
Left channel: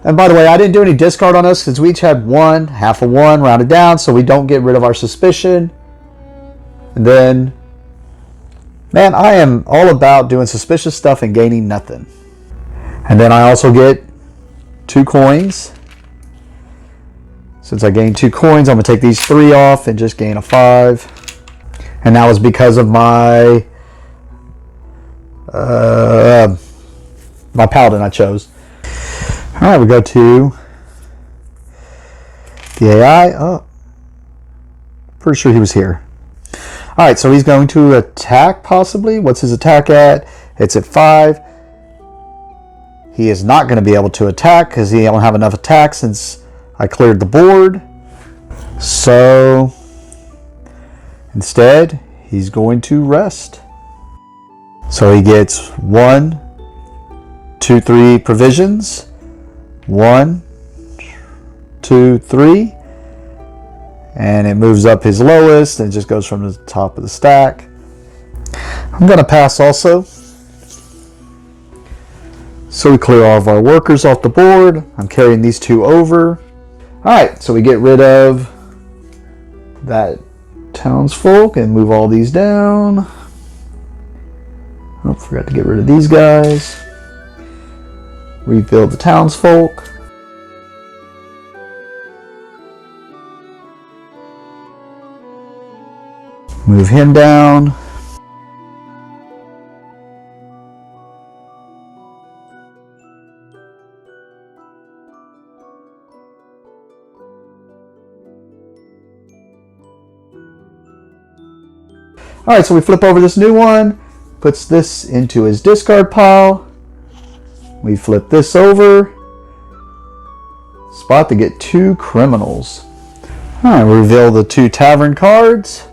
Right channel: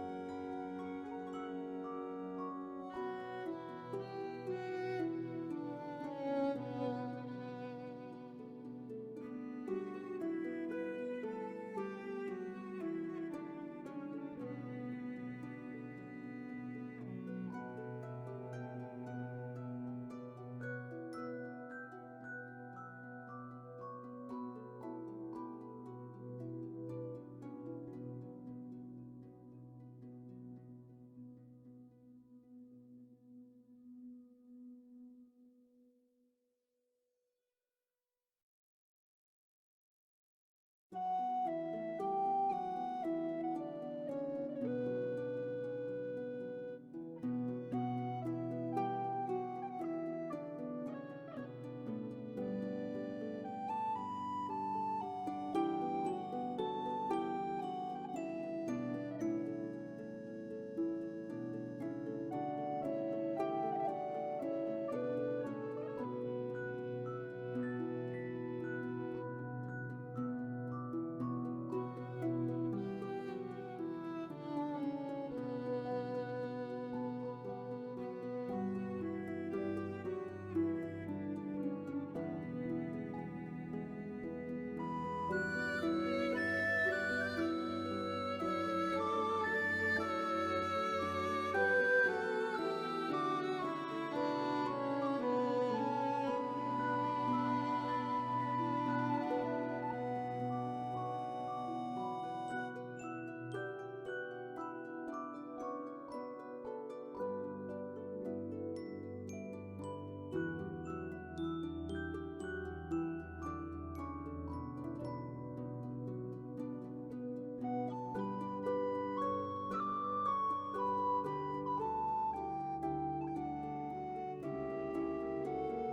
And by the way, I didn't do any discard on us because we each had 1, half of 1, rounded down, so we don't get rid of our suspicion. And then, man, I am all about doing suspicious stuff and gaining nothing. And then I also get 2 coins. Since I gained 2 coins, I'm going to take these 3 off and just gain a 5. And that was because of my my Paladin I chose. All right, we go to the AI. Oh, pretty sure he was here. All right, so he's going to attack possibly. What's his attack at? It's at 5. He is not going to be able to attack because he don't have enough attack since I cleared the board. So instead, he's going to rest. So he gets 1, 2, 3 provisions. 1, 2, 3. And it moves up his lowest and just goes from the top of the stack. I'm going to pass also. So we clear all of our workers off the board. I'm carrying these 2 over. Alright, so we get rid of that townsfolk and move all these down. Oh, forgot to get rid of these guys. Rebuild the townsfolk. Move him down. Alright, so we flip over this new one, puts this into his discard pile. We flip this over. Spot to get 2 criminals. Alright, reveal the 2 tavern cards.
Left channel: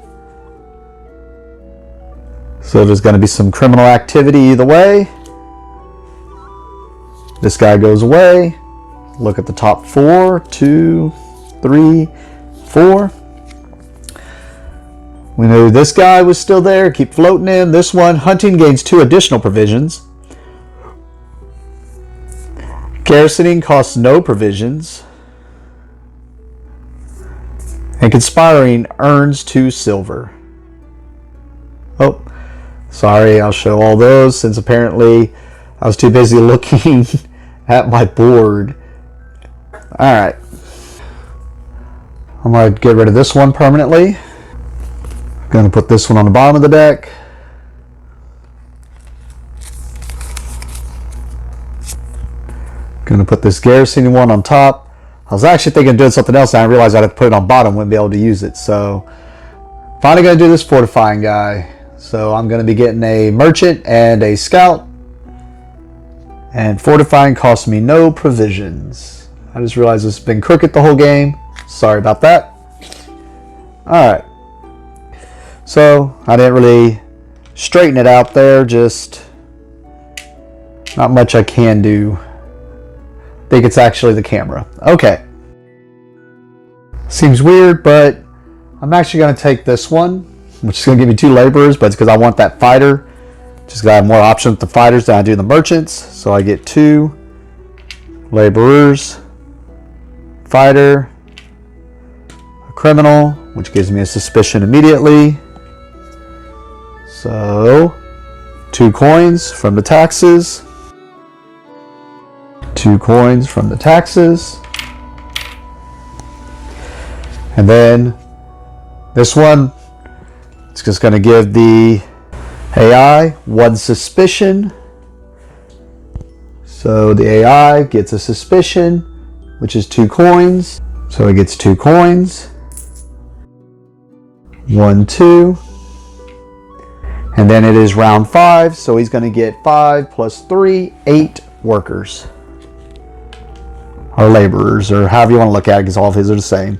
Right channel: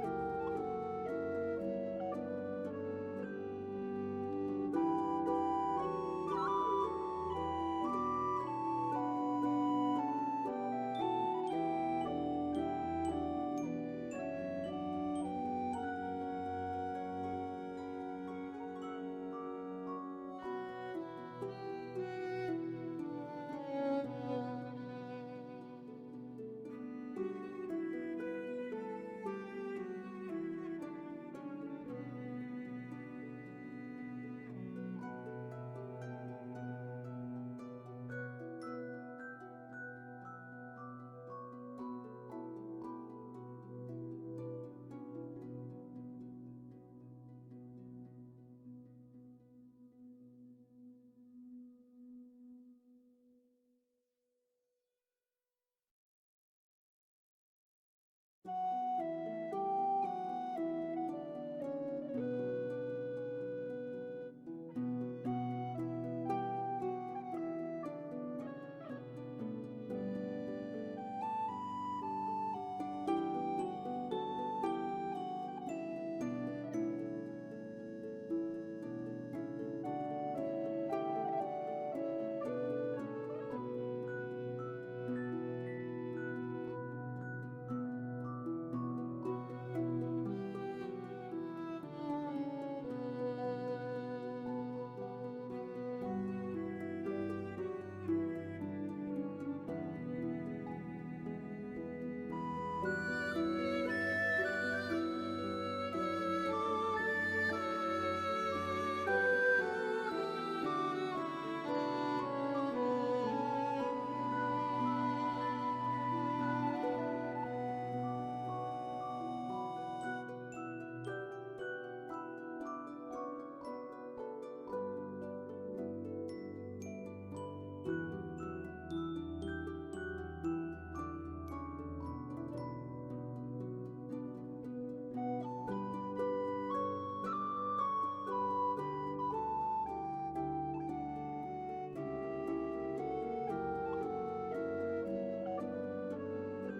So there's going to be some criminal activity either way. This guy goes away. Look at the top 4. 2, 3, 4. We knew this guy was still there. Keep floating him. This one, hunting, gains 2 additional provisions. Garrisoning costs no provisions. And conspiring earns 2 silver. Oh, sorry, I'll show all those since apparently I was too busy looking at my board. Alright. I'm going to get rid of this one permanently. Going to put this one on the bottom of the deck. Going to put this garrisoning one on top. I was actually thinking of doing something else and I realized I'd have to put it on bottom, wouldn't be able to use it. So finally going to do this fortifying guy. So I'm going to be getting a merchant and a scout. And fortifying costs me no provisions. I just realized it's been crooked the whole game. Sorry about that. Alright. So I didn't really straighten it out there. Just not much I can do. I think it's actually the camera. Okay. Seems weird, but I'm actually going to take this one, which is going to give me 2 laborers, but it's because I want that fighter. Just because I have more options with the fighters than I do the merchants. So I get 2 laborers, fighter, a criminal, which gives me a suspicion immediately. So 2 coins from the taxes. 2 coins from the taxes. And then this one, it's just going to give the AI 1 suspicion. So the AI gets a suspicion, which is 2 coins. So it gets 2 coins. 1, 2. And then it is round 5, so he's going to get 5 plus 3, 8 workers. Or laborers, or however you want to look at it, because all of his are the same.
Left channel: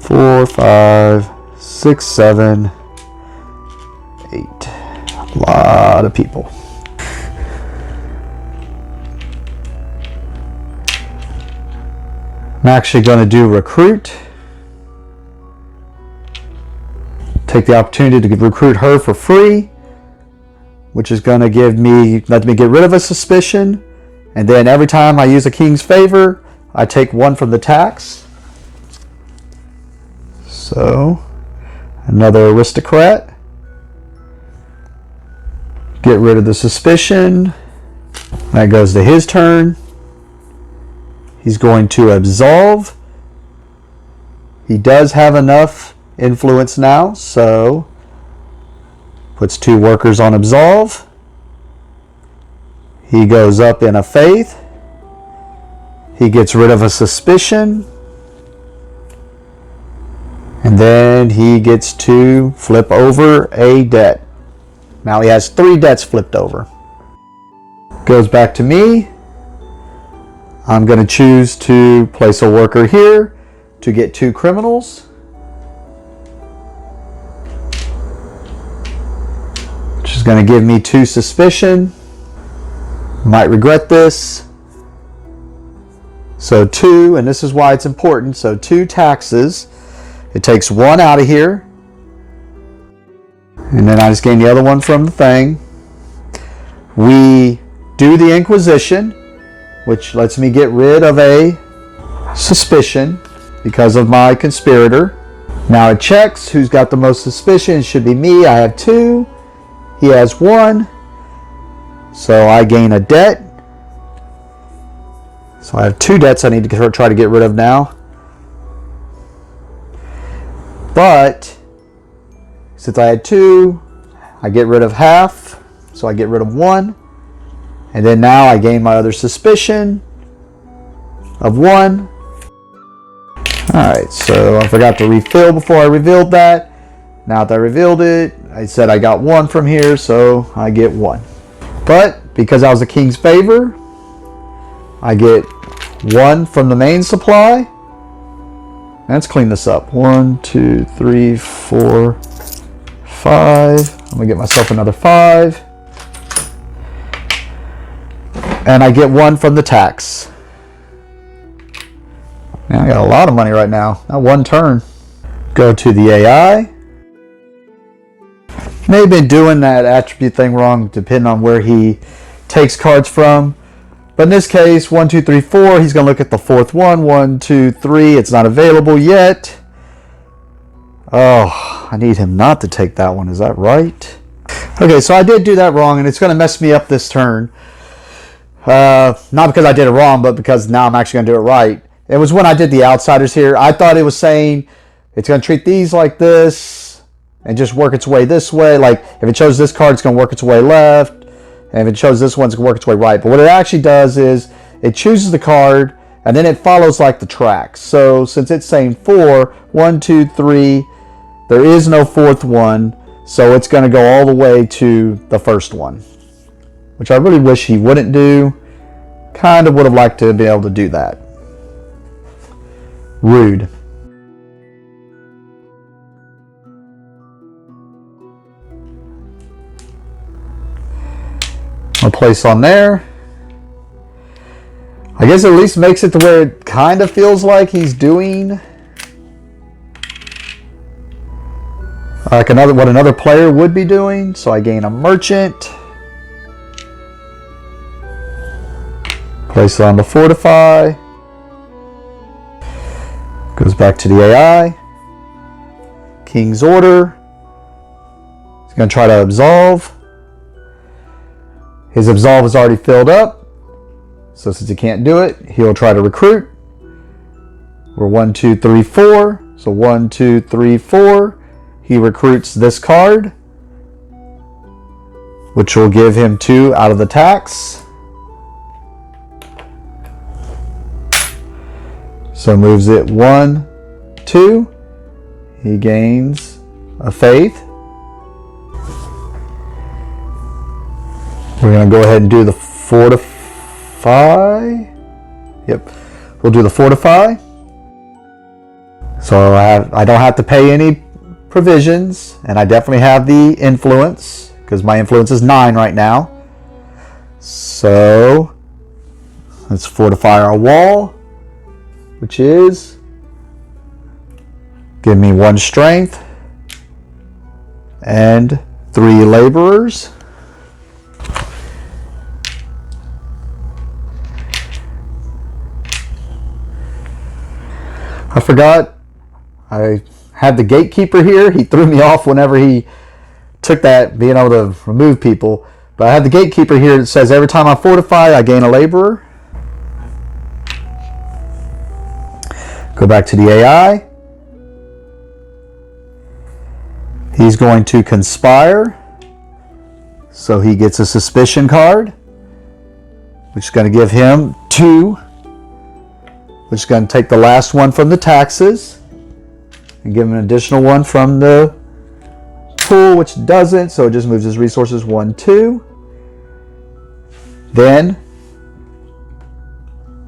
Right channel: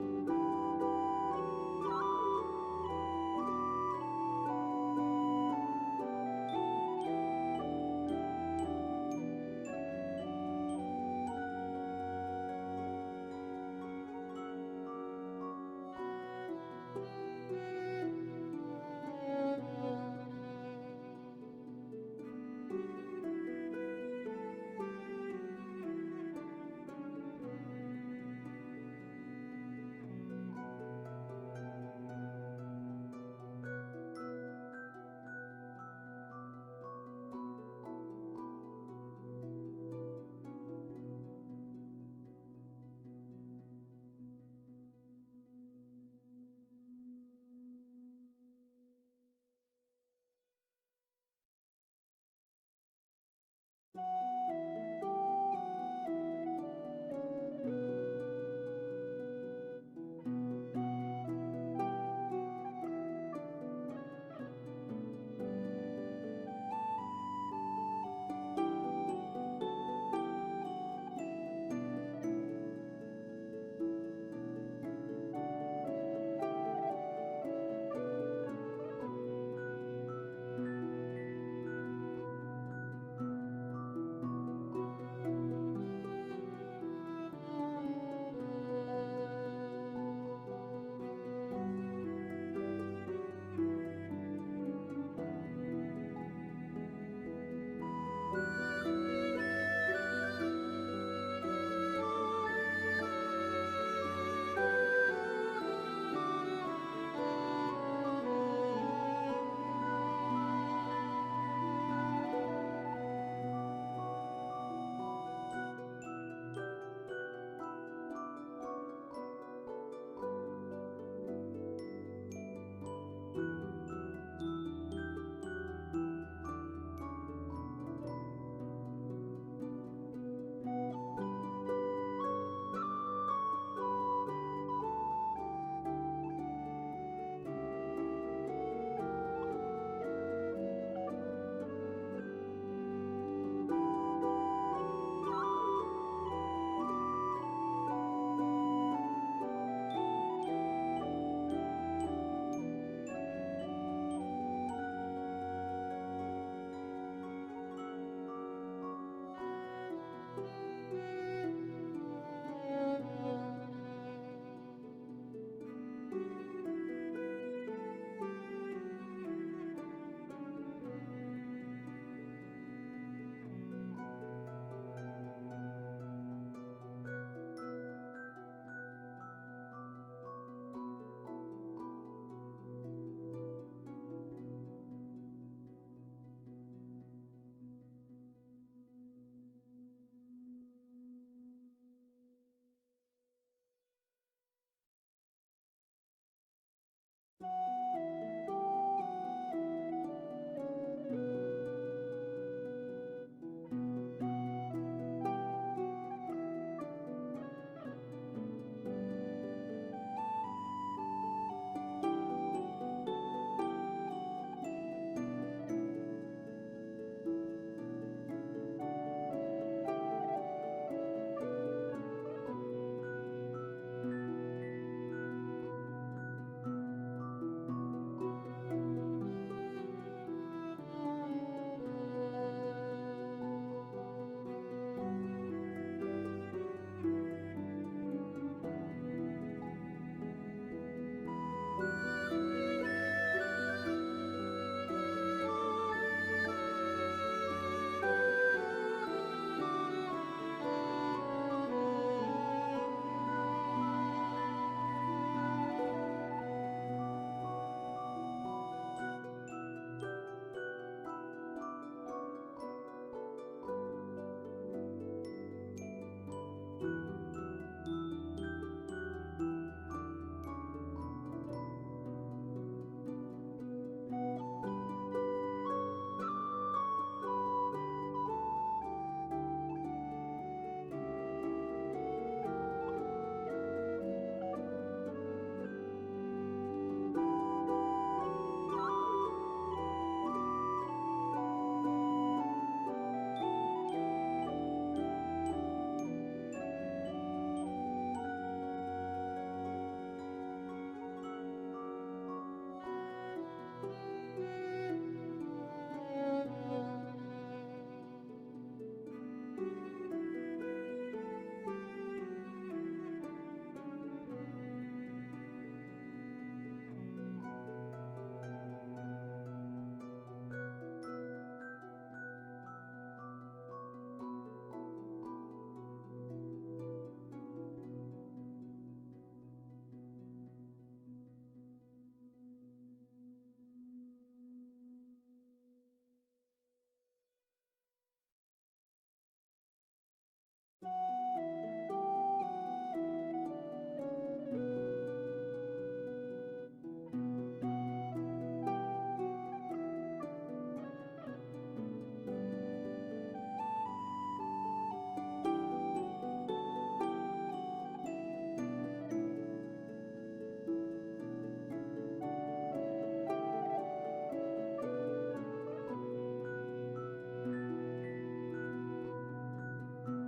4, 5, 6, 7, 8. A lot of people. I'm actually going to do recruit. Take the opportunity to recruit her for free, which is going to let me get rid of a suspicion. And then every time I use a king's favor, I take 1 from the tax. So, another aristocrat. Get rid of the suspicion. That goes to his turn. He's going to absolve. He does have enough influence now, so puts 2 workers on absolve. He goes up in a faith. He gets rid of a suspicion. And then he gets to flip over a debt. Now he has 3 debts flipped over. Goes back to me. I'm going to choose to place a worker here to get 2 criminals. Which is going to give me 2 suspicion. Might regret this. So 2, and this is why it's important. So 2 taxes. It takes 1 out of here. And then I just gain the other one from the thing. We do the Inquisition, which lets me get rid of a suspicion because of my conspirator. Now it checks who's got the most suspicion. It should be me. I have 2. He has 1. So I gain a debt. So I have 2 debts I need to try to get rid of now. But since I had 2, I get rid of half. So I get rid of 1. And then now I gain my other suspicion of 1. Alright, so I forgot to refill before I revealed that. Now that I revealed it, I said I got 1 from here, so I get 1. But because I was a king's favor, I get 1 from the main supply. Let's clean this up. 1, 2, 3, 4, 5. I'm gonna get myself another 5. And I get 1 from the tax. Man, I got a lot of money right now. Not 1 turn. Go to the AI. May have been doing that attribute thing wrong depending on where he takes cards from. But in this case, 1, 2, 3, 4, he's going to look at the 4th one. 1, 2, 3, it's not available yet. Oh, I need him not to take that one. Is that right? Okay, so I did do that wrong, and it's going to mess me up this turn. Not because I did it wrong, but because now I'm actually going to do it right. It was when I did the outsiders here. I thought it was saying it's going to treat these like this and just work its way this way. Like, if it chose this card, it's going to work its way left. And if it shows this one, it's going to work its way right. But what it actually does is it chooses the card, and then it follows like the tracks. So since it's saying 4, 1, 2, 3, there is no 4th one. So it's going to go all the way to the 1st one, which I really wish he wouldn't do. Kind of would have liked to be able to do that. Rude. I'll place on there. I guess at least makes it to where it kind of feels like he's doing Like what another player would be doing. So I gain a merchant. Place it on the fortify. Goes back to the AI. King's order. He's going to try to absolve. His absolve is already filled up. So since he can't do it, he'll try to recruit. We're 1, 2, 3, 4. So 1, 2, 3, 4. He recruits this card, which will give him 2 out of the tax. So moves it 1, 2. He gains a faith. We're going to go ahead and do the fortify. Yep, we'll do the fortify. So I don't have to pay any provisions, and I definitely have the influence because my influence is 9 right now. So let's fortify our wall, which is give me 1 strength and 3 laborers. I forgot I had the gatekeeper here. He threw me off whenever he took that, being able to remove people. But I have the gatekeeper here that says every time I fortify, I gain a laborer. Go back to the AI. He's going to conspire. So he gets a suspicion card, which is going to give him 2. Which is going to take the last one from the taxes and give him an additional one from the pool, which doesn't, so it just moves his resources 1, 2. Then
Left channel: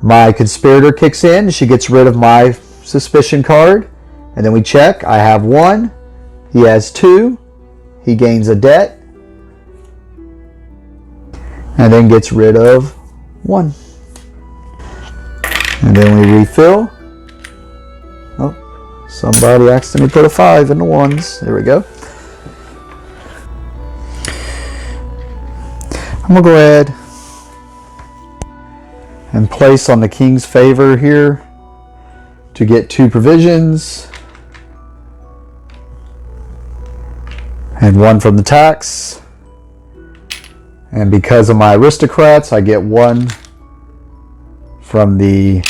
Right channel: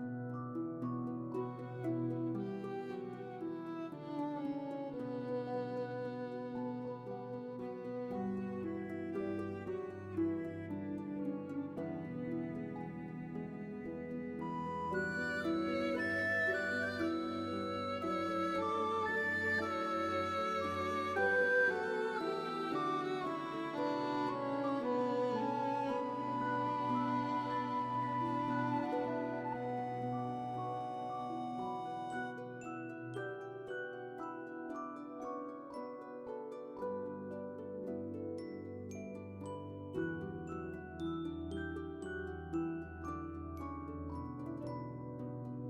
my conspirator kicks in. She gets rid of my suspicion card, and then we check. I have 1. He has 2. He gains a debt, and then gets rid of 1. And then we refill. Oh, somebody accidentally put a 5 in the 1s. There we go. I'm going to go ahead and place on the king's favor here to get 2 provisions. And 1 from the tax. And because of my aristocrats, I get 1 from the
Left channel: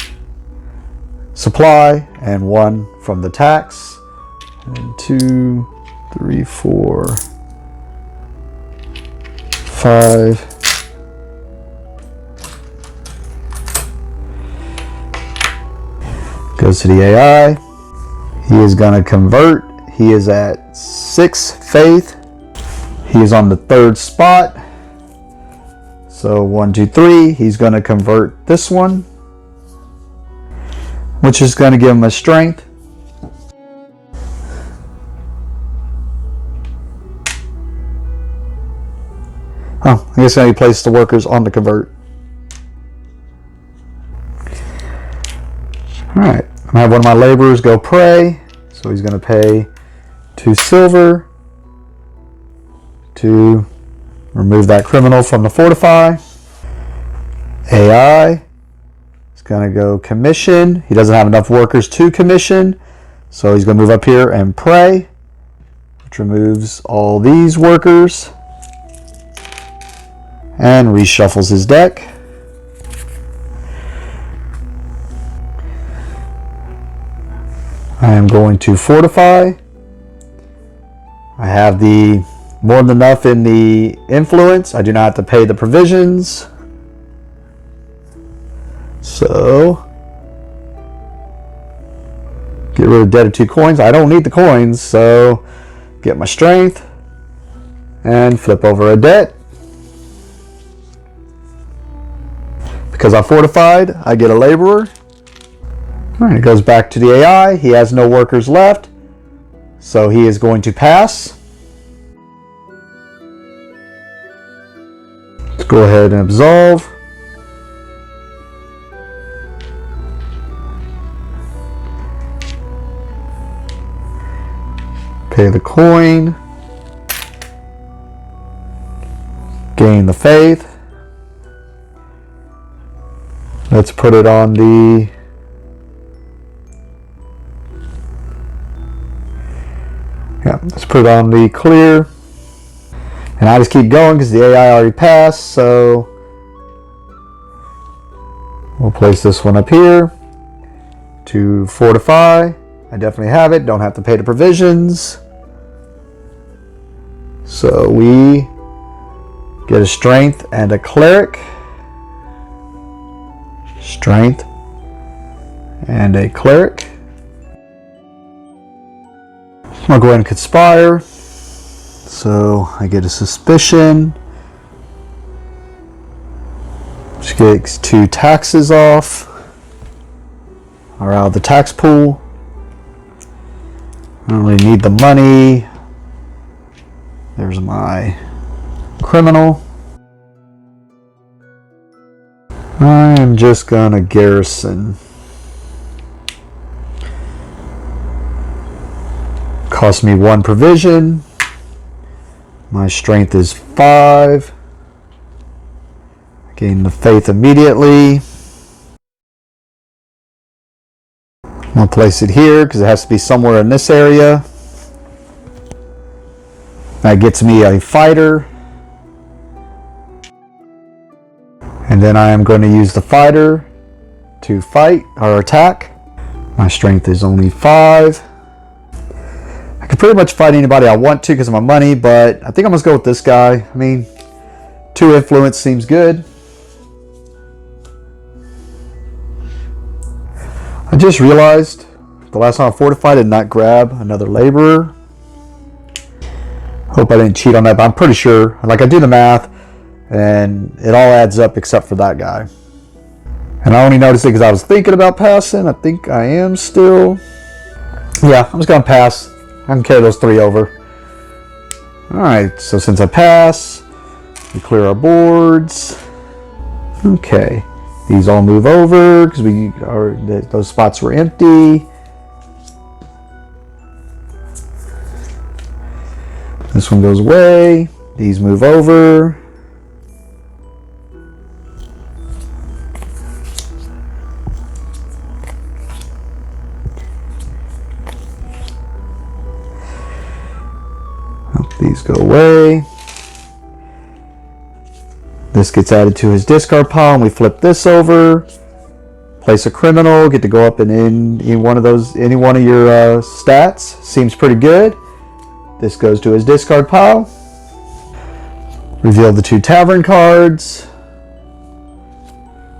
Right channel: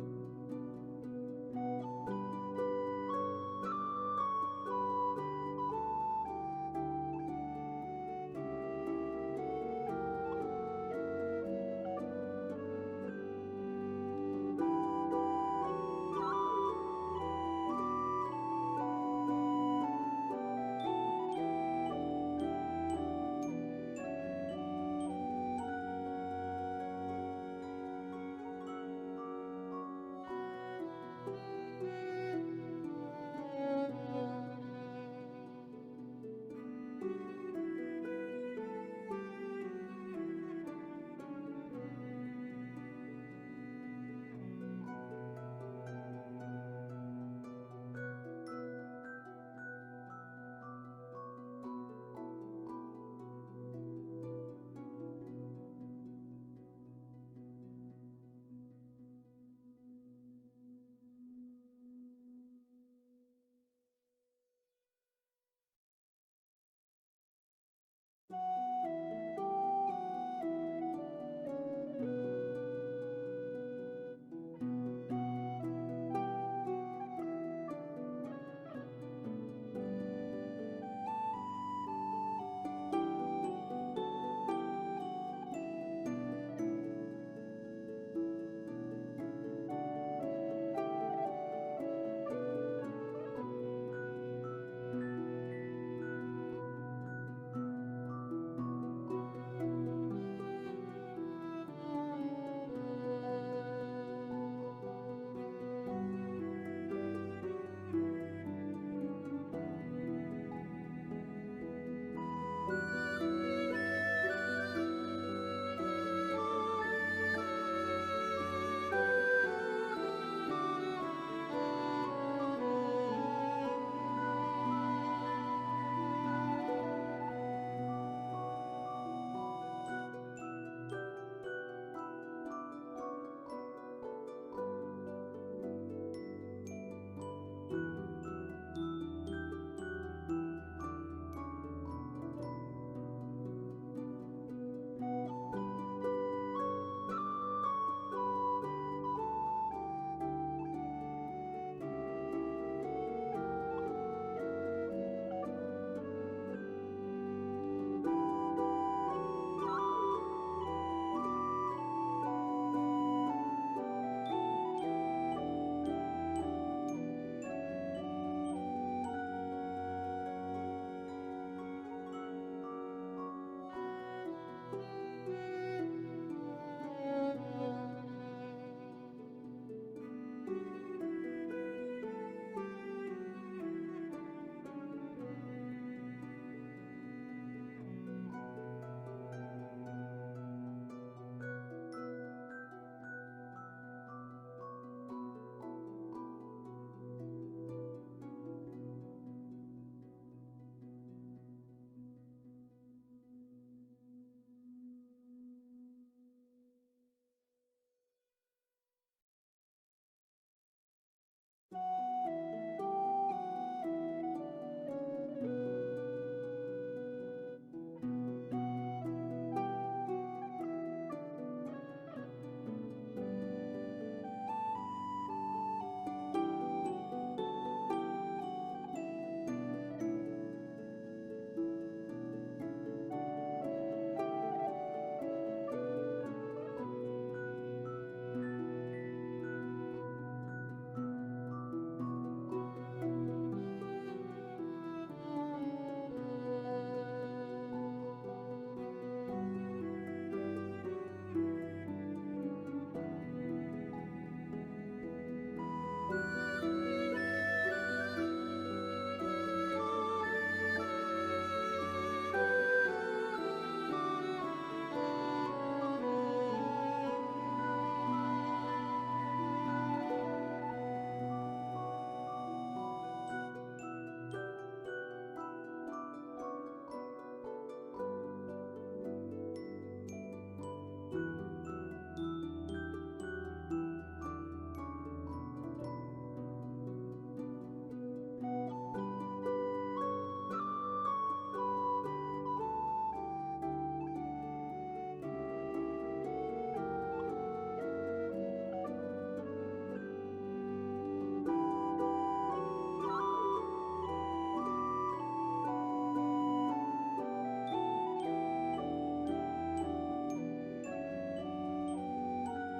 supply and 1 from the tax. And 2, 3, 4, 5. Goes to the AI. He is going to convert. He is at 6 faith. He is on the 3rd spot. So 1, 2, 3. He's going to convert this one, which is going to give him a strength. Oh, I guess now he placed the workers on the convert. Alright, I'm going to have one of my laborers go pray. So he's going to pay 2 silver to remove that criminal from the fortify. AI is going to go commission. He doesn't have enough workers to commission, so he's going to move up here and pray, which removes all these workers and reshuffles his deck. I am going to fortify. I have the more than enough in the influence. I do not have to pay the provisions. So get rid of debt of 2 coins. I don't need the coins, so get my strength and flip over a debt. Because I fortified, I get a laborer. All right, it goes back to the AI. He has no workers left, so he is going to pass. Let's go ahead and absolve. Pay the coin. Gain the faith. Let's put it on the let's put it on the clear. And I just keep going because the AI already passed, so we'll place this one up here to fortify. I definitely have it, don't have to pay the provisions. So we get a strength and a cleric. Strength and a cleric. I'll go ahead and conspire. So I get a suspicion. Which gets 2 taxes off. Or out of the tax pool. I don't really need the money. There's my criminal. I am just gonna garrison. Cost me 1 provision. My strength is 5. Gain the faith immediately. I'm gonna place it here because it has to be somewhere in this area. That gets me a fighter. And then I am going to use the fighter to fight or attack. My strength is only 5. I can pretty much fight anybody I want to because of my money, but I think I'm going to go with this guy. I mean, 2 influence seems good. I just realized the last time I fortified I did not grab another laborer. Hope I didn't cheat on that, but I'm pretty sure. Like, I do the math and it all adds up except for that guy. And I only noticed it because I was thinking about passing. I think I am still. Yeah, I'm just going to pass. I can carry those 3 over. Alright, so since I pass, we clear our boards. Okay, these all move over because those spots were empty. This one goes away. These move over. These go away. This gets added to his discard pile, and we flip this over. Place a criminal. Get to go up and in one of those, any one of your stats. Seems pretty good. This goes to his discard pile. Reveal the 2 tavern cards.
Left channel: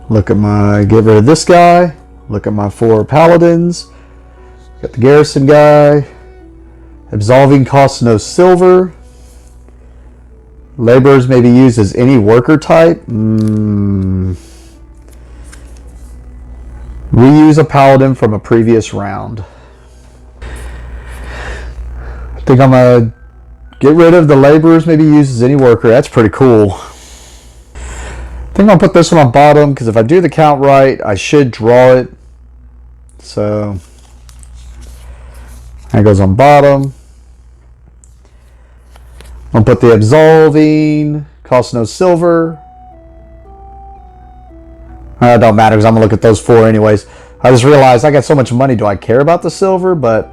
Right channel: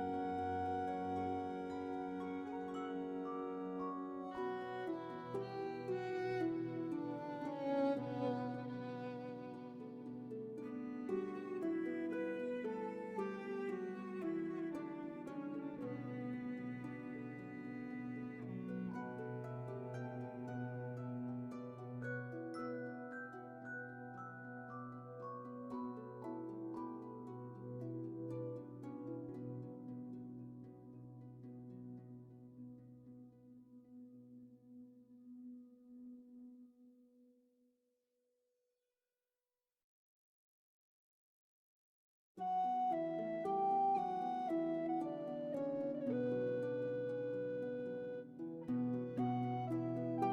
Look at get rid of this guy. Look at my 4 paladins. Got the garrison guy. Absolving costs no silver. Laborers may be used as any worker type. Reuse a paladin from a previous round. I think I'm gonna get rid of the laborers may be used as any worker. That's pretty cool. I think I'll put this one on bottom because if I do the count right, I should draw it. So that goes on bottom. I'll put the absolving, costs no silver. It don't matter because I'm going to look at those 4 anyways. I just realized I got so much money, do I care about the silver? But,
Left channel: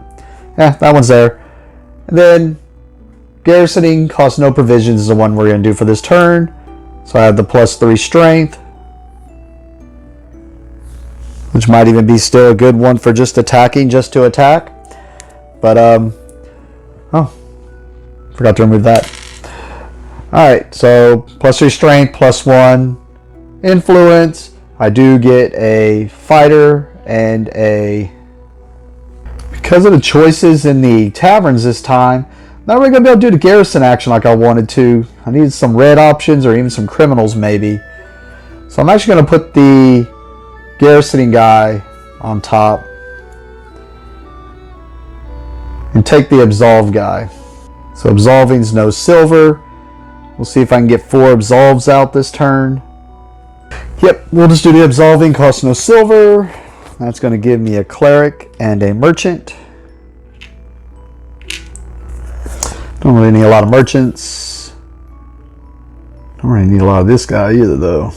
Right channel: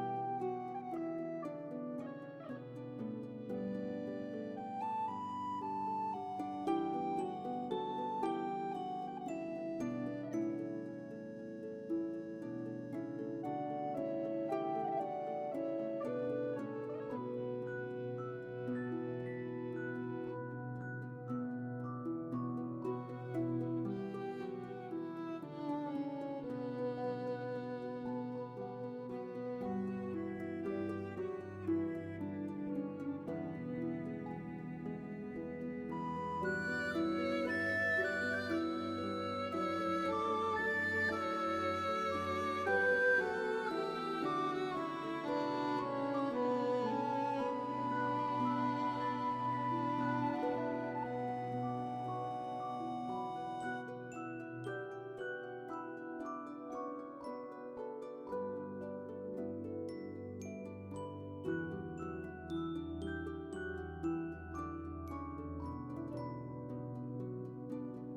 yeah, that one's there. And then, garrisoning, costs no provisions is the one we're going to do for this turn. So I have the +3 strength. Which might even be still a good one for just attacking, just to attack. But, oh. Forgot to remove that. Alright, so +3 strength, +1 influence. I do get a fighter and a... Because of the choices in the taverns this time, I'm not really going to be able to do the garrison action like I wanted to. I needed some red options or even some criminals maybe. So I'm actually going to put the garrisoning guy on top. And take the absolve guy. So absolving's no silver. We'll see if I can get 4 absolves out this turn. Yep, we'll just do the absolving, costs no silver. That's going to give me a cleric and a merchant. Don't really need a lot of merchants. Don't really need a lot of this guy either, though.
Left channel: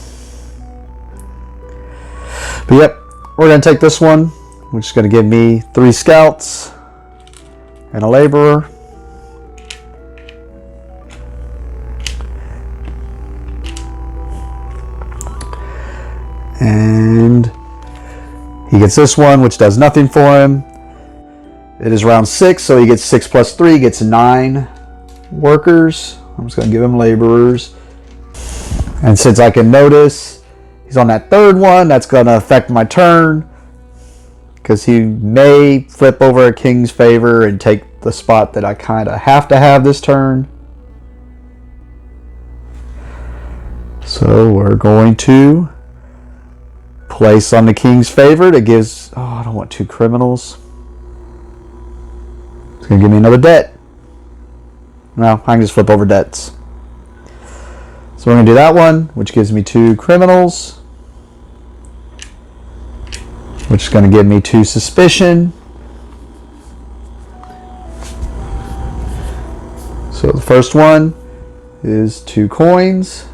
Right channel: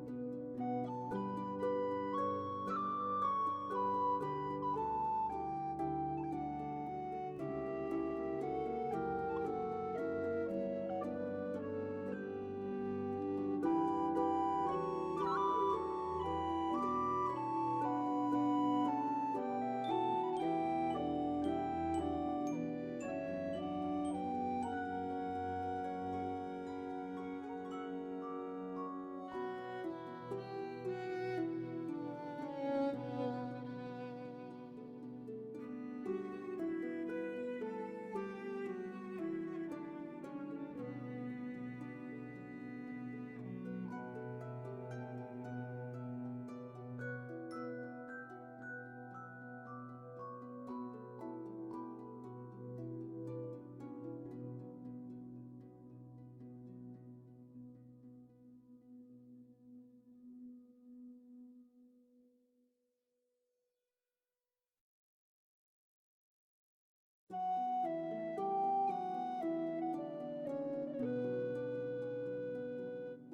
But yep, we're going to take this one, which is going to give me 3 scouts and a laborer. And he gets this one, which does nothing for him. It is round 6, so he gets 6 plus 3, gets 9 workers. I'm just going to give him laborers. And since I can notice he's on that 3rd one, that's going to affect my turn, because he may flip over a king's favor and take the spot that I kind of have to have this turn. So we're going to place on the king's favor. That gives, oh, I don't want 2 criminals. It's going to give me another debt. No, I can just flip over debts. So we're going to do that one, which gives me 2 criminals, which is going to give me 2 suspicion. So the first one is 2 coins.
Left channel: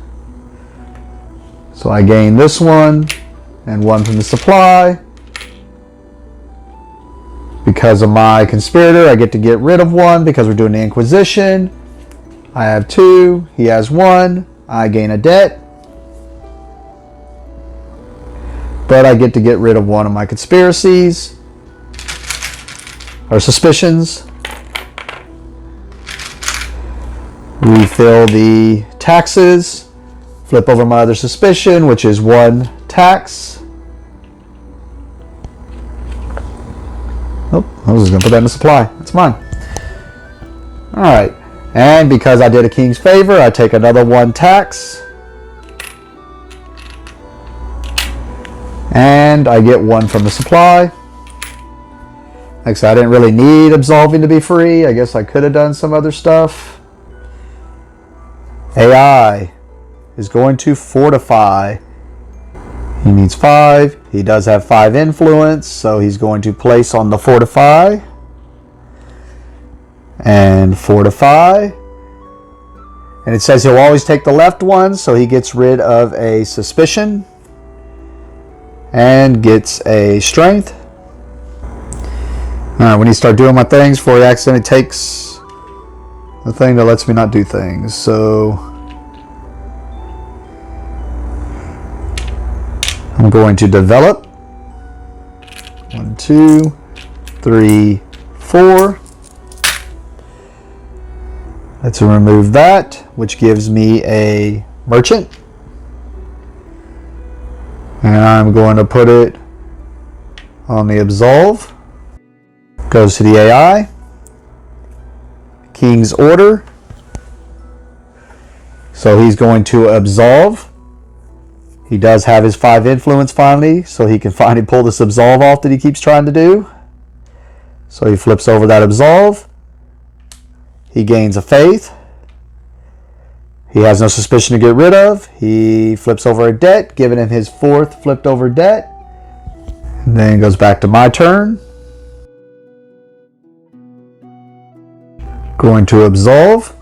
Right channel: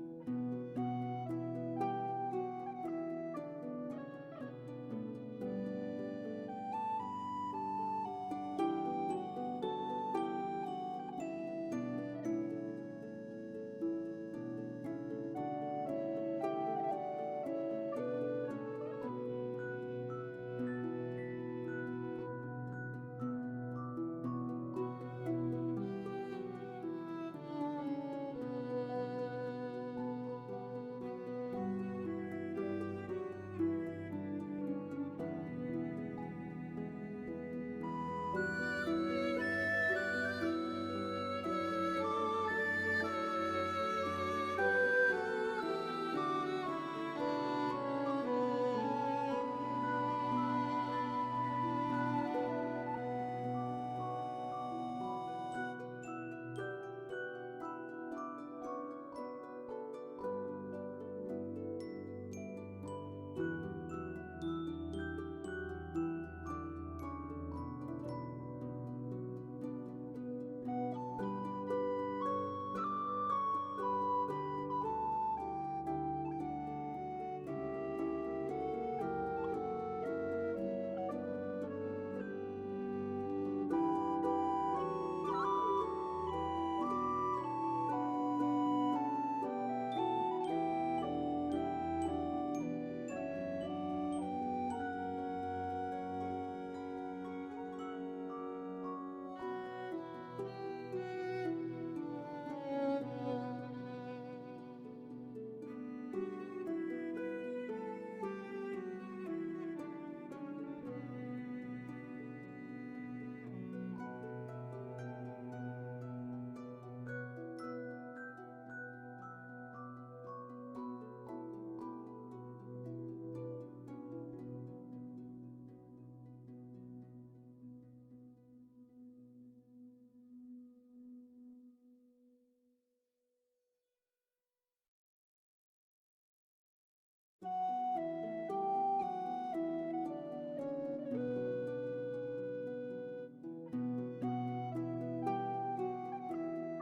So I gain this one and 1 from the supply. Because of my conspirator, I get to get rid of 1 because we're doing the Inquisition. I have 2, he has 1, I gain a debt. But I get to get rid of 1 of my conspiracies, or suspicions. Refill the taxes, flip over my other suspicion, which is 1 tax. Oh, I was just going to put that in the supply. It's mine. Alright. And because I did a king's favor, I take another 1 tax. And I get 1 from the supply. Like I said, I didn't really need absolving to be free. I guess I could have done some other stuff. AI is going to fortify. He needs 5. He does have 5 influence, so he's going to place on the fortify. And fortify. And it says he'll always take the left one, so he gets rid of a suspicion. And gets a strength. Alright, when he start doing my things before he accidentally takes the thing that lets me not do things. So I'm going to develop. 1, 2, 3, 4. Let's remove that, which gives me a merchant. And I'm going to put it on the absolve. Goes to the AI. King's order. So he's going to absolve. He does have his 5 influence finally, so he can finally pull this absolve off that he keeps trying to do. So he flips over that absolve. He gains a faith. He has no suspicion to get rid of. He flips over a debt, giving him his 4th flipped over debt. And then goes back to my turn. Going to absolve.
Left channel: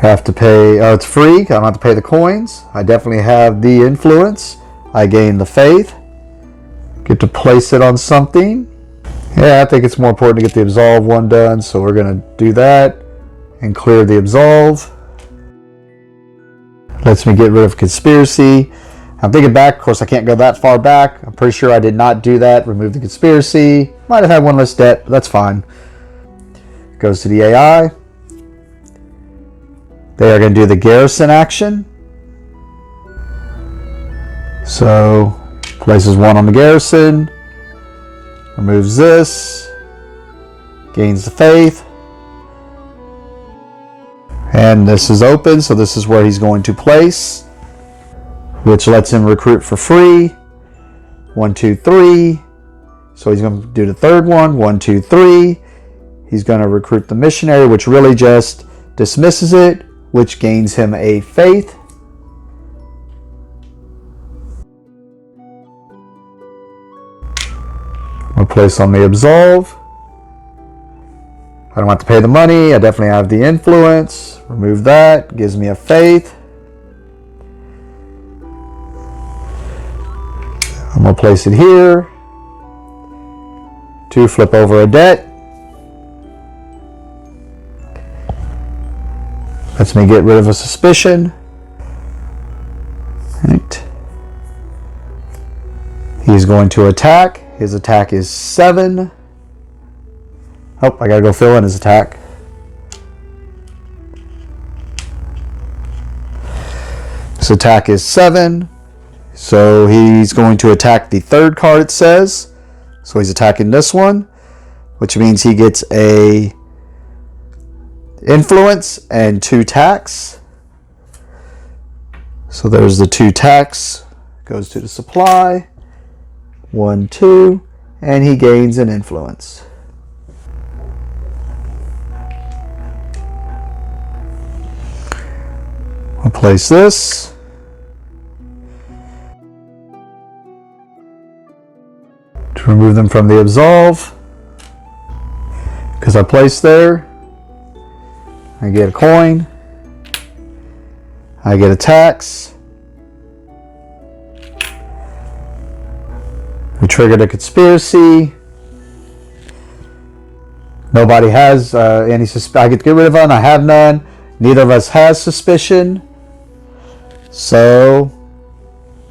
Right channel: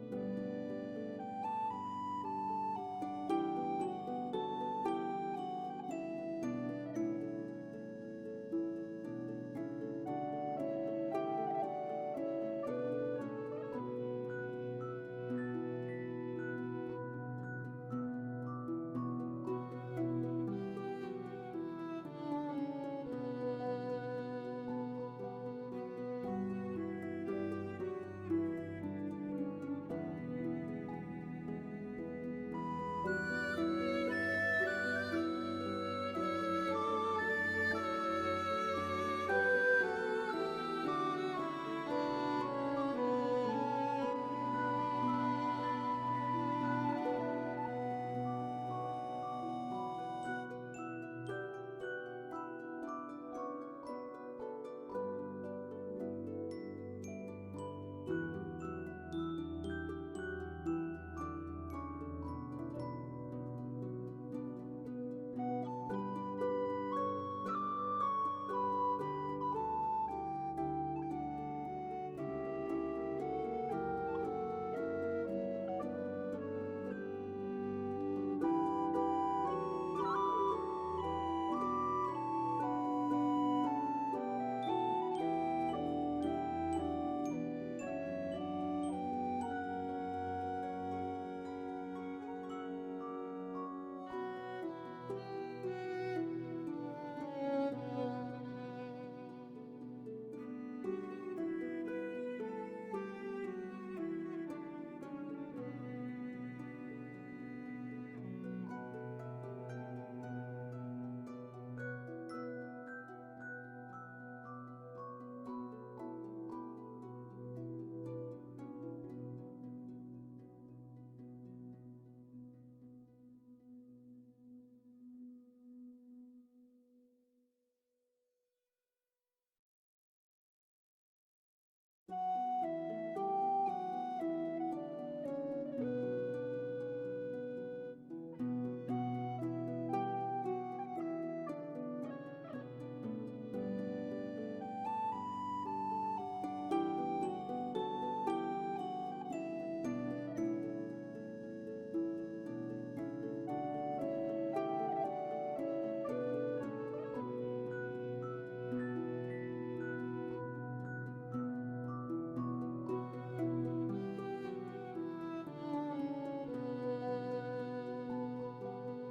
Have to pay, it's free. I don't have to pay the coins. I definitely have the influence. I gain the faith. Get to place it on something. Yeah, I think it's more important to get the absolve one done, so we're going to do that and clear the absolve. Lets me get rid of conspiracy. I'm thinking back, of course I can't go that far back. I'm pretty sure I did not do that. Remove the conspiracy. Might have had 1 less debt, but that's fine. Goes to the AI. They are going to do the garrison action. So, places 1 on the garrison. Removes this. Gains the faith. And this is open, so this is where he's going to place, which lets him recruit for free. 1, 2, 3. So he's going to do the 3rd one. 1, 2, 3. He's going to recruit the missionary, which really just dismisses it, which gains him a faith. We'll place on the absolve. I don't have to pay the money. I definitely have the influence. Remove that. Gives me a faith. I'm going to place it here. 2, flip over a debt. Lets me get rid of a suspicion. Right. He's going to attack. His attack is 7. Oh, I gotta go fill in his attack. His attack is 7. So he's going to attack the 3rd card, it says. So he's attacking this one, which means he gets a influence and 2 tax. So there's the 2 tax. Goes to the supply. 1, 2. And he gains an influence. I'll place this. To remove them from the absolve. Because I placed there. I get a coin. I get a tax. We triggered a conspiracy. Nobody has any suspicion. I get to get rid of one. I have none. Neither of us has suspicion. So,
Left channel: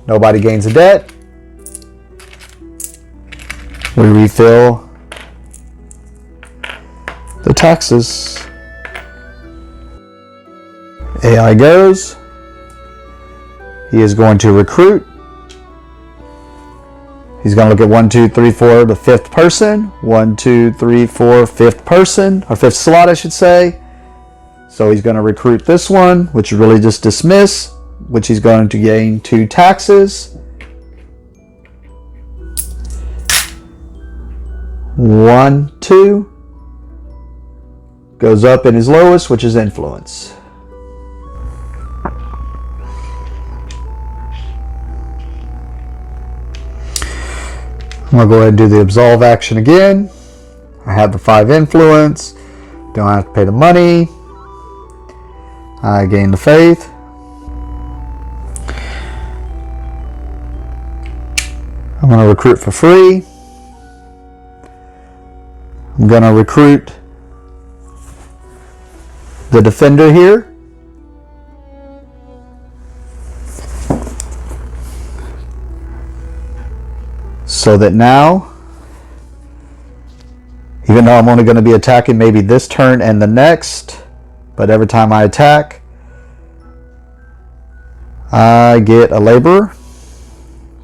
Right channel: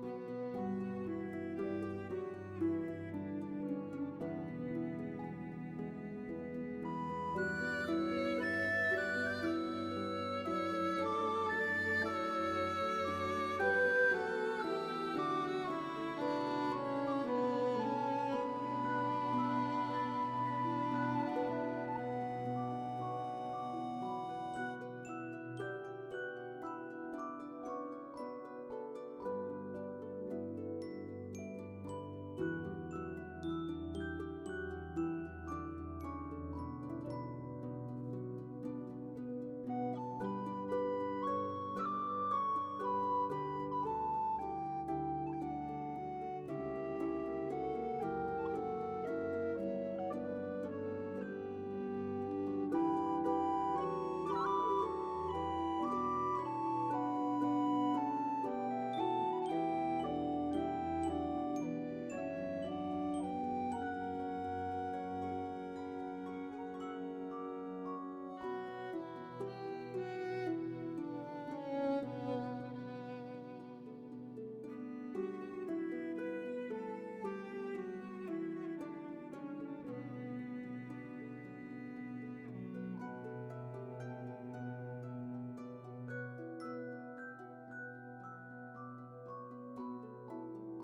nobody gains a debt. We refill the taxes. AI goes. He is going to recruit. He's going to look at 1, 2, 3, 4, the 5th person. 1, 2, 3, 4, 5th person, or 5th slot, I should say. So he's going to recruit this one, which is really just dismiss, which he's going to gain 2 taxes. 1, 2. Goes up in his lowest, which is influence. I'm going to go ahead and do the absolve action again. I have the 5 influence. Don't have to pay the money. I gain the faith. I'm going to recruit for free. I'm going to recruit the defender here. So that now, even though I'm only going to be attacking maybe this turn and the next, but every time I attack, I get a laborer.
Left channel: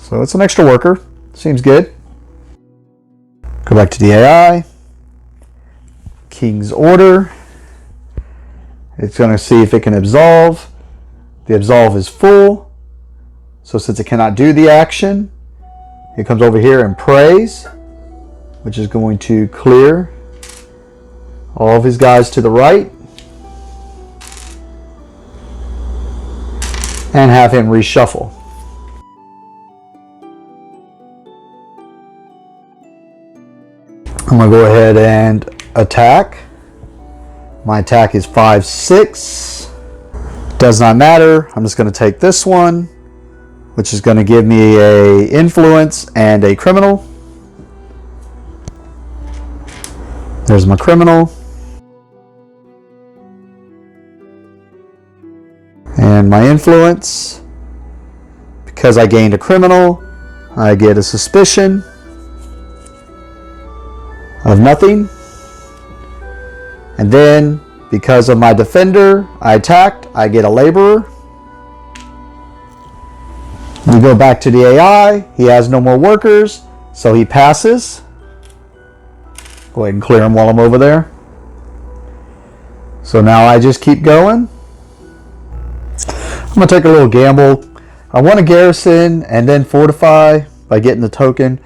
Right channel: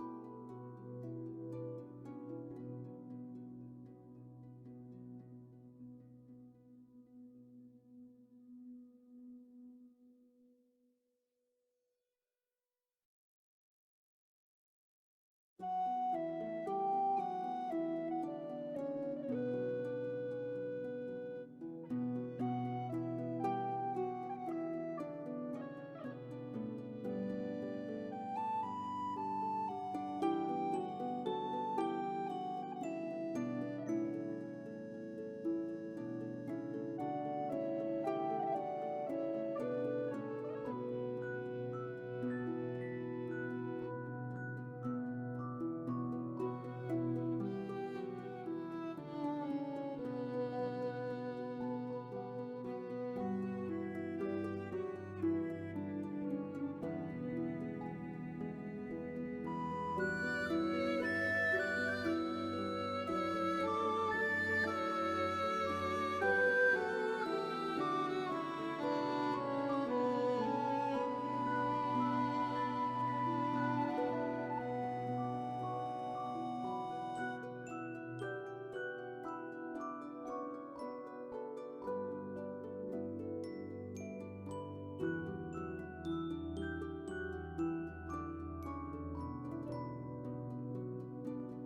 So it's an extra worker. Seems good. Go back to the AI. King's Order. It's going to see if it can absolve. The absolve is full. So since it cannot do the action, it comes over here and prays, which is going to clear all of his guys to the right and have him reshuffle. I'm going to go ahead and attack. My attack is 5, 6. Does not matter. I'm just going to take this one, which is going to give me a influence and a criminal. There's my criminal. And my influence. Because I gained a criminal, I get a suspicion of nothing. And then, because of my defender, I attacked, I get a laborer. We go back to the AI. He has no more workers, so he passes. Go ahead and clear him while I'm over there. So now I just keep going. I'm going to take a little gamble. I want to garrison and then fortify by getting the token.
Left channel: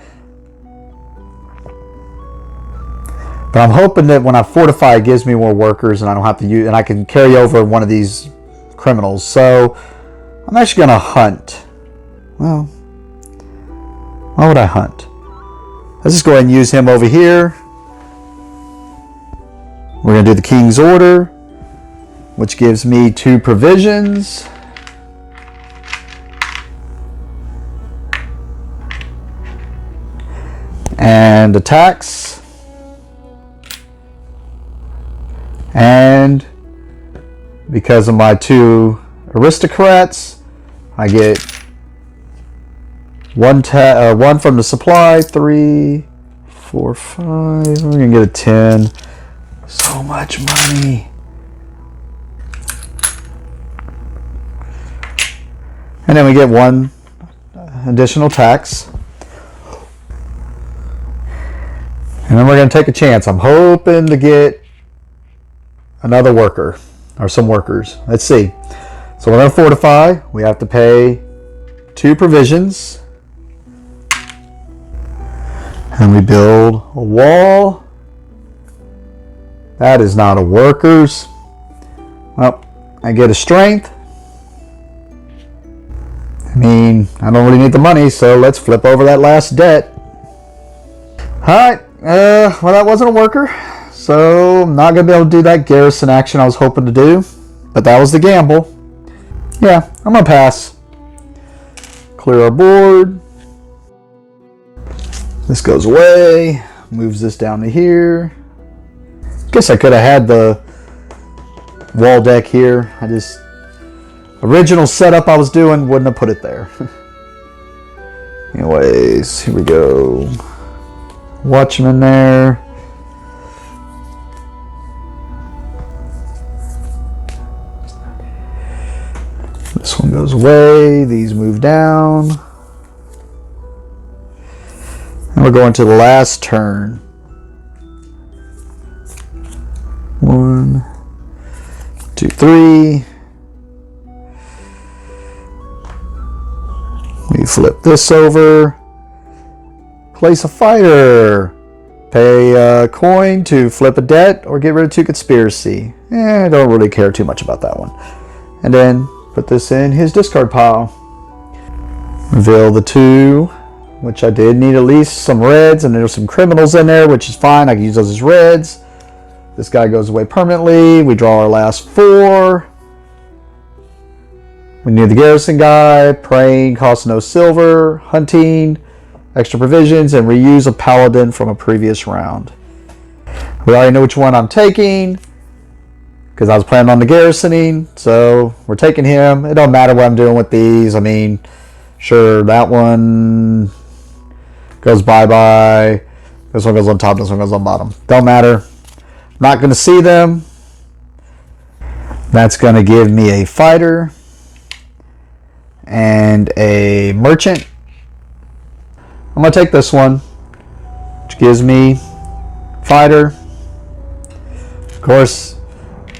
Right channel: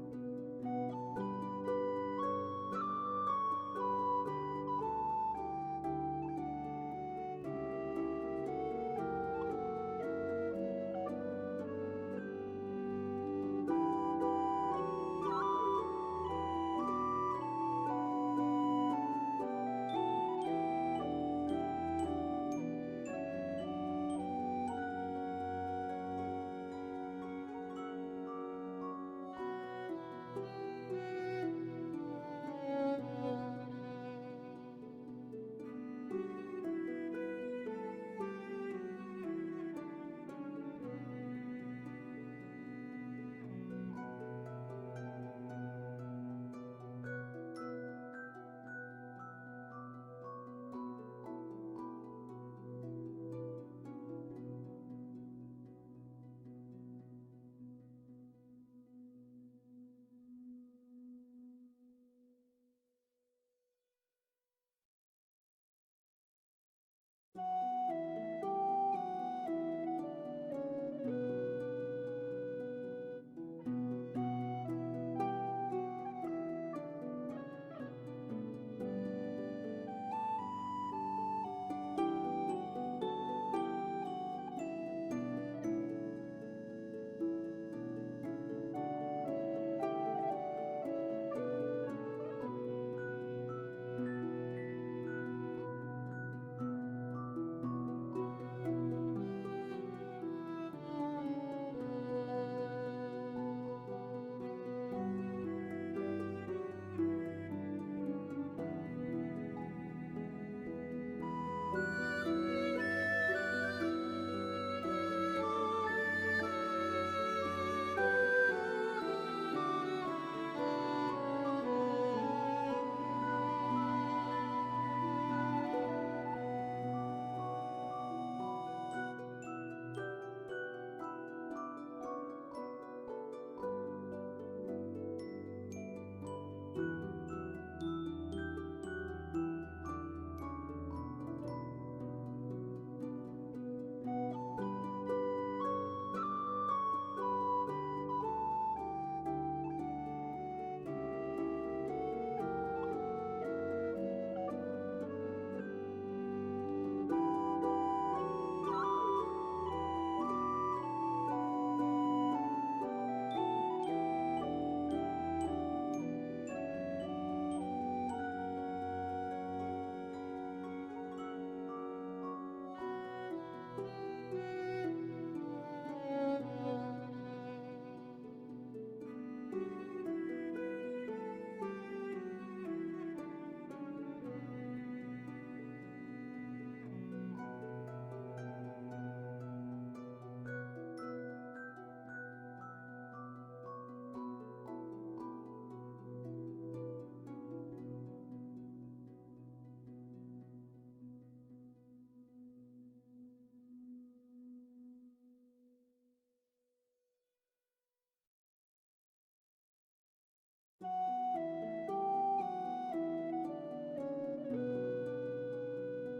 But I'm hoping that when I fortify, it gives me more workers and I don't have to use, and I can carry over one of these criminals. So I'm actually going to hunt. Well, why would I hunt? Let's just go ahead and use him over here. We're going to do the king's order, which gives me 2 provisions. And attacks. And because of my 2 aristocrats, I get one from the supply. 3, 4, 5. We're gonna get a 10. So much money. And then we get 1 additional tax. And then we're going to take a chance. I'm hoping to get another worker or some workers. Let's see. So we're going to fortify. We have to pay 2 provisions. And we build a wall. That is not a workers. Well, I get a strength. I mean, I don't really need the money, so let's flip over that last debt. Alright. Well, that wasn't a worker, so I'm not going to be able to do that garrison action I was hoping to do, but that was the gamble. Yeah, I'm going to pass. Clear our board. This goes away, moves this down to here. Guess I could have had the wall deck here. Original setup I was doing wouldn't have put it there. Anyways, here we go. Watchman there. This one goes away. These move down. And we're going to the last turn. 1, 2, 3. We flip this over. Place a fighter. Pay a coin to flip a debt or get rid of 2 conspiracy. I don't really care too much about that one. And then put this in his discard pile. Reveal the 2, which I did need at least some reds, and there's some criminals in there, which is fine. I can use those as reds. This guy goes away permanently. We draw our last 4. We need the garrison guy. Praying costs no silver. Hunting, extra provisions, and reuse a paladin from a previous round. We already know which one I'm taking because I was planning on the garrisoning, so we're taking him. It don't matter what I'm doing with these. I mean, sure, that one goes bye-bye. This one goes on top, this one goes on bottom. Don't matter. Not going to see them. That's going to give me a fighter and a merchant. I'm going to take this one, which gives me fighter. Of course,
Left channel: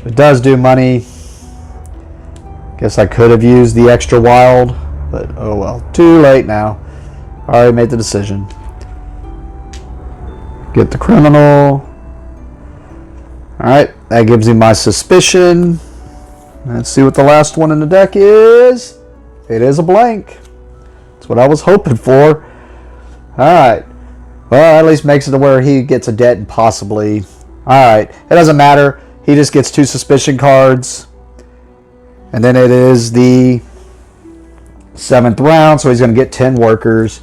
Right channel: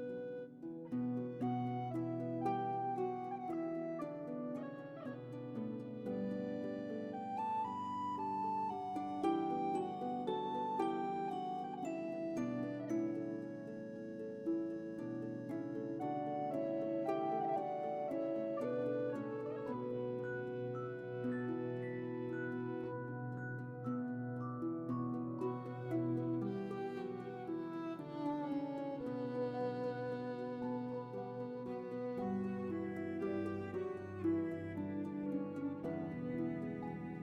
it does do money. Guess I could have used the extra wild, but oh well. Too late now. I already made the decision. Get the criminal. Alright, that gives me my suspicion. Let's see what the last one in the deck is. It is a blank. That's what I was hoping for. Alright. Well, at least makes it to where he gets a debt and possibly... Alright, it doesn't matter. He just gets 2 suspicion cards. And then it is the 7th round, so he's going to get 10 workers.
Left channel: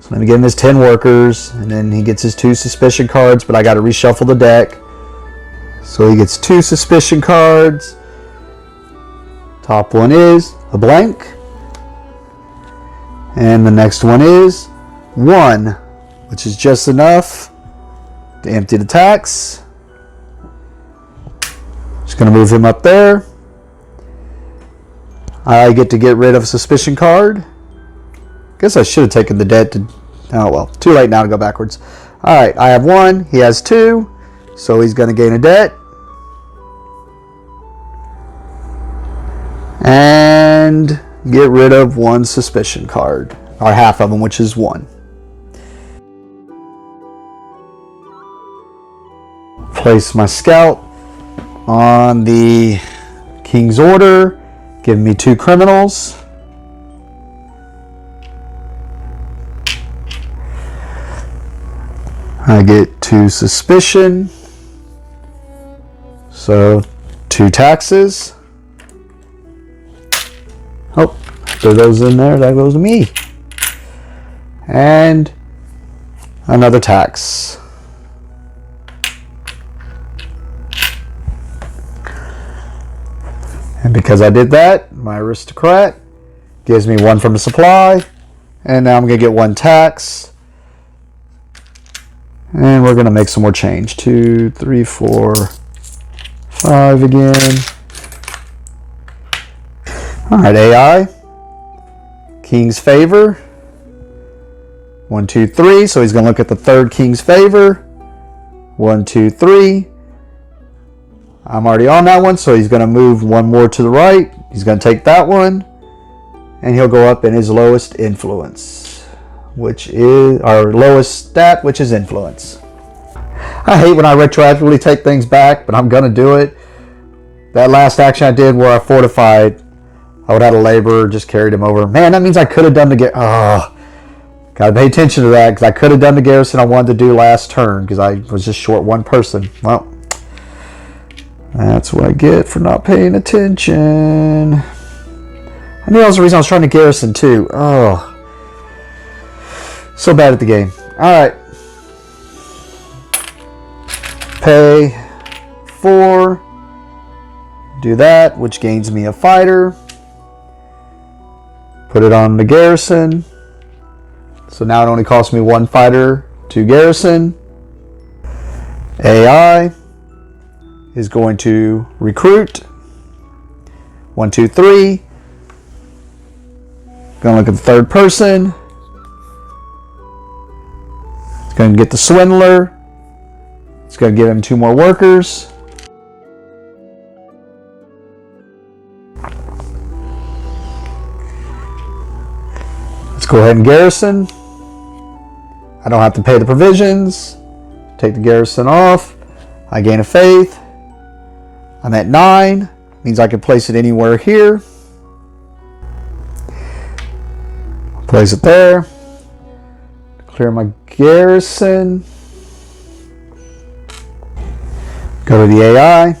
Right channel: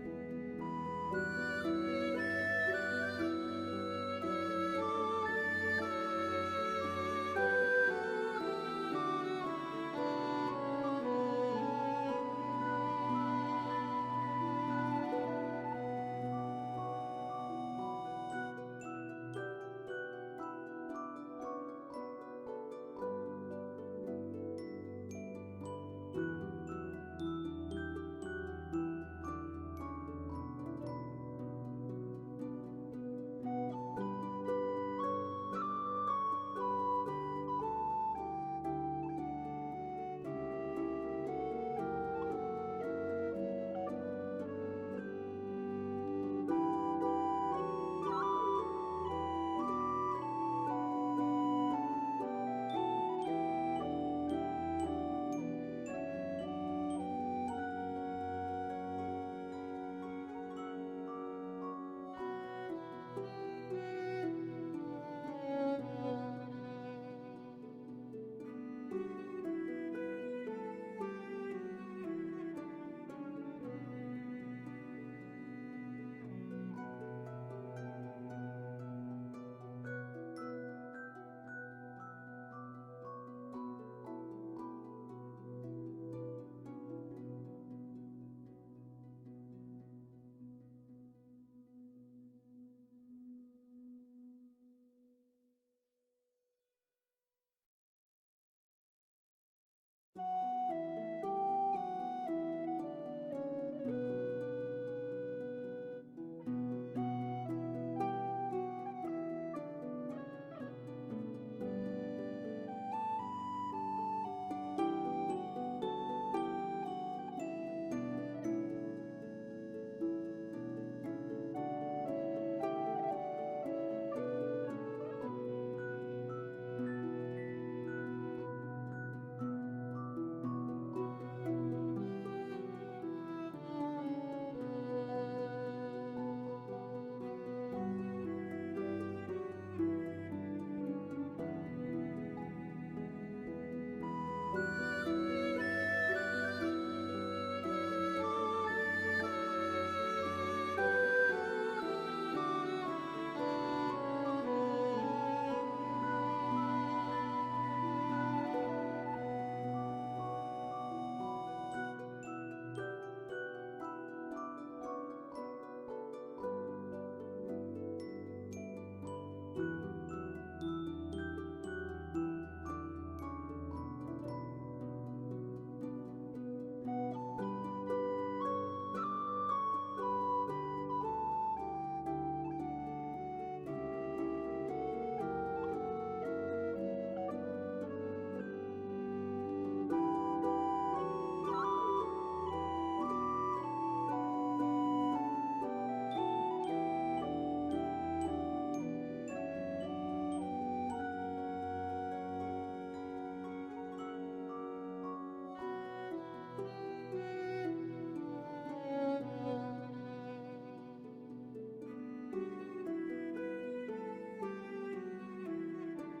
So let me give him his 10 workers, and then he gets his 2 suspicion cards, but I got to reshuffle the deck. So he gets 2 suspicion cards. Top one is a blank. And the next one is 1, which is just enough to empty the tax. Just going to move him up there. I get to get rid of a suspicion card. Guess I should have taken the debt to... Oh well, too late now to go backwards. Alright, I have 1, he has 2, so he's going to gain a debt. And get rid of 1 suspicion card, or half of them, which is 1. Place my scout on the king's order, give me 2 criminals. I get 2 suspicion. So 2 taxes. Oh, throw those in there. That goes to me. And another tax. And because I did that, my aristocrat gives me 1 from the supply. And now I'm going to get 1 tax. And we're going to make some more change. 2, 3, 4, 5 again. Alright, AI. King's favor. 1, 2, 3. So he's going to look at the 3rd King's favor. 1, 2, 3. I'm already on that one, so he's going to move 1 more to the right. He's going to take that one. And he'll go up in his lowest influence, which is our lowest stat, which is influence. I hate when I retroactively take things back, but I'm going to do it. That last action I did where I fortified, I would have had a laborer, just carried him over. Man, that means I could have done the garrison. Oh, gotta pay attention to that, because I could have done the garrison I wanted to do last turn, because I was just short 1 person. Well, that's what I get for not paying attention. I knew that was the reason I was trying to garrison too. Oh, so bad at the game. Alright. Pay 4. Do that, which gains me a fighter. Put it on the garrison. So now it only costs me 1 fighter to garrison. AI is going to recruit. 1, 2, 3. Gonna look at the 3rd person. It's gonna get the swindler. It's gonna give him 2 more workers. Let's go ahead and garrison. I don't have to pay the provisions. Take the garrison off. I gain a faith. I'm at 9. Means I can place it anywhere here. Place it there. Clear my garrison. Go to the AI.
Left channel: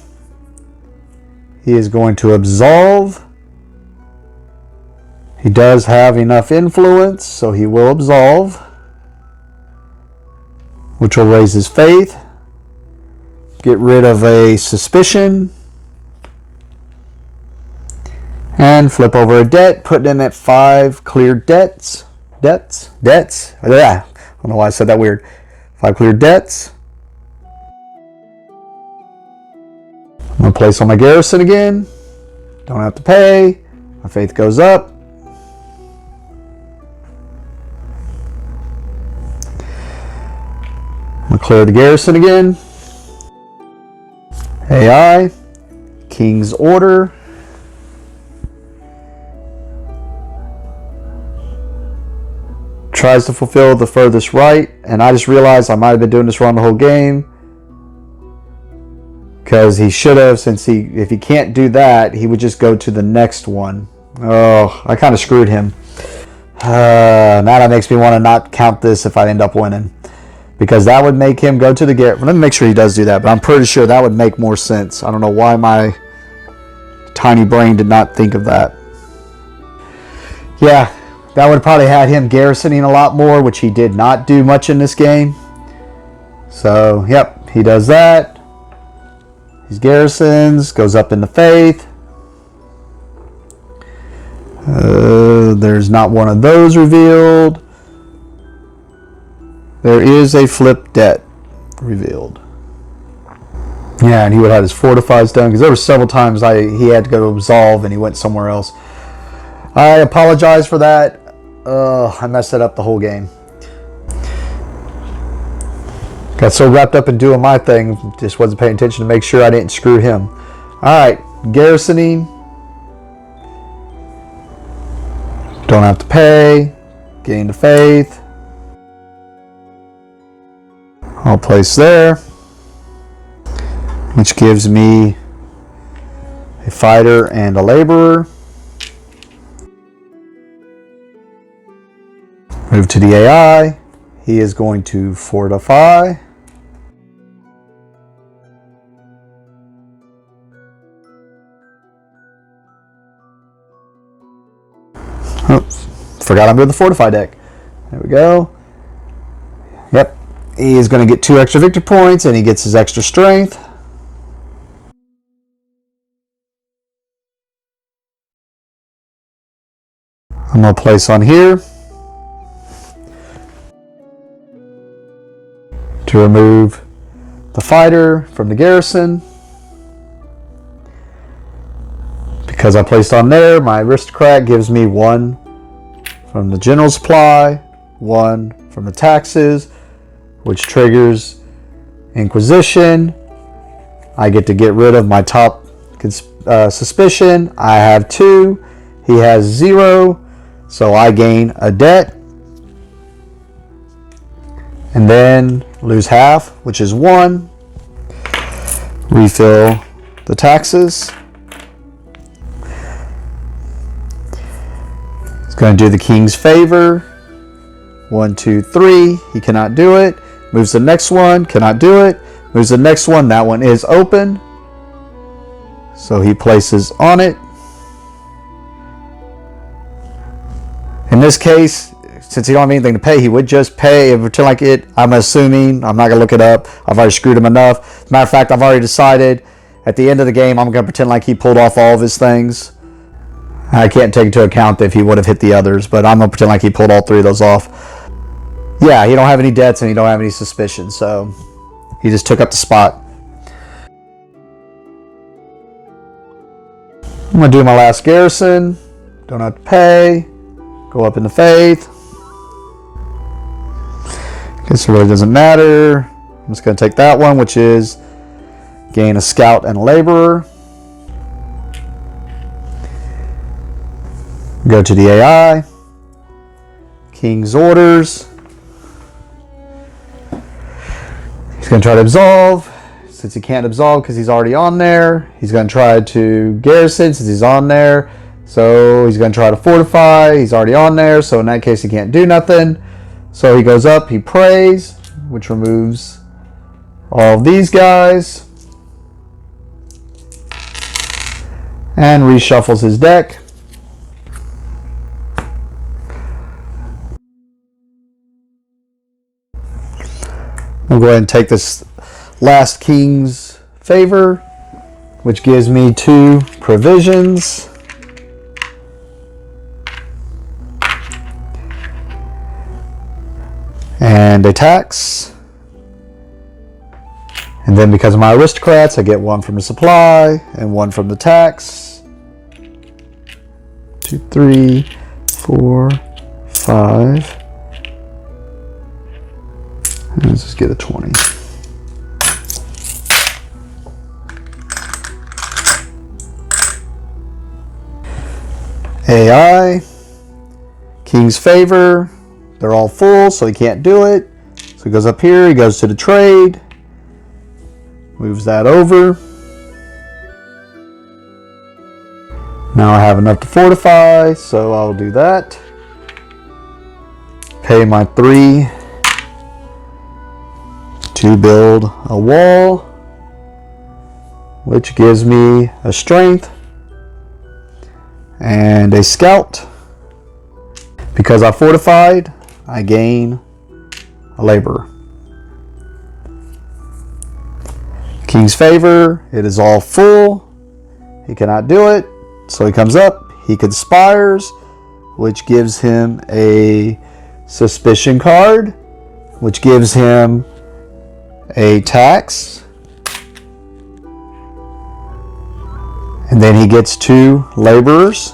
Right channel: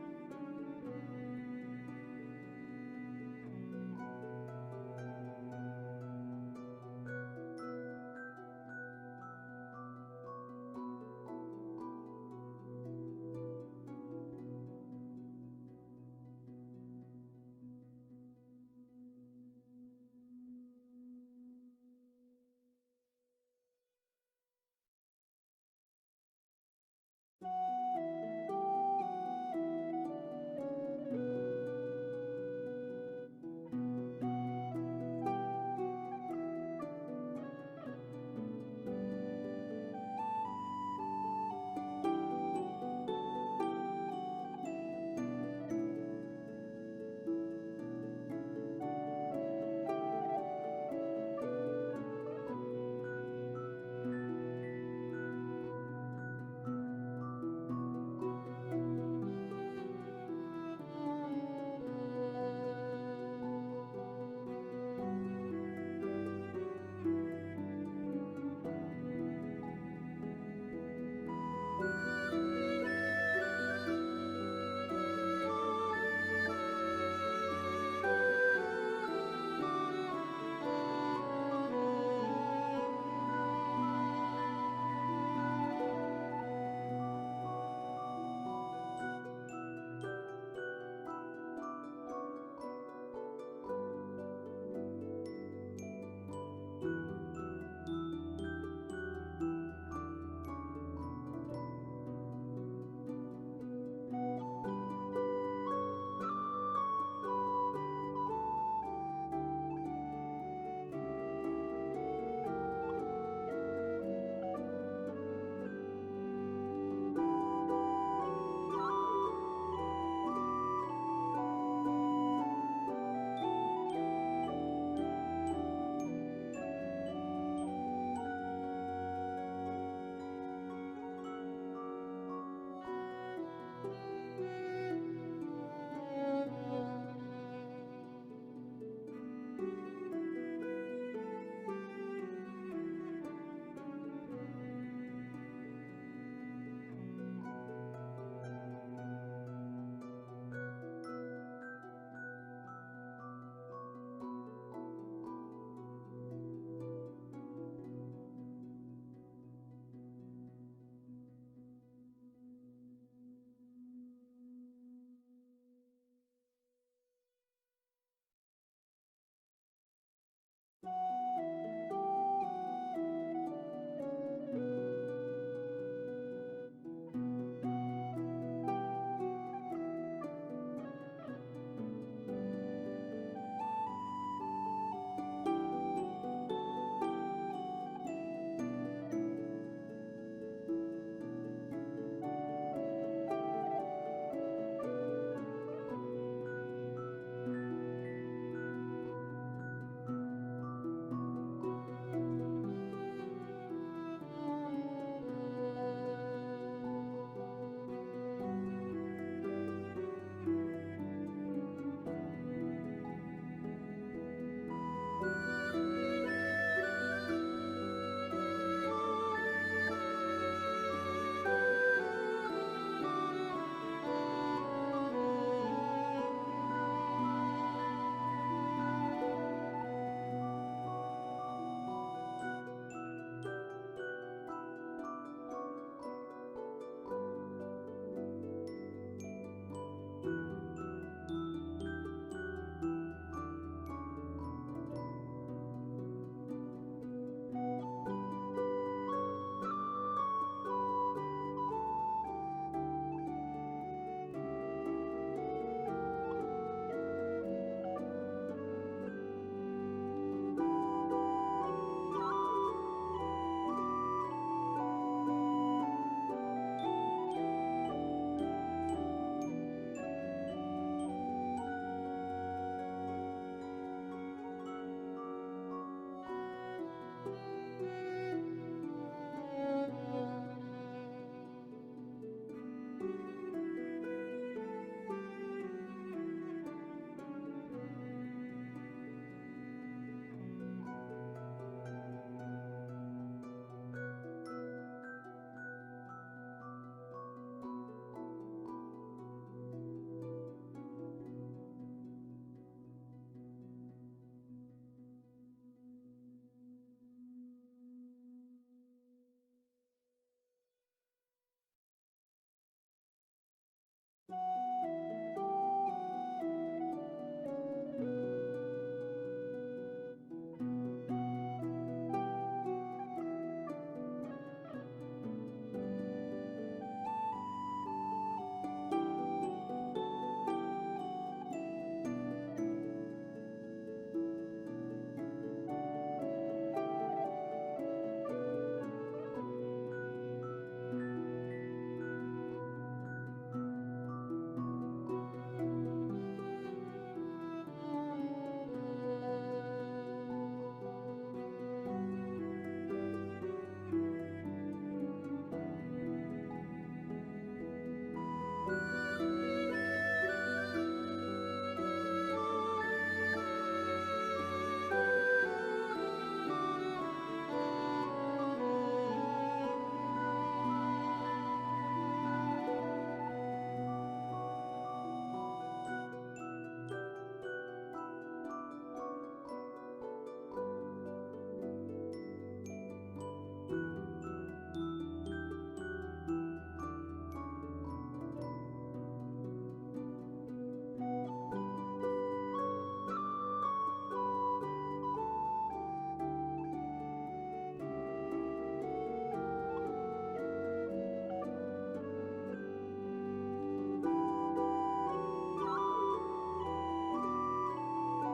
He is going to absolve. He does have enough influence, so he will absolve, which will raise his faith. Get rid of a suspicion. And flip over a debt, put him at 5 cleared debts. Debts? Yeah, I don't know why I said that weird. 5 cleared debts. I'm going to place on my garrison again. Don't have to pay. My faith goes up. I'm going to clear the garrison again. AI. King's order. Tries to fulfill the furthest right, and I just realized I might have been doing this wrong the whole game, because he should have, since if he can't do that, he would just go to the next one. Oh, I kind of screwed him. Now that makes me want to not count this if I end up winning, because that would make him go to the garrison. Let me make sure he does do that, but I'm pretty sure that would make more sense. I don't know why my tiny brain did not think of that. Yeah. That would have probably had him garrisoning a lot more, which he did not do much in this game. So, yep, he does that. He garrisons, goes up in the faith. There's not one of those revealed. There is a flip debt revealed. Yeah, and he would have his fortifies done, because there were several times he had to go absolve and he went somewhere else. I apologize for that. I messed it up the whole game. Got so wrapped up in doing my thing, just wasn't paying attention to make sure I didn't screw him. Alright, garrisoning. Don't have to pay. Gain the faith. I'll place there, which gives me a fighter and a laborer. Move to the AI. He is going to fortify. Oh, forgot I'm doing the fortify deck. There we go. Yep. He is going to get 2 extra victory points, and he gets his extra strength. I'm going to place on here to remove the fighter from the garrison. Because I placed on there, my aristocrat gives me 1 from the general supply, 1 from the taxes, which triggers Inquisition. I get to get rid of my top suspicion. I have 2. He has 0. So I gain a debt. And then lose half, which is 1. Refill the taxes. It's going to do the king's favor. 1, 2, 3. He cannot do it. Moves the next one. Cannot do it. Moves the next one. That one is open. So he places on it. In this case, since he don't have anything to pay, he would just pay and pretend like it. I'm assuming. I'm not going to look it up. I've already screwed him enough. As a matter of fact, I've already decided at the end of the game, I'm going to pretend like he pulled off all of his things. I can't take into account if he would have hit the others, but I'm going to pretend like he pulled all 3 of those off. Yeah, he don't have any debts and he don't have any suspicions, so he just took up the spot. I'm going to do my last garrison. Don't have to pay. Go up in the faith. Guess it really doesn't matter. I'm just going to take that one, which is gain a scout and a laborer. Go to the AI. King's orders. He's going to try to absolve. Since he can't absolve because he's already on there, he's going to try to garrison since he's on there. So he's going to try to fortify. He's already on there. So in that case, he can't do nothing. So he goes up. He prays, which removes all of these guys. And reshuffles his deck. I'll go ahead and take this last king's favor, which gives me 2 provisions. And a tax. And then because of my aristocrats, I get 1 from the supply and 1 from the tax. 2, 3, 4, 5. Let's just get a 20. AI, King's favor. They're all full, so he can't do it. So he goes up here, he goes to the trade. Moves that over. Now I have enough to fortify, so I'll do that. Pay my 3 to build a wall, which gives me a strength and a scout. Because I fortified, I gain a laborer. King's favor, it is all full. He cannot do it, so he comes up. He conspires, which gives him a suspicion card, which gives him a tax. And then he gets 2 laborers.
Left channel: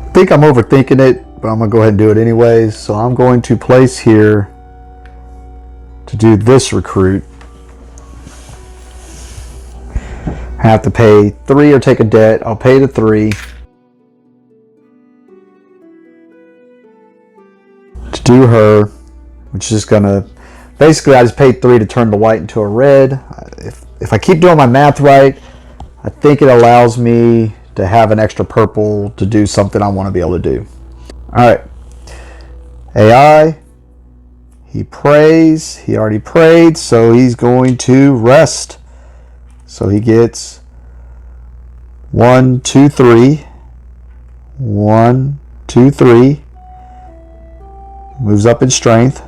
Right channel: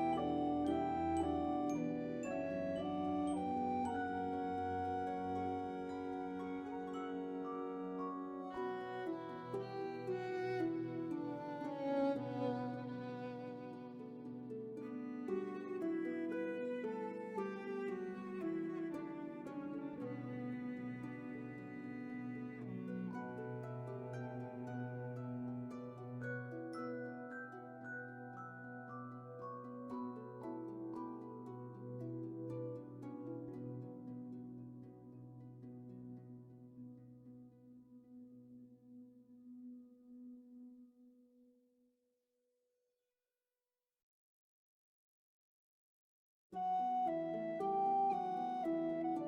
I think I'm overthinking it, but I'm going to go ahead and do it anyways. So I'm going to place here to do this recruit. I have to pay 3 or take a debt. I'll pay the 3. To do her, which is going to, basically I just paid 3 to turn the white into a red. If I keep doing my math right, I think it allows me to have an extra purple to do something I want to be able to do. Alright. AI. He prays. He already prayed, so he's going to rest. So he gets 1, 2, 3. 1, 2, 3. Moves up in strength.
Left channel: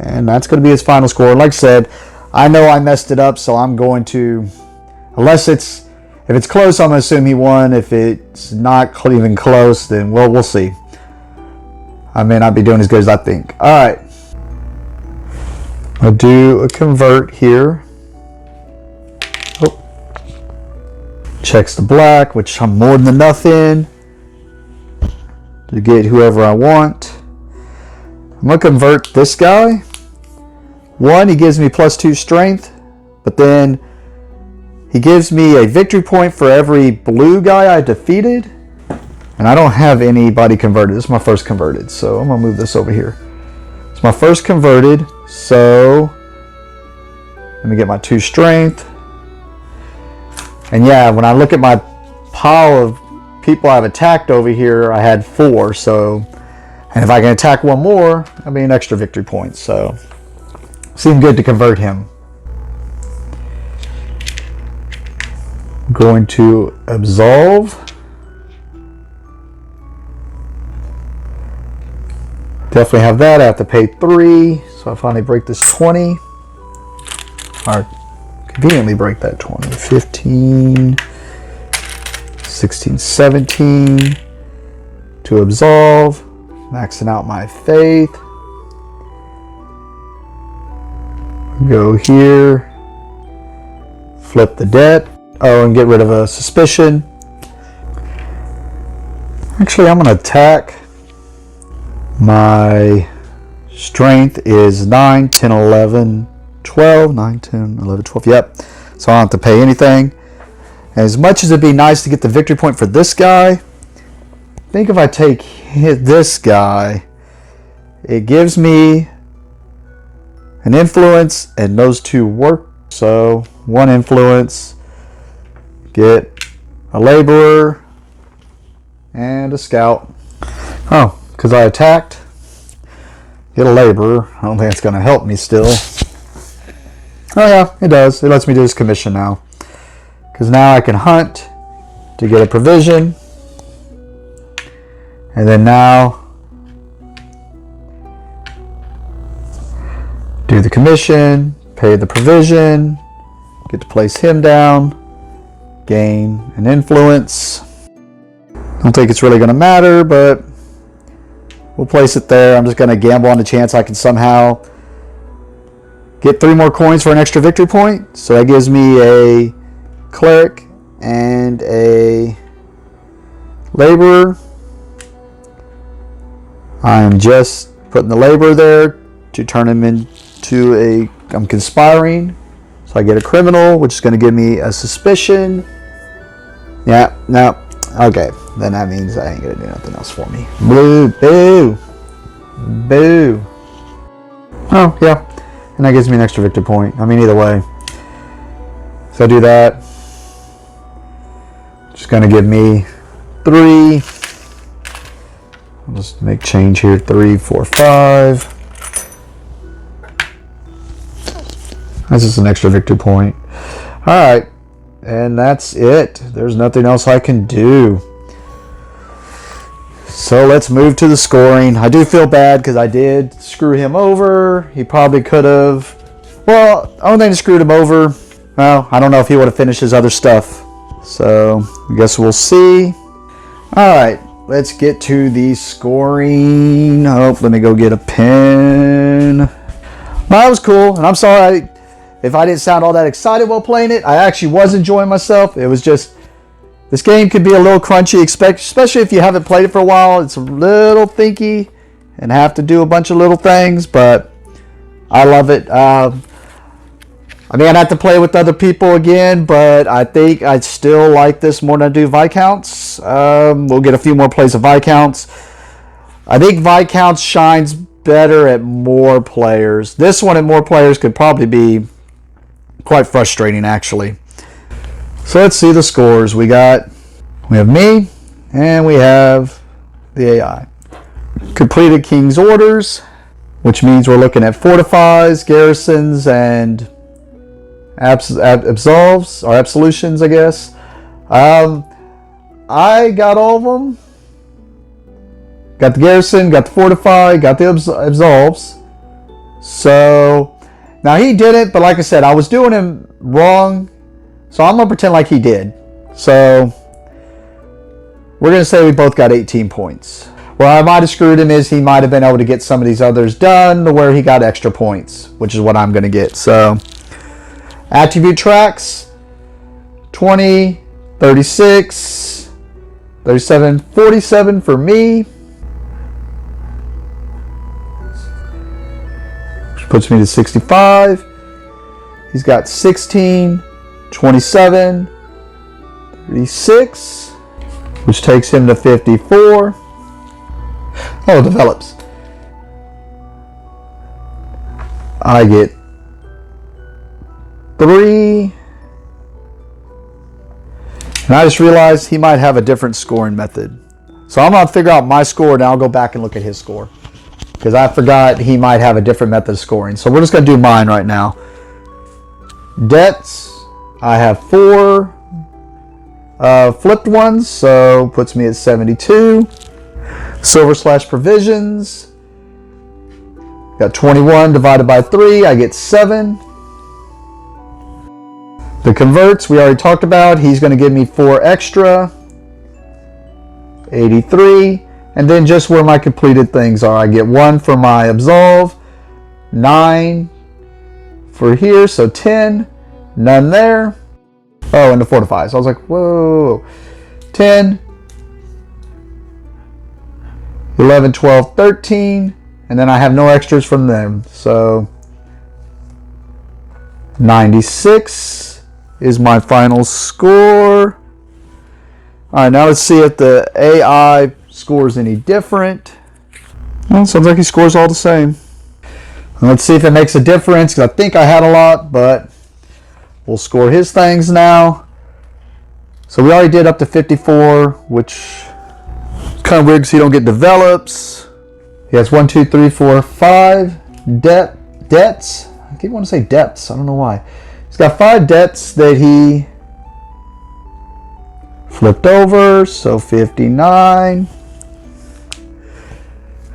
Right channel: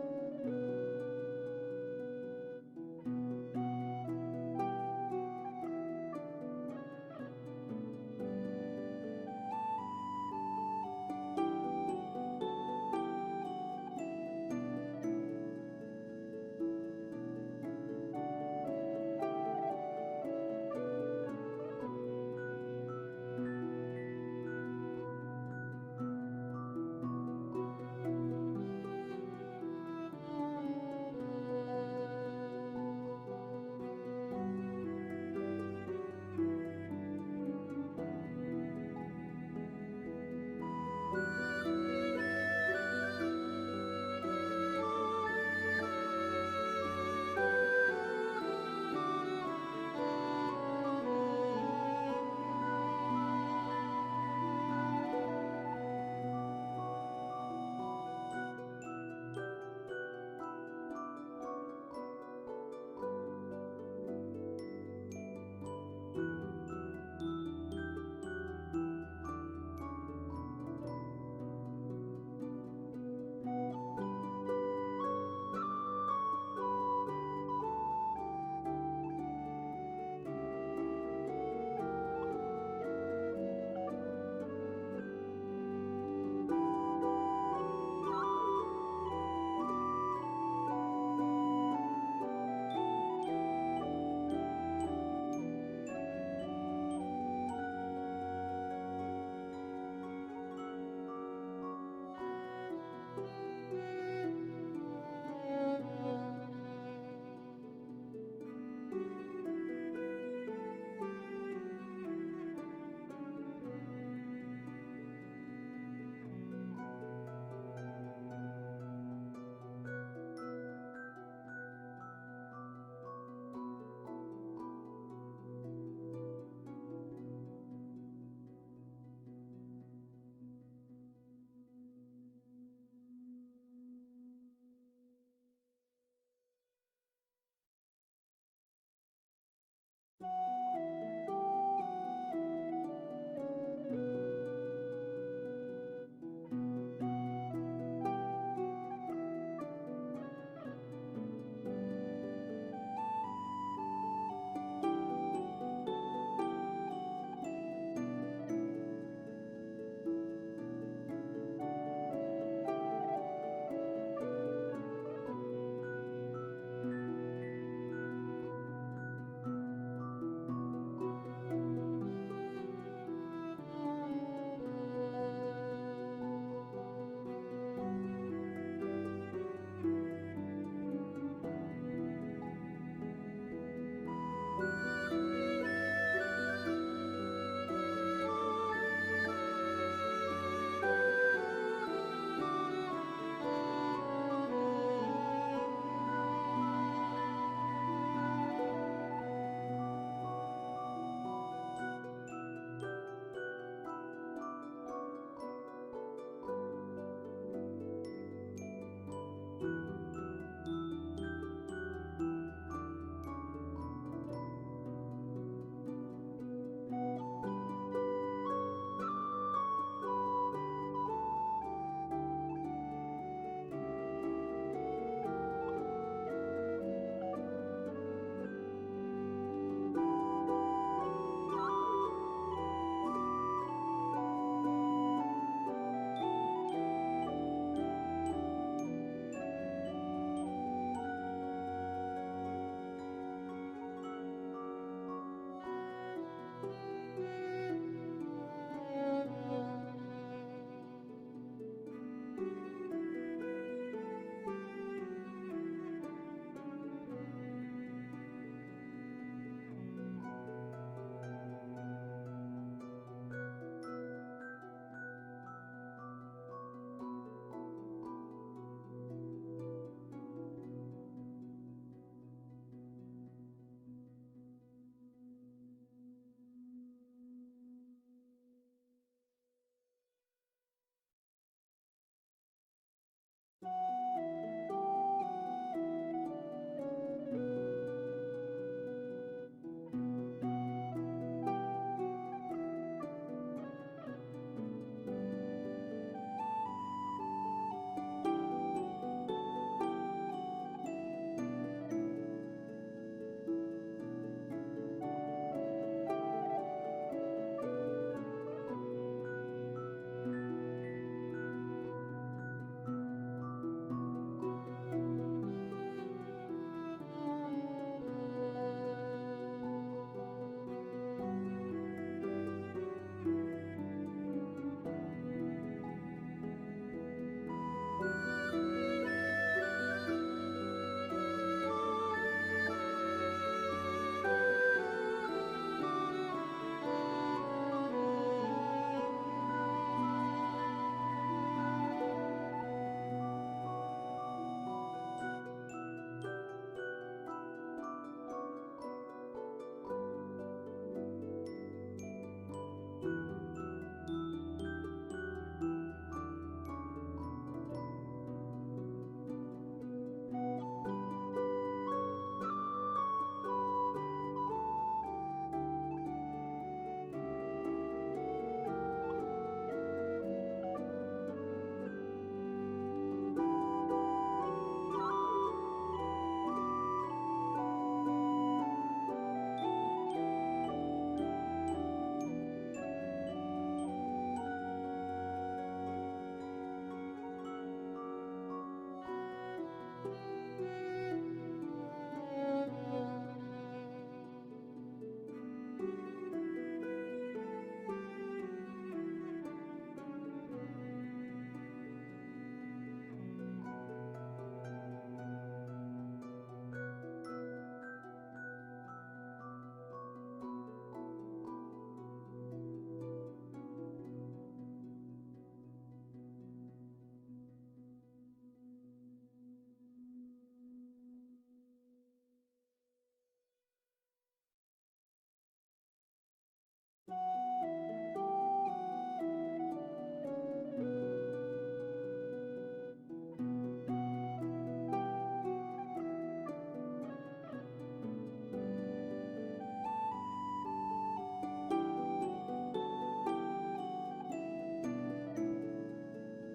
And that's going to be his final score. Like I said, I know I messed it up, so I'm going to, if it's close, I'm going to assume he won. If it's not even close, then we'll see. I may not be doing as good as I think. All right. I'll do a convert here. Oh. Checks the black, which I'm more than enough in to get whoever I want. I'm going to convert this guy. 1, he gives me +2 strength, but then he gives me a victory point for every blue guy I defeated. And I don't have anybody converted. This is my first converted, so I'm going to move this over here. It's my first converted, so let me get my 2 strength. And yeah, when I look at my pile of people I've attacked over here, I had 4, so, and if I can attack one more, that'll be an extra victory point, so seemed good to convert him. I'm going to absolve. Definitely have that. I have to pay 3, so I finally break this 20. Or conveniently break that 20. 15, 16, 17. To absolve. Maxing out my faith. Go here. Flip the debt. Oh, and get rid of a suspicion. Actually, I'm going to attack. My strength is 9, 10, 11, 12. 9, 10, 11, 12. Yep. So I don't have to pay anything. As much as it'd be nice to get the victory point for this guy, I think if I take this guy, it gives me an influence, and those 2 work. So 1 influence, get a laborer, and a scout. Oh. Because I attacked, get a laborer. I don't think it's going to help me still. Oh yeah, it does. It lets me do this commission now. Because now I can hunt to get a provision. And then now, do the commission, pay the provision, get to place him down, gain an influence. I don't think it's really going to matter, but we'll place it there. I'm just going to gamble on the chance I can somehow get 3 more coins for an extra victory point. So that gives me a cleric and a laborer. I'm just putting the laborer there to turn him into I'm conspiring. So I get a criminal, which is going to give me a suspicion. Yeah, no. Okay, then that means I ain't gonna do nothing else for me. Boo, boo, boo. Oh, yeah. And that gives me an extra victory point. I mean, either way. So I do that. Just gonna give me 3. I'll just make change here. 3, 4, 5. That's just an extra victory point. Alright. And that's it. There's nothing else I can do. So let's move to the scoring. I do feel bad because I did screw him over. He probably could have. Well, I don't think I screwed him over. Well, I don't know if he would have finished his other stuff. So I guess we'll see. Alright, let's get to the scoring. Oh, let me go get a pen. Well, that was cool. And I'm sorry if I didn't sound all that excited while playing it. I actually was enjoying myself. It was just, this game can be a little crunchy, especially if you haven't played it for a while. It's a little thinky and have to do a bunch of little things, but I love it. I mean, I'd have to play with other people again, but I think I'd still like this more than I do Viscounts. We'll get a few more plays of Viscounts. I think Viscounts shines better at more players. This one at more players could probably be quite frustrating, actually. So let's see the scores. We have me, and we have the AI. Completed King's Orders, which means we're looking at fortifies, garrisons, and absolves, or absolutions, I guess. I got all of them. Got the garrison, got the fortify, got the absolves. So now he did it, but like I said, I was doing him wrong. So I'm going to pretend like he did. So we're going to say we both got 18 points. Where I might have screwed him is he might have been able to get some of these others done to where he got extra points, which is what I'm going to get. So attribute tracks, 20, 36, 37, 47 for me. Which puts me to 65. He's got 16, 27, 36, which takes him to 54. Oh, it develops. I get 3. And I just realized he might have a different scoring method. So I'm going to figure out my score, and I'll go back and look at his score. Because I forgot he might have a different method of scoring. So we're just going to do mine right now. Debts, I have 4 flipped ones, so puts me at 72. Silver/provisions, got 21 divided by 3, I get 7. The converts we already talked about, he's going to give me 4 extra, 83. And then just where my completed things are, I get 1 for my absolve, 9 for here, so 10, none there. Oh, and the fortify. So I was like, whoa, 10, 11, 12, 13, and then I have no extras from them. So 96 is my final score. All right, now let's see if the AI scores any different. Well, sounds like he scores all the same. And let's see if it makes a difference, because I think I had a lot, but we'll score his things now. So we already did up to 54, which is kind of weird because he don't get develops. He has 1, 2, 3, 4, 5 debts. I keep wanting to say depths. I don't know why. He's got 5 debts that he flipped over, so 59.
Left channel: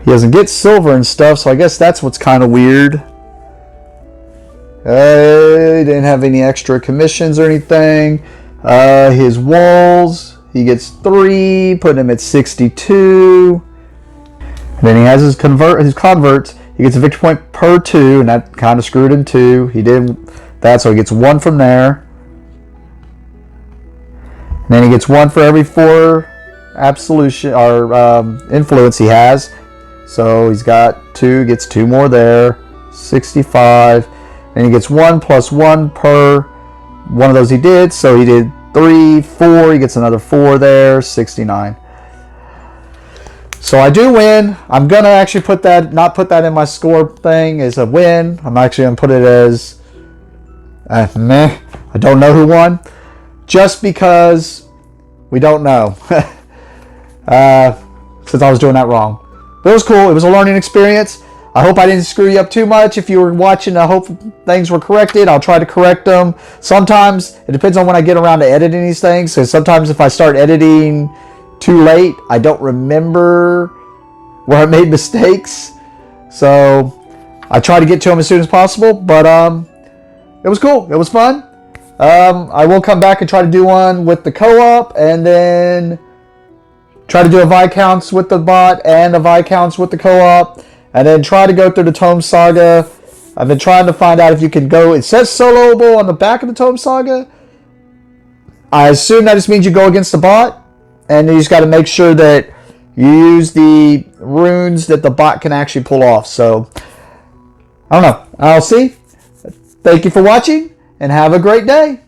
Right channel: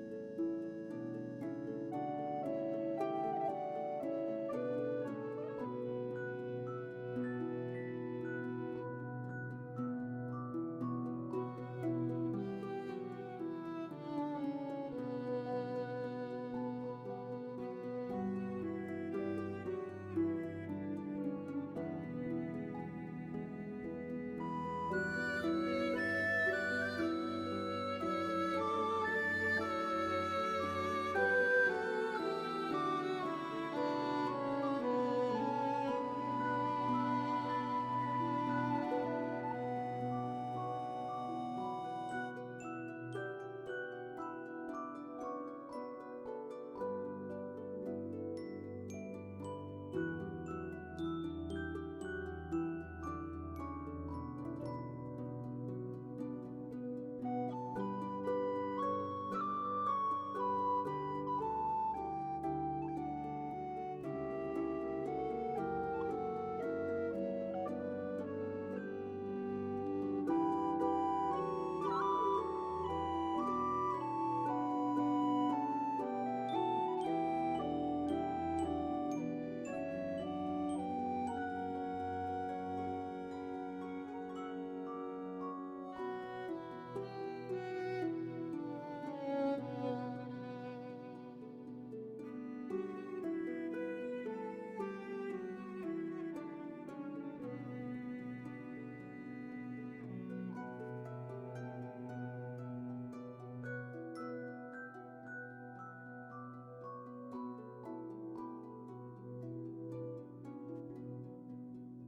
He doesn't get silver and stuff, so I guess that's what's kind of weird. He didn't have any extra commissions or anything. His walls, he gets 3, putting him at 62. And then he has his converts. He gets a victory point per 2, and that kind of screwed him too. He did that, so he gets 1 from there. And then he gets 1 for every 4 absolution or influence he has. So he's got 2, gets 2 more there, 65. And he gets 1 plus 1 per one of those he did. So he did 3, 4, he gets another 4 there, 69. So I do win. I'm going to actually not put that in my score thing as a win. I'm actually going to put it as meh. I don't know who won. Just because we don't know. Since I was doing that wrong. But it was cool. It was a learning experience. I hope I didn't screw you up too much. If you were watching, I hope things were corrected. I'll try to correct them. Sometimes it depends on when I get around to editing these things. So sometimes if I start editing too late, I don't remember where I made mistakes. So I try to get to them as soon as possible. But it was cool. It was fun. I will come back and try to do one with the co-op, and then try to do a Viscounts with the bot and a Viscounts with the co-op, and then try to go through the Tome Saga. I've been trying to find out if you can go. It says soloable on the back of the Tome Saga. I assume that just means you go against the bot, and you just got to make sure that you use the runes that the bot can actually pull off. So I don't know. I'll see. Thank you for watching, and have a great day.